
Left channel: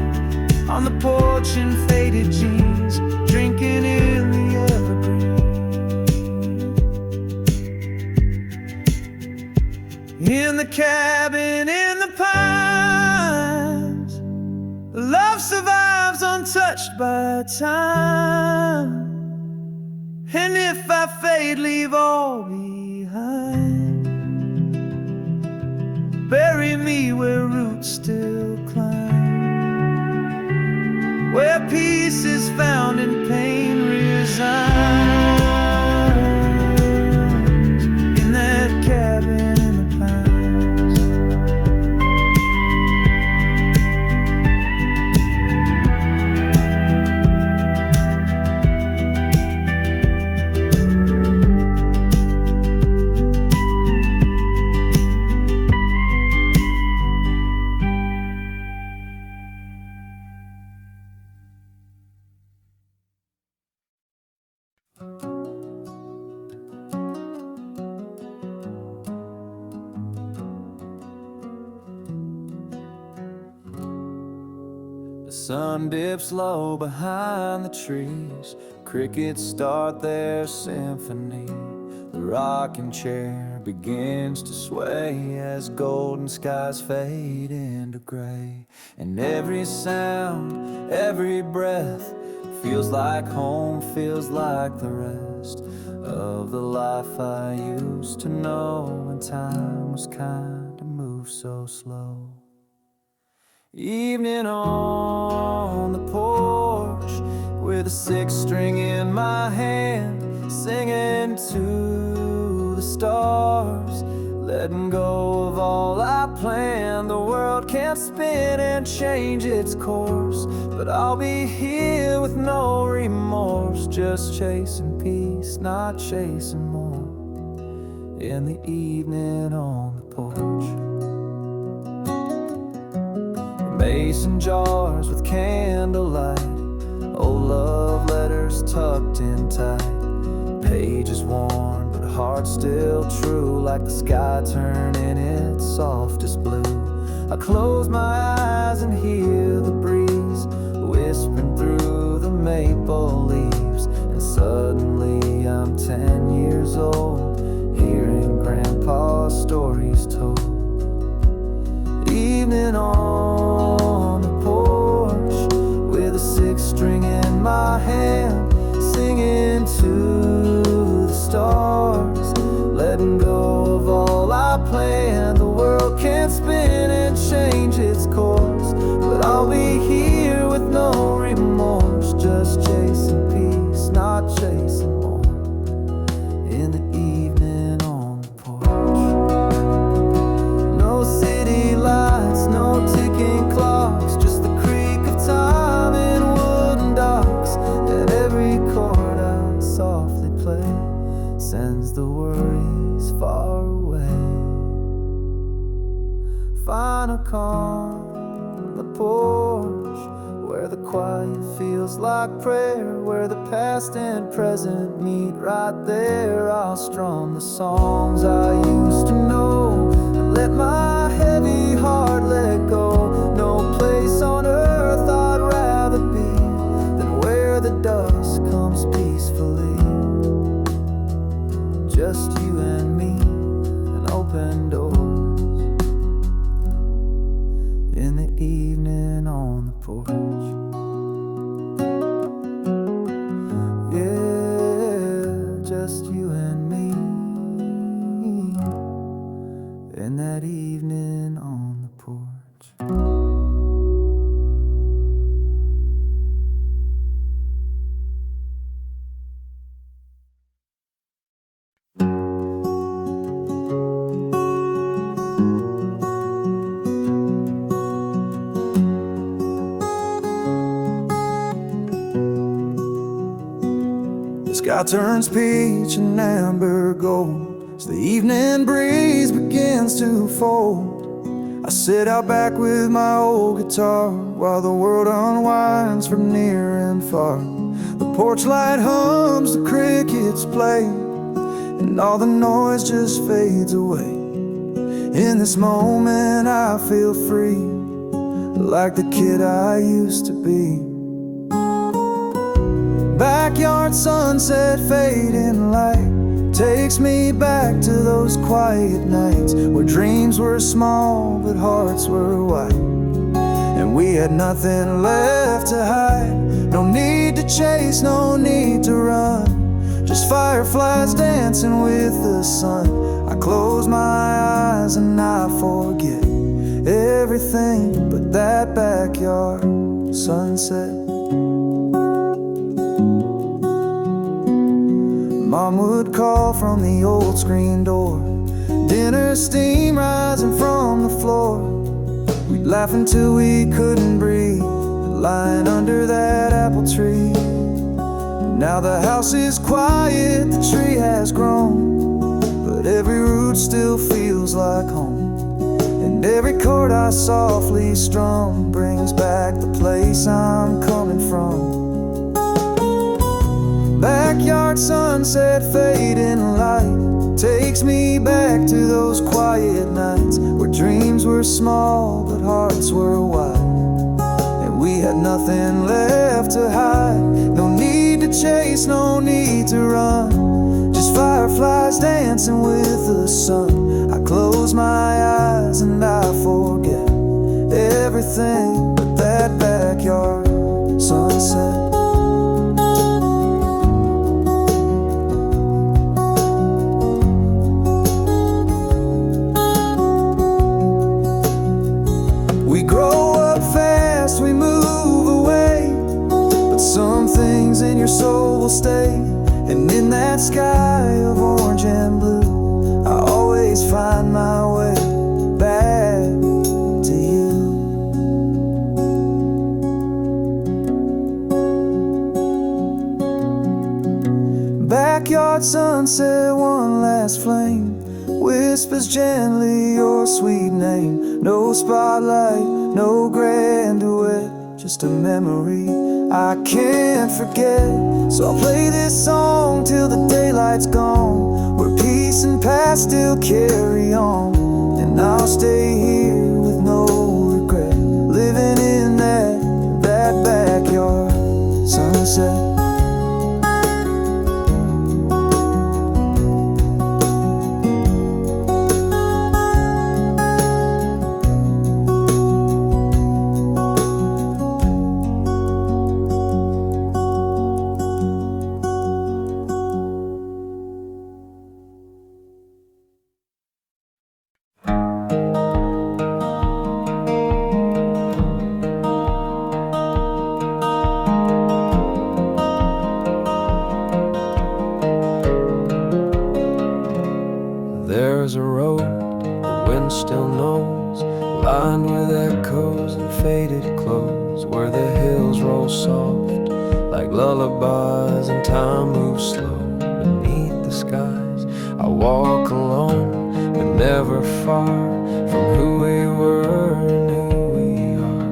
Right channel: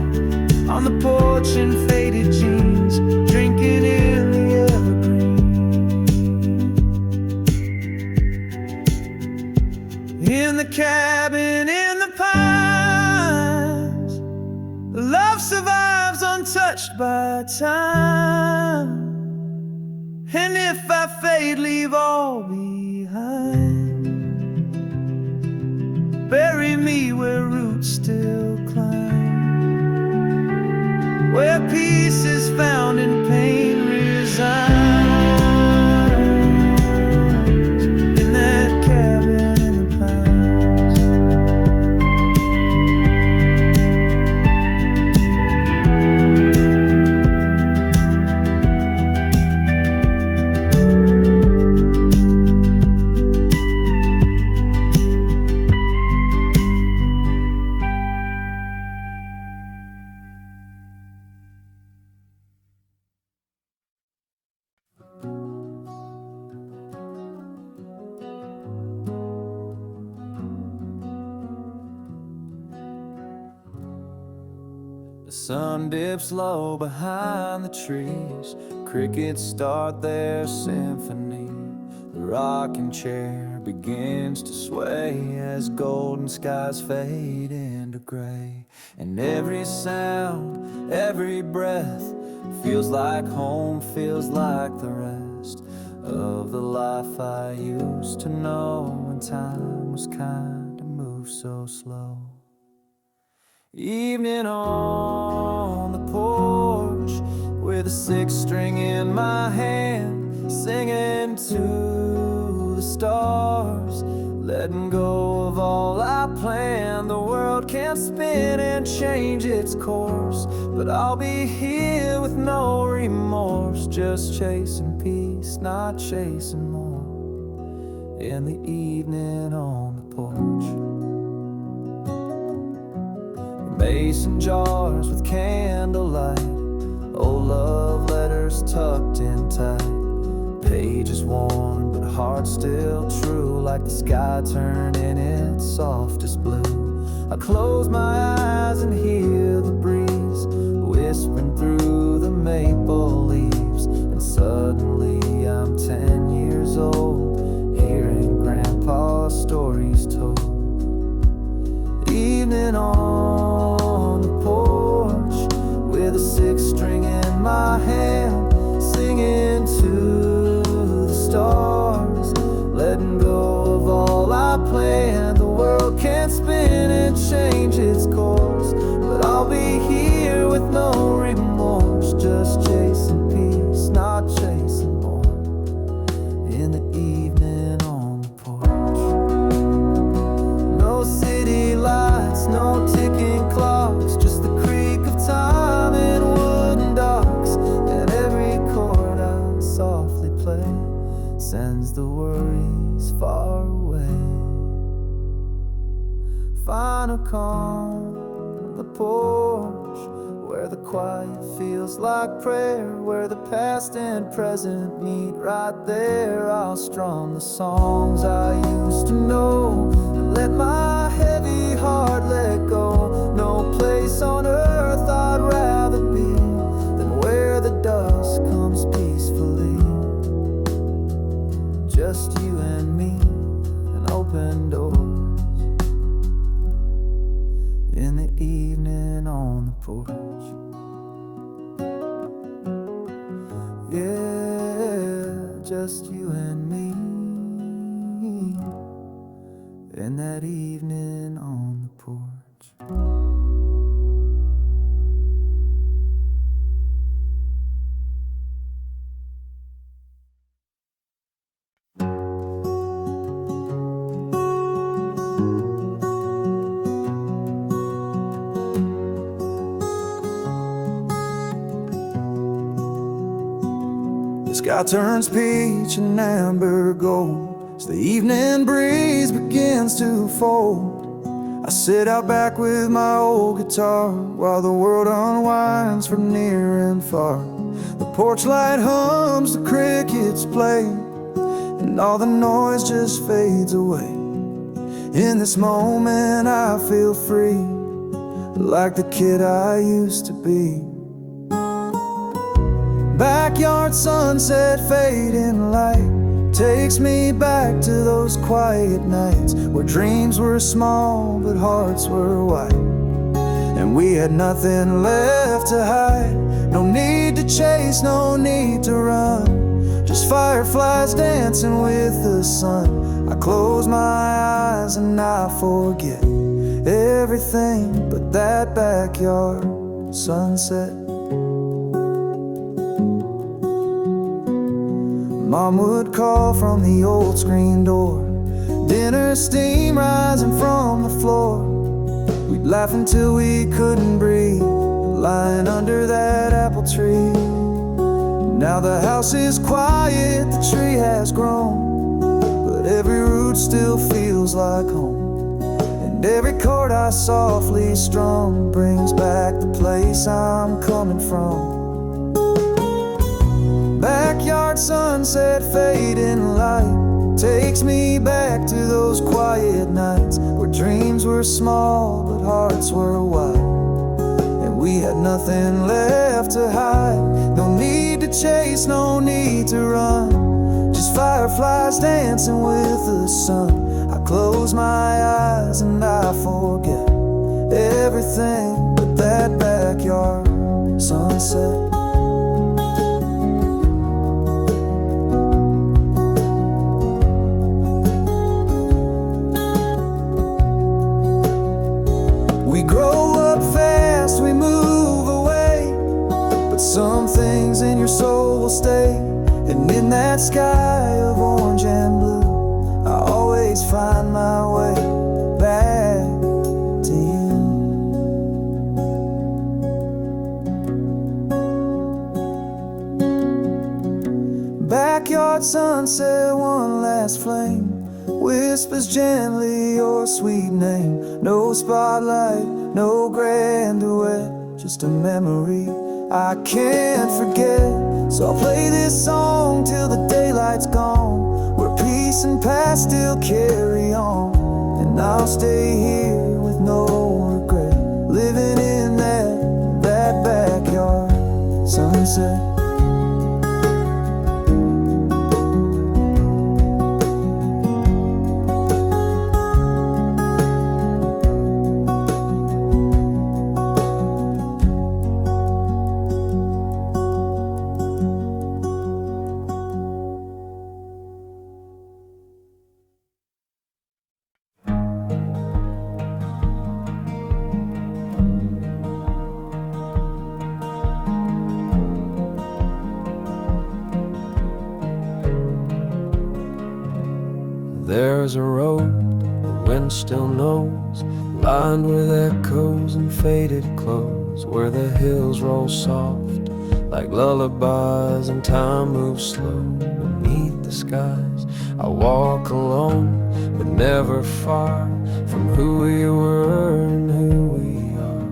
on the porch in faded jeans, drinking in the evergreen. In the cabin in the pines, love survives untouched by time. And if I fade, leave all behind. Bury me where roots still climb, where peace is found and pain resigns, in that cabin in the pines. The sun dips low behind the trees, crickets start their symphony. The rocking chair begins to sway as golden skies fade into gray. And every sound, every breath feels like home, feels like the rest of the life I used to know when time was kind to move so slow. Evening on the porch with a six string in my hand, singing to the stars, letting go of all I planned. The world can't spin and change its course, but I'll be here with no remorse, just chasing peace, not chasing more. In the evening on the porch, mason jars with candlelight, old love letters tucked in tight, pages worn but heart still true, like the sky turning its softest blue. I close my eyes and hear the breeze whispering through the maple leaves, and suddenly I'm 10 years old, hearing Grandpa's stories told. Evening on the porch with a six string in my hand, singing to the stars, letting go of all I planned. The world can't spin and change its course, but I'll be here with no remorse, just chasing peace, not chasing more. In the evening on the porch, no city lights, no ticking clocks, just the creak of time in wooden docks. And every chord I softly play sends the worries far away. Find a calm on the porch, where the quiet feels like prayer, where the past and present meet right there. I'll strum the songs I used to know and let my heavy heart let go. No place on earth I'd rather be than where the dusk comes peacefully. Just you and me, and open doors. In the evening on the porch, yeah, just you and me. In that evening on the porch. The sky turns peach and amber gold as the evening breeze begins to fold. I sit out back with my old guitar while the world unwinds from near and far. The porch light hums, the crickets play, and all the noise just fades away. In this moment I feel free, like the kid I used to be. Backyard sunset fading light takes me back to those quiet nights where dreams were small but hearts were wide, and we had nothing left to hide. No need to chase, no need to run, just fireflies dancing with the sun. I close my eyes and I forget everything but that backyard sunset. Mom would call from the old screen door, dinner steam rising from the floor. We'd laugh until we couldn't breathe, lying under that apple tree. Now the house is quiet, the tree has grown, but every root still feels like home. And every chord I softly strum brings back the place I'm coming from. Backyard sunset fading light takes me back to those quiet nights where dreams were small but hearts were wide, and we had nothing left to hide. No need to chase, no need to run, just fireflies dancing with the sun. I close my eyes and I forget everything but that backyard sunset. We grow up fast, we move away, but some things in your soul will stay. And in that sky of orange and blue, I always find my way back to you. Backyard sunset, one last flame whispers gently your sweet name. No spotlight, no grand duet, just a memory I can't forget. So I'll play this song till the daylight's gone, where peace and past still carry on. And I'll stay here with no regret, living in that backyard sunset. There's a road the wind still knows, lined with echoes and faded clothes, where the hills roll soft like lullabies and time moves slow beneath the skies. I walk alone but never far from who we were and who we are.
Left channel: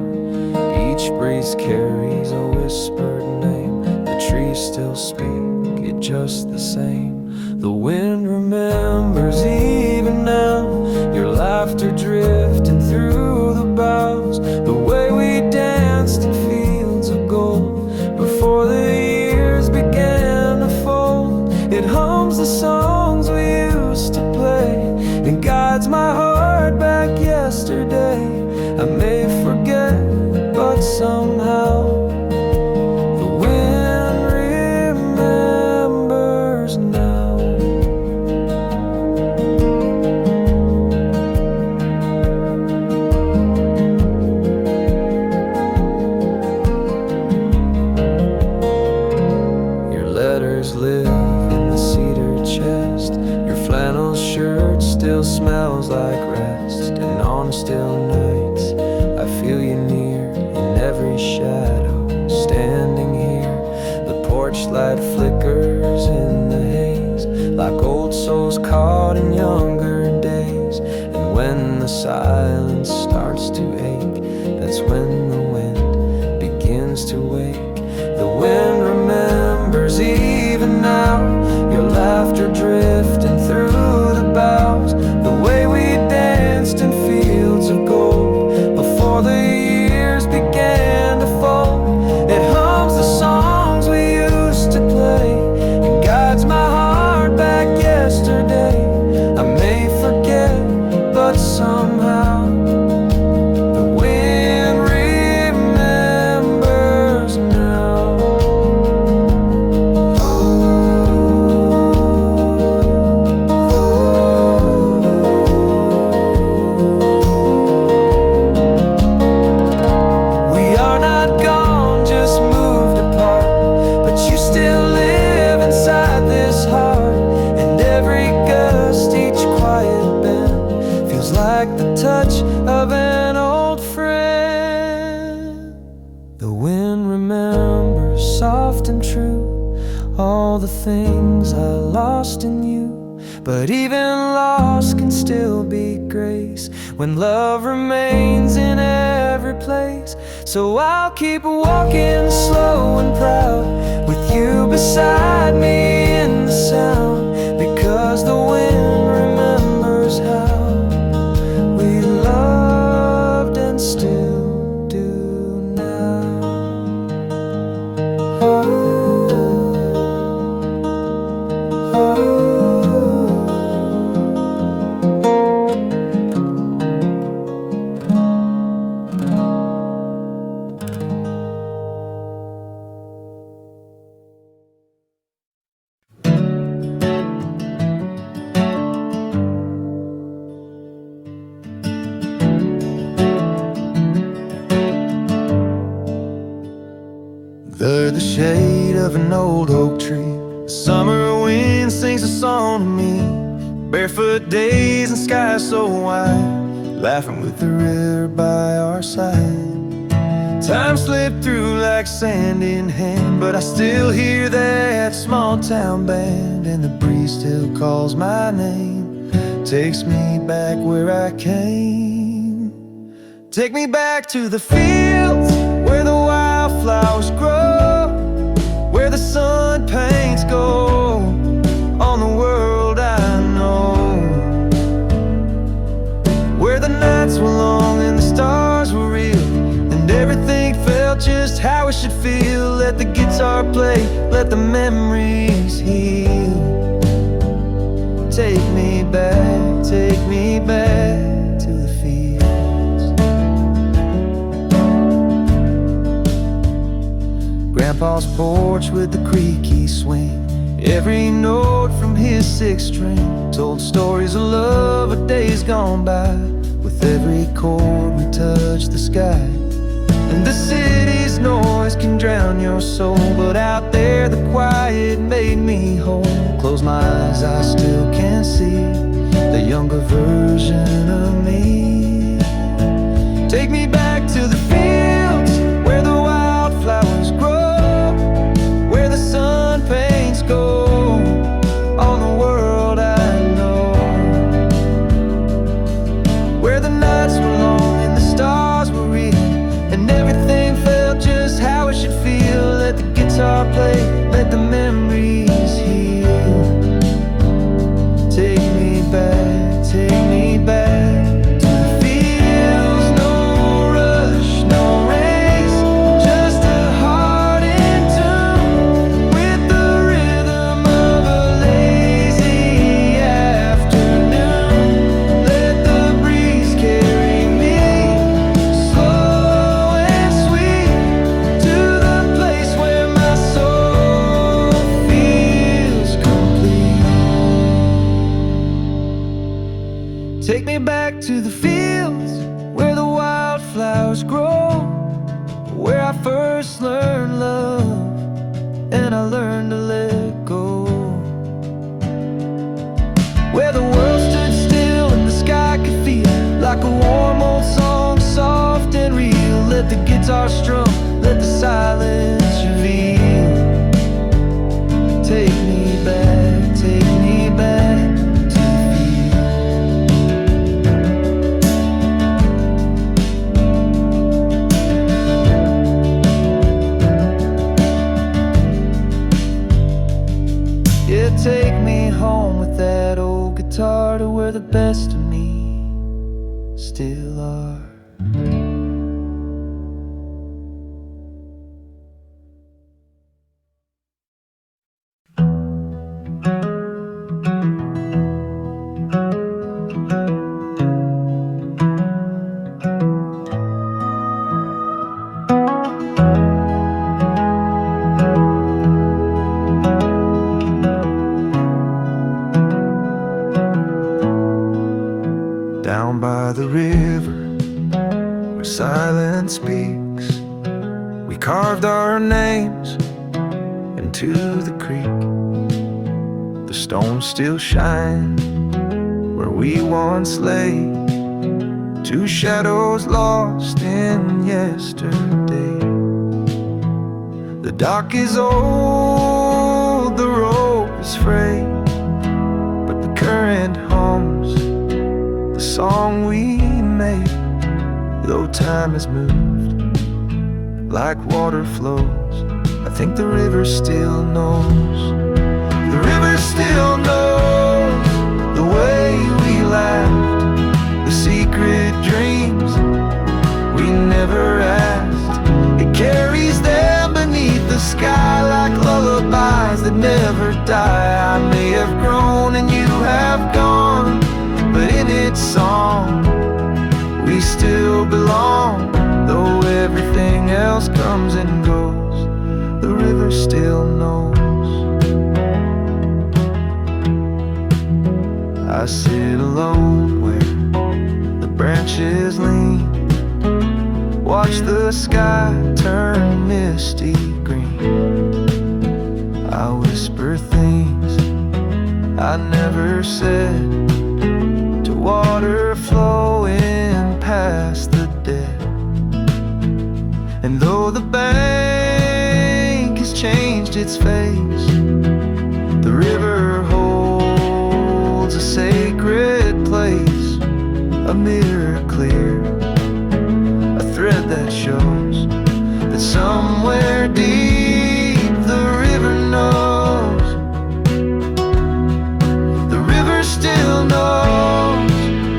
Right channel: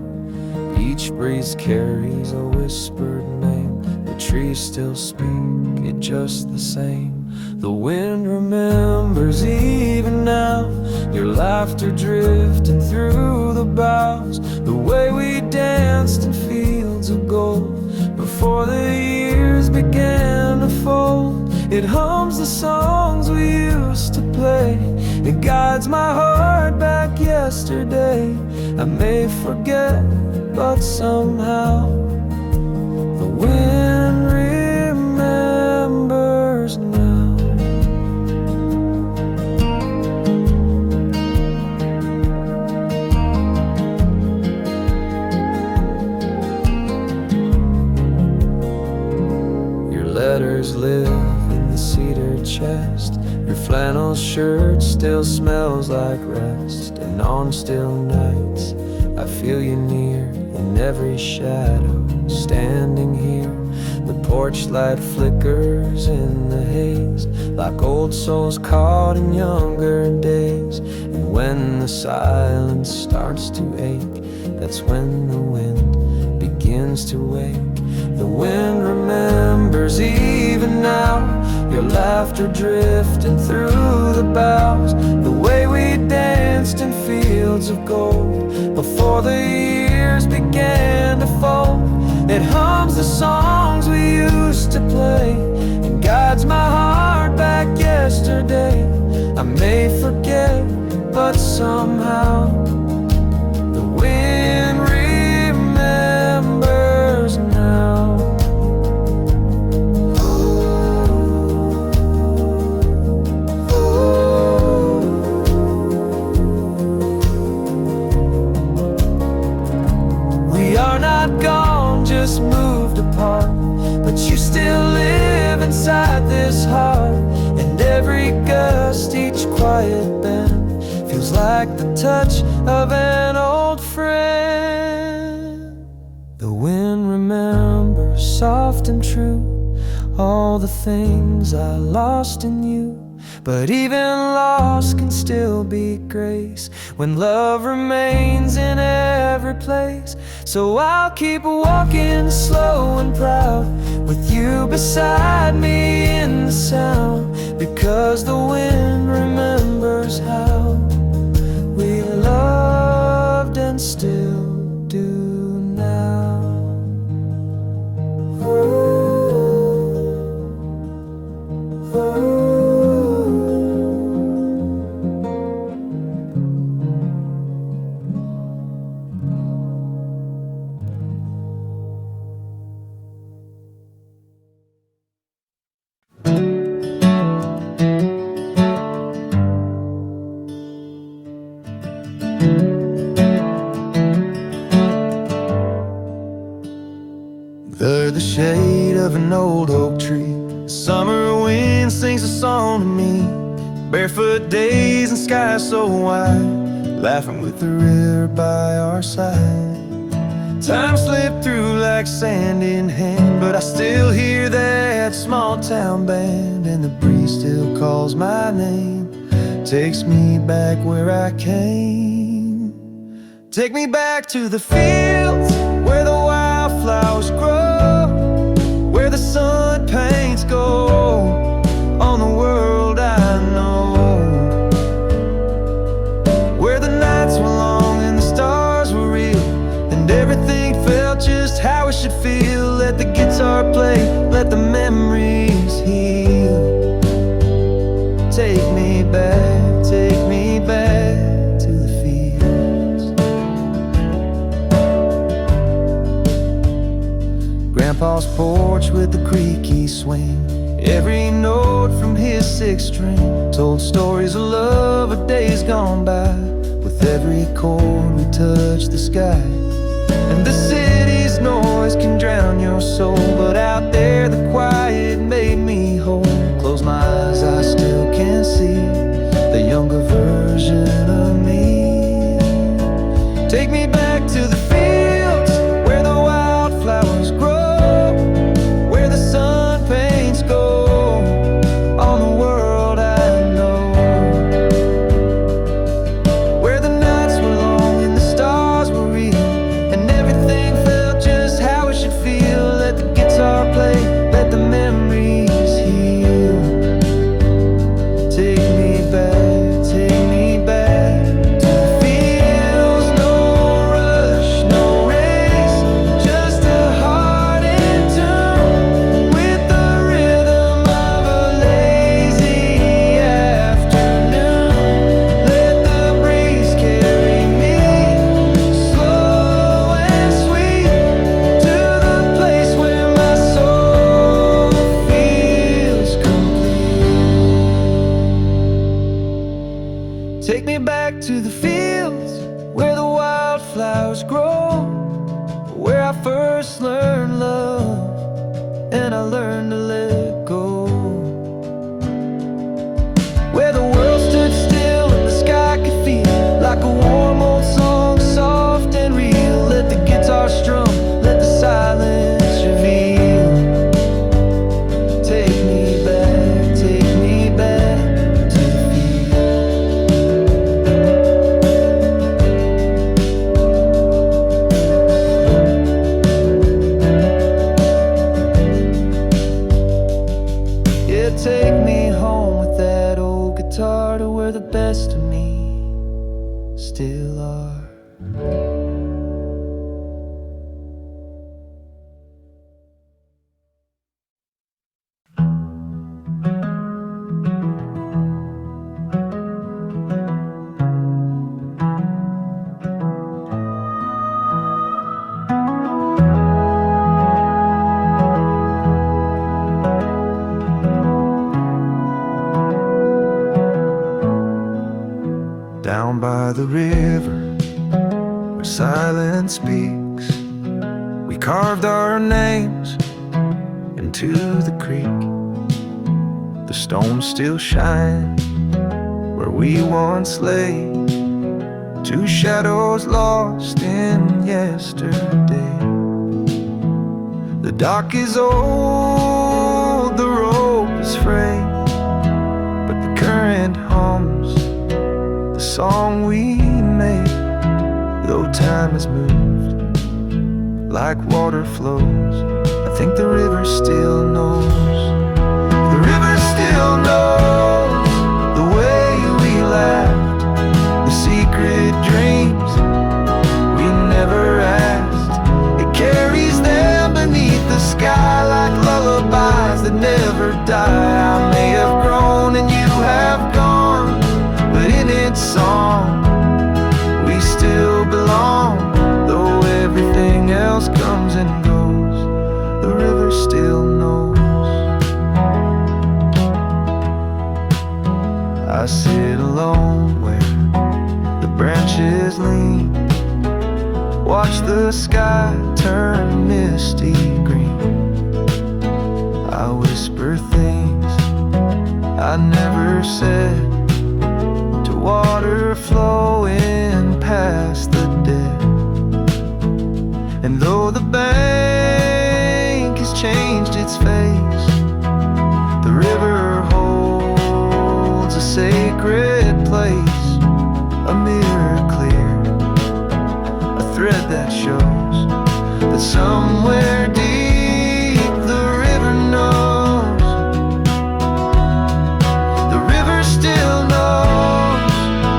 Each breeze carries a whispered name, the trees still speak it just the same. The wind remembers even now, your laughter drifting through the boughs, the way we danced in fields of gold before the years began to fold. It hums the songs we used to play and guides my heart back yesterday. I may forget, but somehow the wind remembers now. Letters live in the cedar chest, your flannel shirt still smells like rest. And on still nights I feel you near in every shadow. Standing here, the Porch light flickers in the haze, like old souls caught in younger days. And when the silence starts to ache, that's when the wind begins to wake. The wind remembers even now, your laughter drifting through the boughs, the way we danced in fields of gold before the years began to fold. It hums the songs we used to play and guides my heart back yesterday. I may forget, but somehow the wind remembers now. We are not gone, just moved apart, but you still live inside this heart. And every gust, each quiet bend, feels like the touch of an old friend. The wind remembers, soft and true, all the things I lost in you. But even loss can still be grace when love remains in every place. So I'll keep walking slow and proud, with you beside me in the sound, because the wind remembers how we loved and still do now. Under the shade of an old oak tree, the summer wind sings a song to me. Barefoot days and skies so wide, laughing with the river by our side. Time slipped through like sand in hand, but I still hear that small town band, and the breeze still calls my name, takes me back where I came. Take me back to the fields where the wildflowers grow, where the sun paints gold on the world I know, where the nights were long and the stars were real, and everything felt just how it should feel. Let the guitar play, let the memories heal. Take me back to the fields. Grandpa's porch with the creaky swing, every note from his sixth string told stories of love of days gone by. With every chord we touched the sky. And the city's noise can drown your soul, but out there the quiet made me whole. Close my eyes, I still can see the younger version of me. Take me back to the fields where the wildflowers grow, where the sun paints gold on the world I know, where the nights were long and the stars were real, and everything felt just how it should feel. Let the guitar play, let the memories heal. Take me back to the fields. No rush, no race, just a heart in tune with the rhythm of a lazy afternoon. Let the breeze carry me slow and sweet to the place where my soul feels complete. Take me back to the fields where the wildflowers grow, where I first learned love and I learned to let go, where the world stood still and the sky could feel like a warm old song, soft and real. Let the guitar strum, let the silence reveal. take me back to the field. Yeah, take me home with that old guitar to where the best of me still are. Down by the river where silence speaks, we carved our names into the creek. The stones still shine where we once lay, two shadows lost in yesterday. The dock is old, the rope is frayed, but the current hums the song we made. Though time has moved like water flows, I think the river still knows. The river still knows the way we laughed, the secret dreams we never asked. It carries them beneath the sky like lullabies that never die. I may have grown and you have gone, but in its song we still belong. Though everything else comes and goes, the river still knows. I sit alone where the branches lean, watch the sky turn misty green. I whisper things I never said to water flowing past the dead. And though the bank has changed its face, the river holds a sacred place, a mirror clear, a thread that shows that somewhere deep the river knows. The river still knows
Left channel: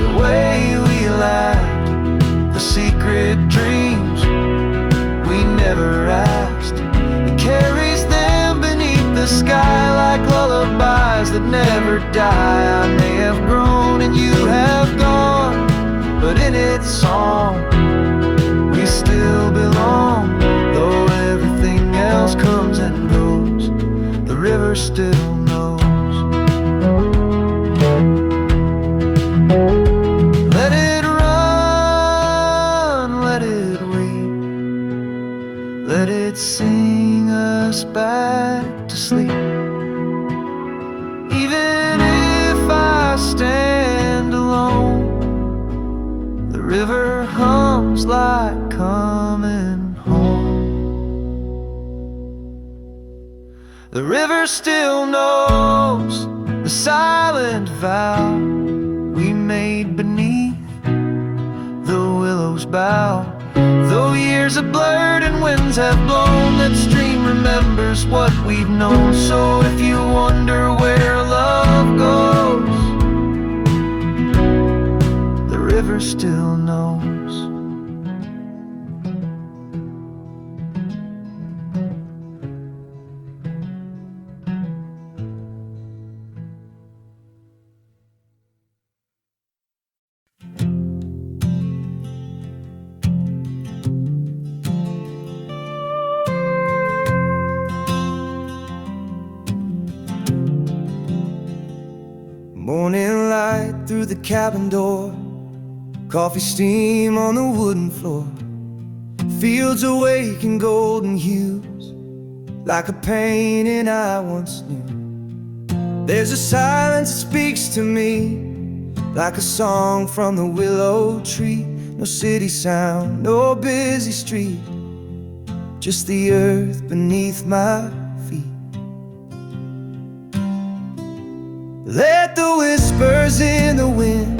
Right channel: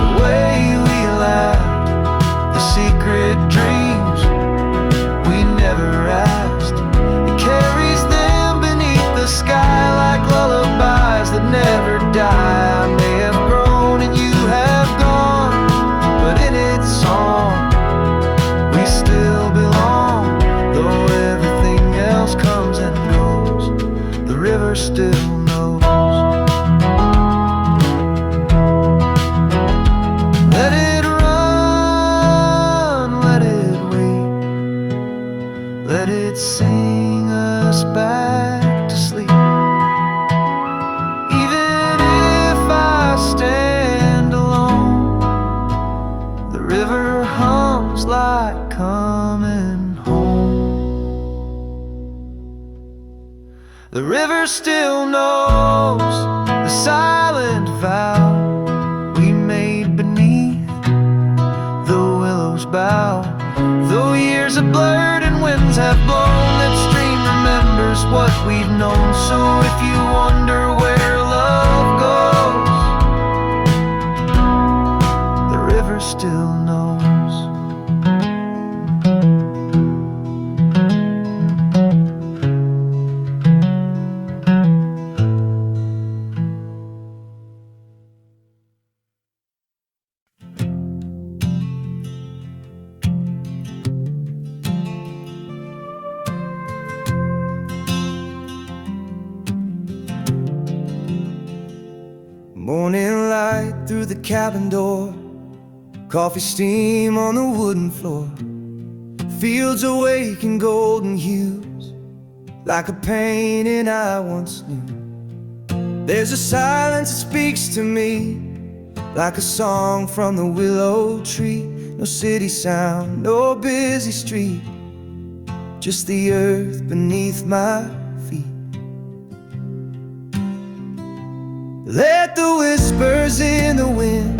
the way we laughed, the secret dreams we never asked. It carries them beneath the sky like lullabies that never die. I may have grown and you have gone, but in its song we still belong. Though everything else comes and goes, the river still knows. Let it run, let it weep, let it sing us back to sleep. Even if I stand alone, the river hums like coming home. The river still knows the silent vow we made beneath the willow's bough. Though years have blurred and winds have blown, that stream remembers what we've known. So if you wonder where love goes, the river still knows. Morning light through the cabin door, coffee steam on the wooden floor, fields awake in golden hues, like a painting I once knew. There's a silence that speaks to me, like a song from the willow tree. No city sound, no busy street, just the earth beneath my feet. Let the whispers in the wind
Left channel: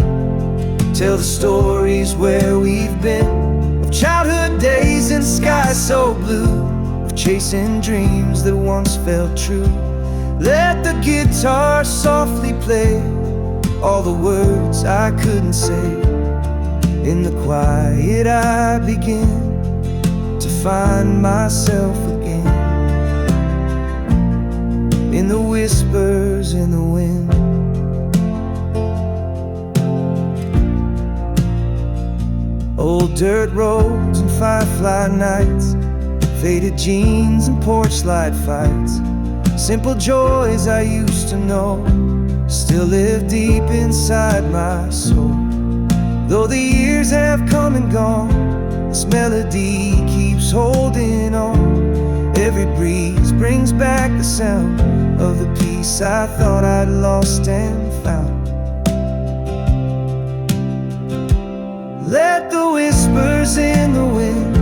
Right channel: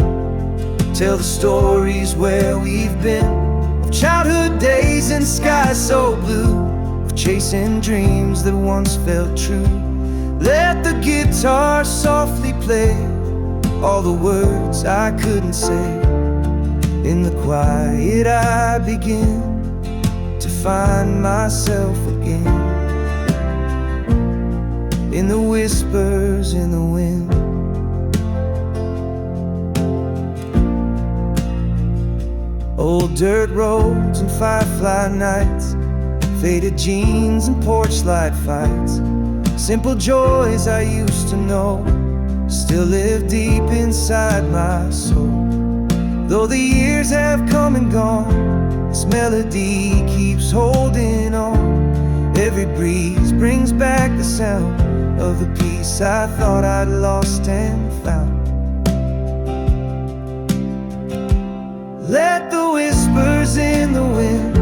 tell the stories where we've been, of childhood days and skies so blue, of chasing dreams that once felt true. Let the guitar softly play all the words I couldn't say. In the quiet I begin to find myself again. In the whispers in the wind. Old dirt roads and firefly nights, faded jeans and porch light fights, simple joys I used to know still live deep inside my soul. Though the years have come and gone, this melody keeps holding on. Every breeze brings back the sound of the peace I thought I'd lost and found. Let the whispers in the wind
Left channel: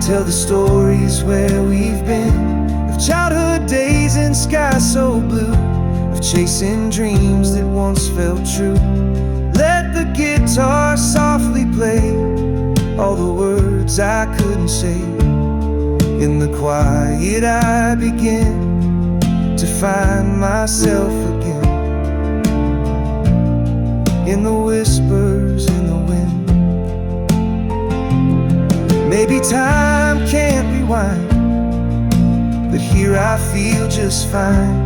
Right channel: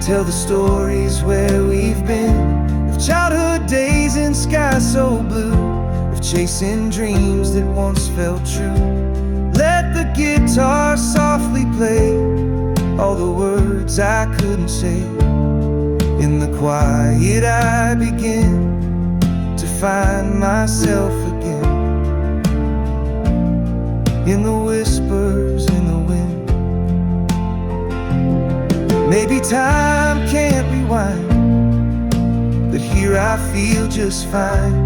tell the stories where we've been, of childhood days and skies so blue, of chasing dreams that once felt true. Let the guitar softly play all the words I couldn't say. In the quiet I begin to find myself again. In the whispers in the wind. Maybe time can't rewind, but here I feel just fine,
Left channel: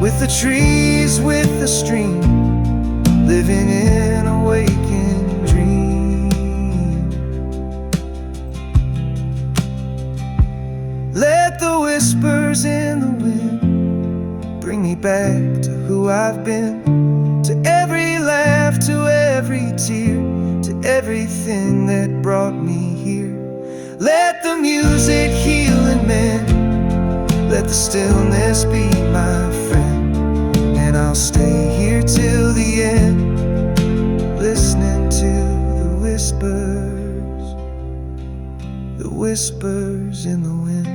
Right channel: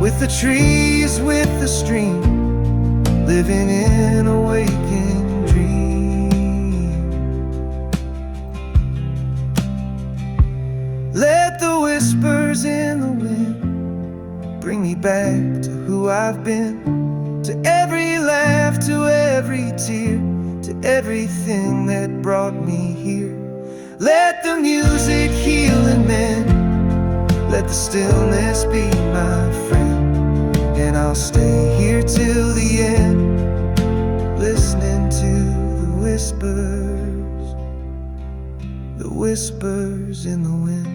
with the trees, with the stream, living in a waking dream. Let the whispers in the wind bring me back to who I've been, to every laugh, to every tear, to everything that brought me here. Let the music heal and mend, let the stillness be my friend, and I'll stay here till the end, listening to the whispers in the wind.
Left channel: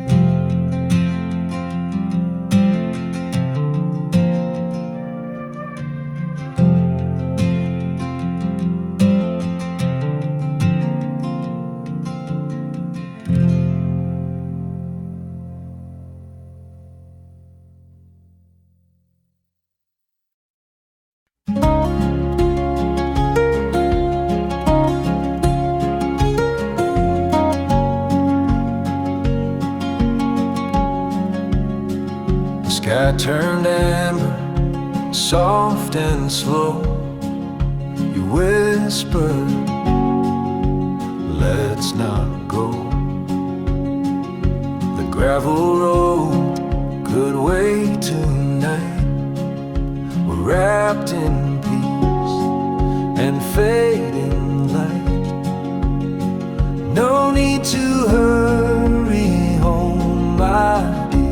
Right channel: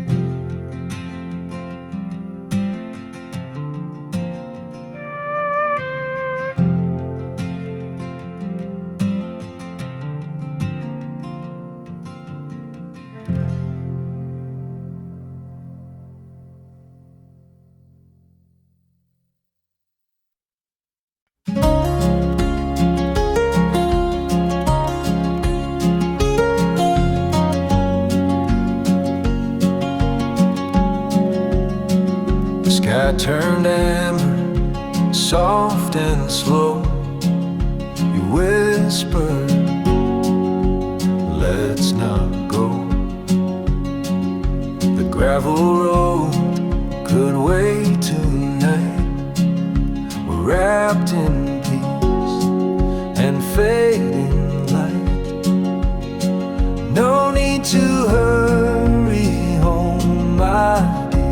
The sky turned amber, soft and slow. You whispered, let's not go. The gravel road could wait tonight. We're wrapped in peace and fading light. No need to hurry home, my dear.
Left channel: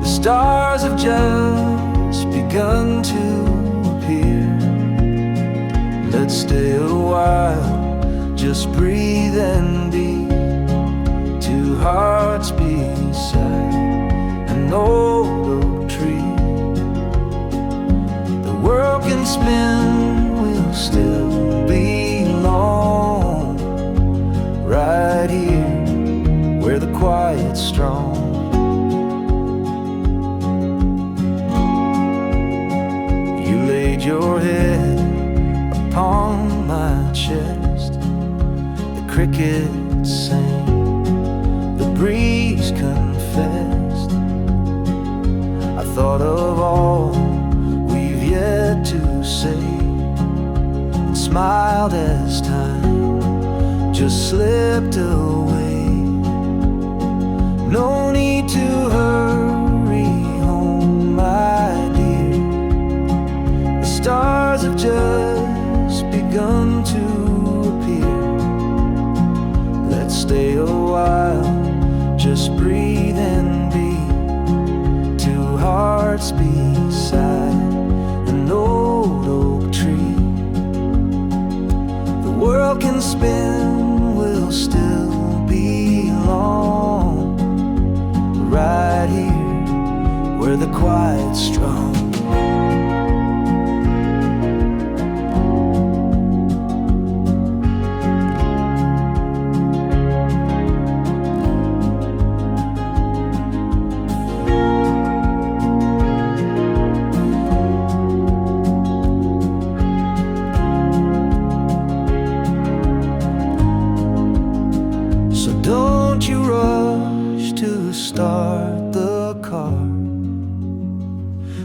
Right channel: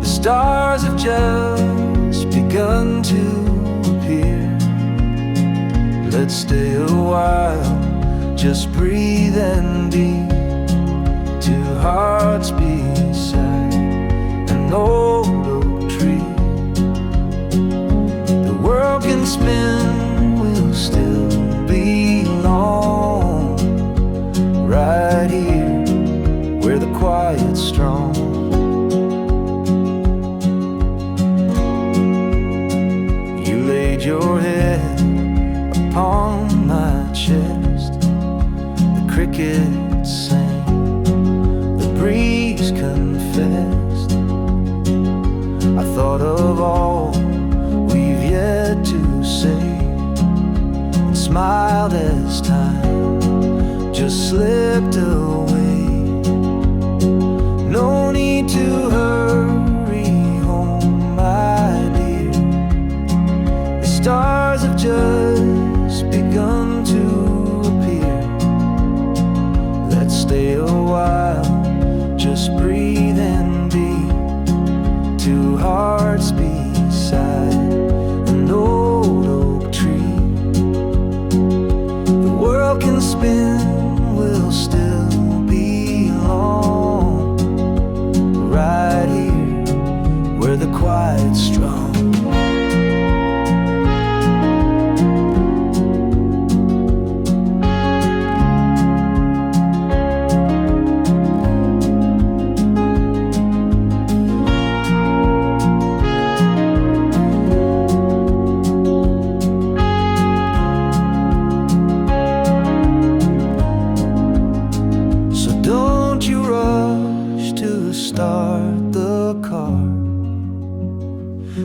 The stars have just begun to appear. Let's stay a while, just breathe and be. Two hearts beside an old oak tree. The world can spin, we'll still belong right here where the quiet's strong. You laid your head upon my chest. The crickets sang, the breeze confessed. I thought of all we've yet to say, and smiled as time just slipped away. No need to hurry home, my dear. The stars have just begun to appear. Let's stay a while, just breathe and be. Two hearts beside an old oak tree. The world can spin, we'll still belong right here where the quiet's strong.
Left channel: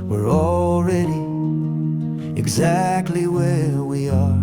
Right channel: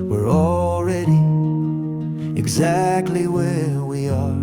we're already exactly where we are.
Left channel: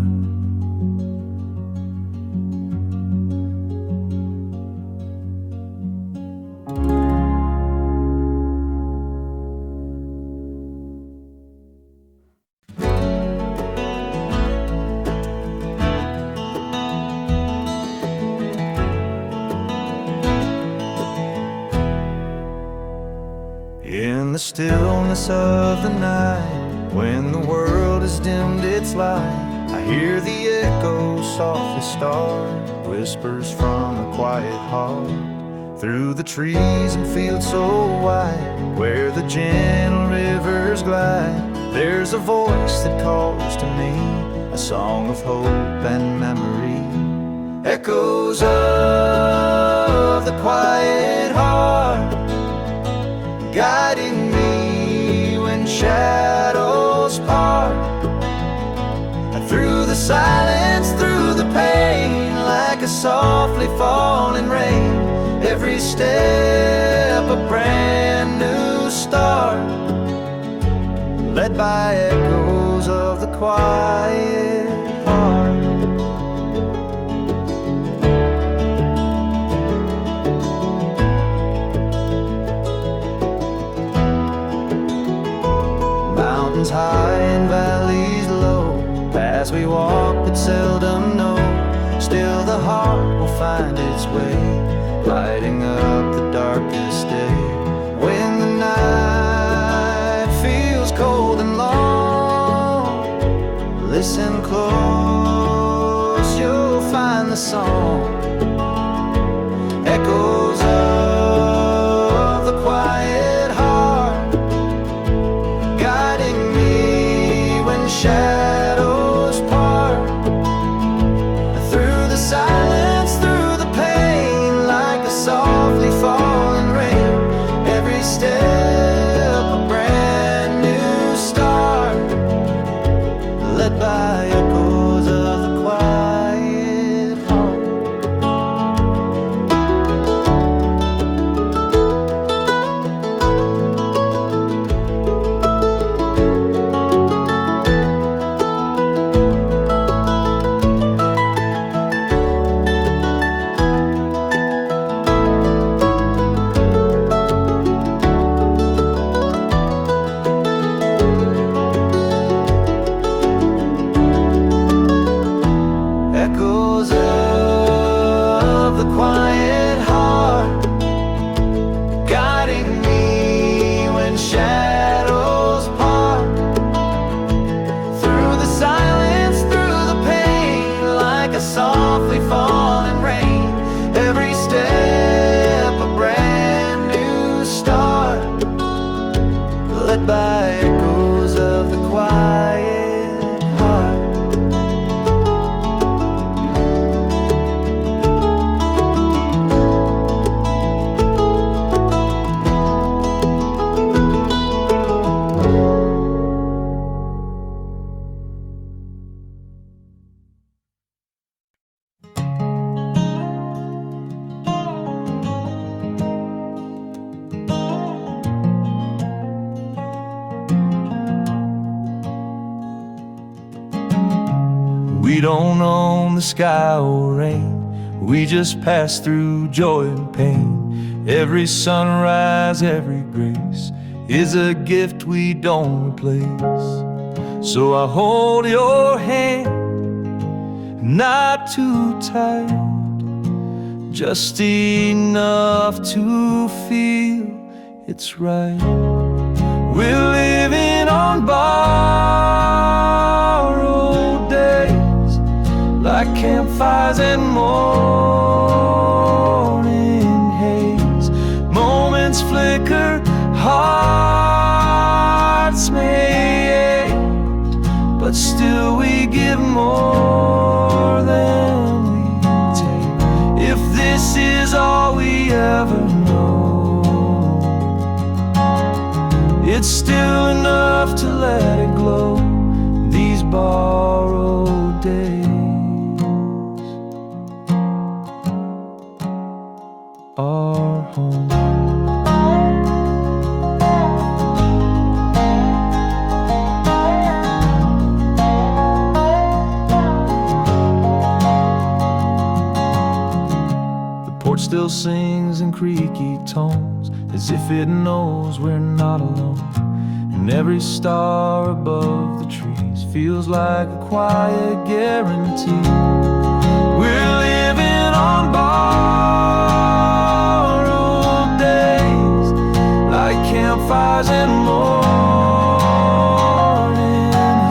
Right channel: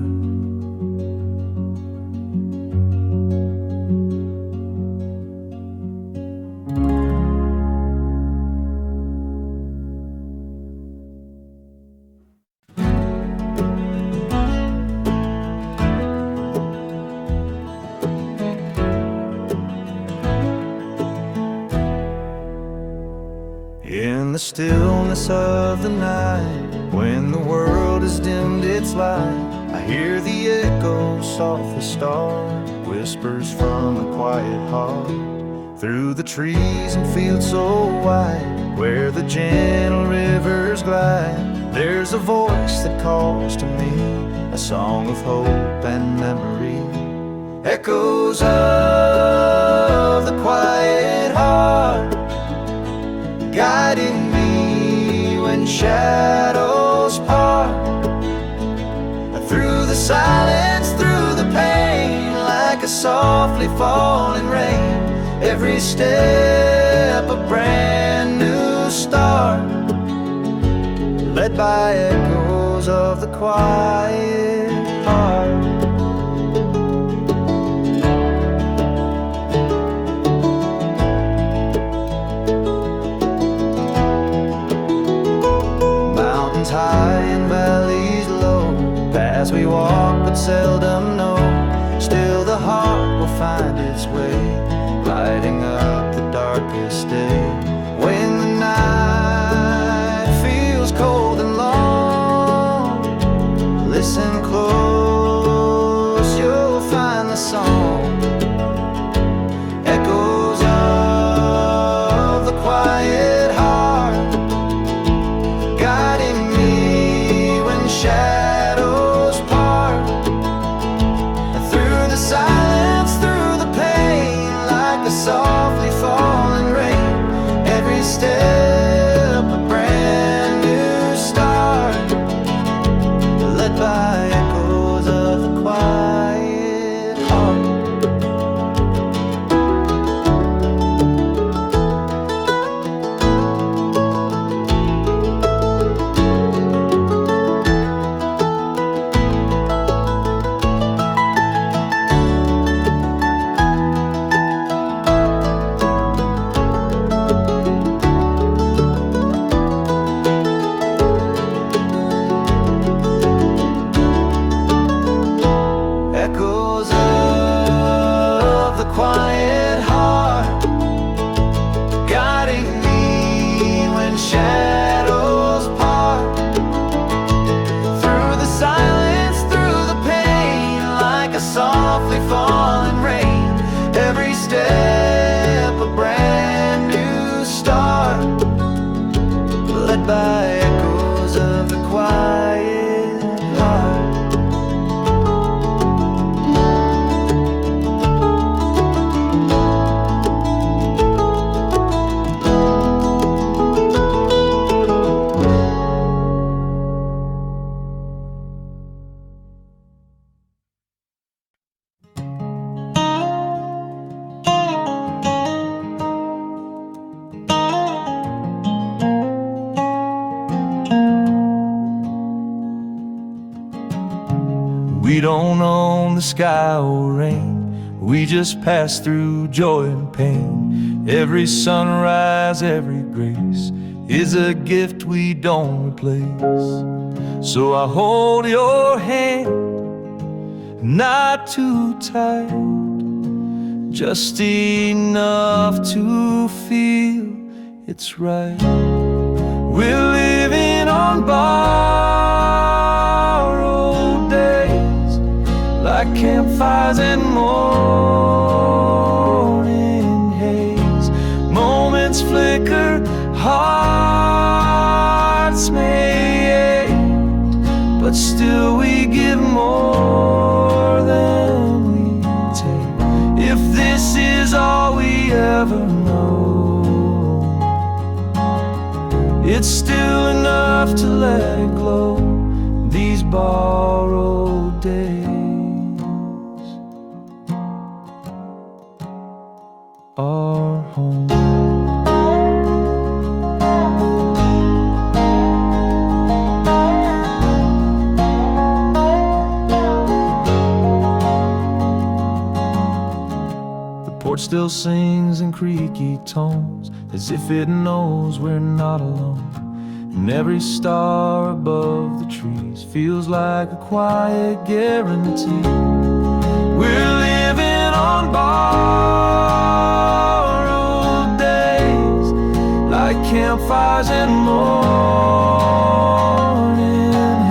In the stillness of the night, when the world has dimmed its light, I hear the echo softly start, whispers from a quiet heart. Through the trees and fields so wide, where the gentle rivers glide, there's a voice that calls to me, a song of hope and memory. Echoes of the quiet heart, guiding me when shadows part. Through the silence, through the pain, like a softly falling rain, every step a brand new start, led by echoes of the quiet heart. Mountains high and valleys low, paths we walk but seldom know, still the heart will find its way, lighting up the darkest day. When the night feels cold and long, listen close, you'll find the song. Echoes of the quiet heart, guiding me when shadows part. Through the silence, through the pain, like a softly falling rain, every step a brand new start, led by echoes of the quiet heart. Echoes of the quiet heart, guiding me when shadows part. Through the silence, through the pain, like a softly falling rain, every step a brand new start, led by echoes of the quiet heart. We don't own the sky or rain, we just pass through joy and pain. Every sunrise, every grace is a gift we don't replace. So I hold your hand, not too tight, just enough to feel it's right. We're living on borrowed days, like campfires and morning haze. Moments flicker, hearts may ache, but still we give more than we take. If this is all we ever know, it's still enough to let it glow. These borrowed days are home. still sings in creaky tones, as if it knows we're not alone. And every star above the trees feels like a quiet guarantee. We're living on borrowed days, like campfires and morning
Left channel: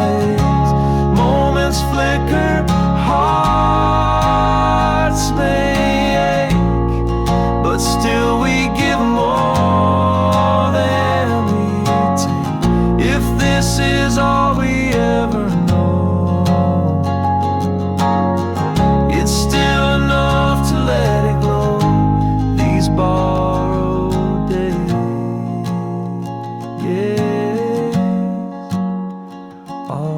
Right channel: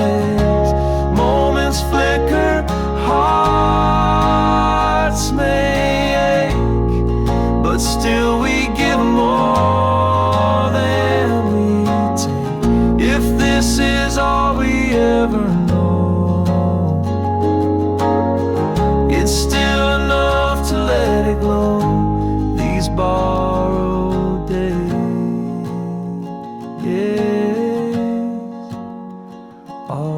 haze. Moments flicker, hearts may ache, but still we give more than we take. If this is all we ever know, it's still enough to let it glow. These borrowed days, yes, are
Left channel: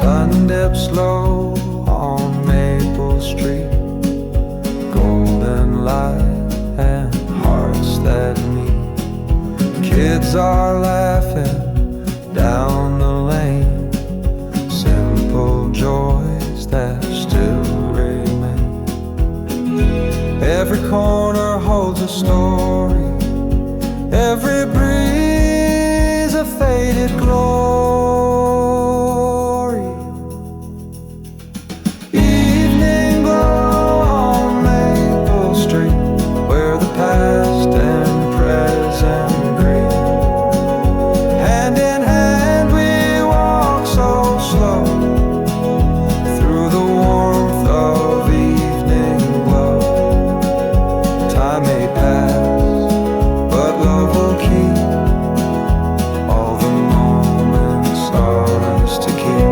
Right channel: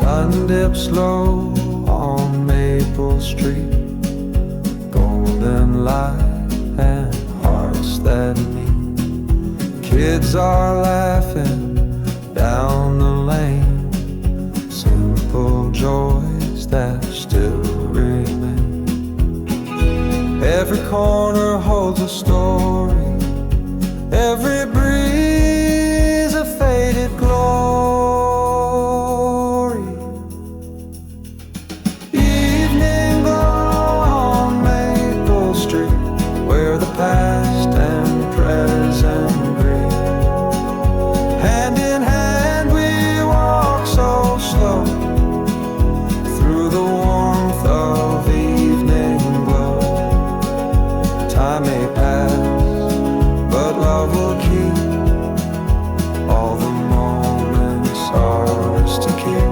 sun dips low on Maple Street, golden light and hearts that meet. Kids are laughing down the lane, simple joys that still remain. Every corner holds a story, every breeze a faded glory. Evening glow on Maple Street, where the past and present greet. Hand in hand we walk so slow, through the warmth of evening glow. Time may pass, but love will keep all the moments ours to keep.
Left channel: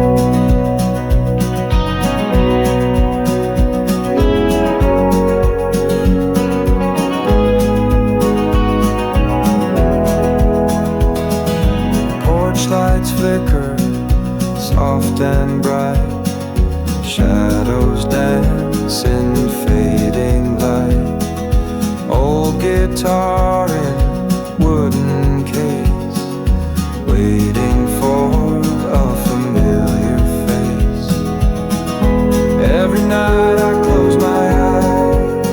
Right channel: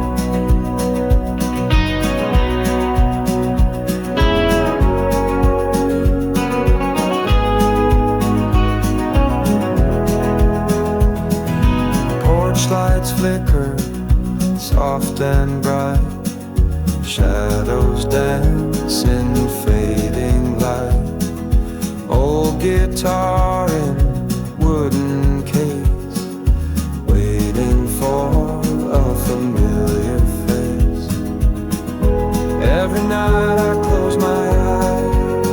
Porch lights flicker, soft and bright. Shadows dance in fading light. Old guitar in wooden case, waiting for a familiar face. Every night I close my eyes,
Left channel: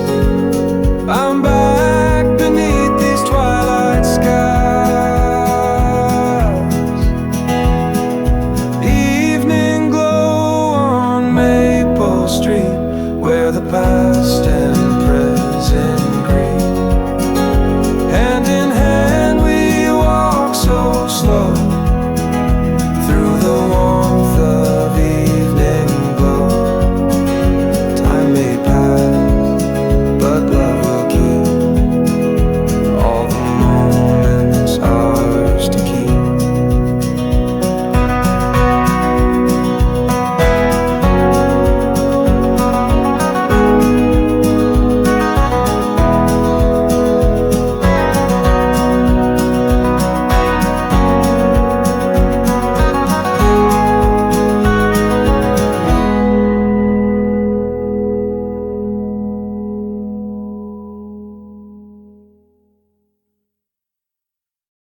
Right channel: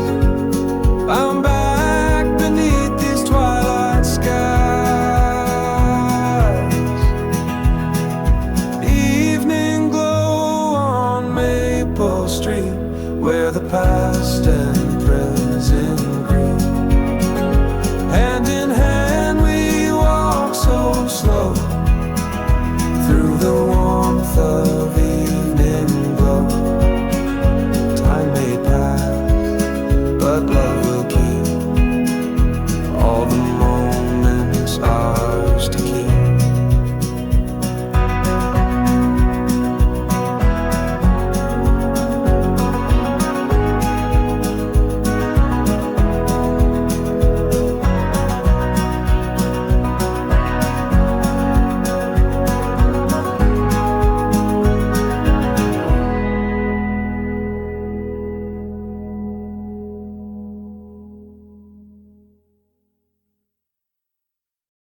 I'm back beneath these twilight skies. Evening glow on Maple Street, where the past and present greet. Hand in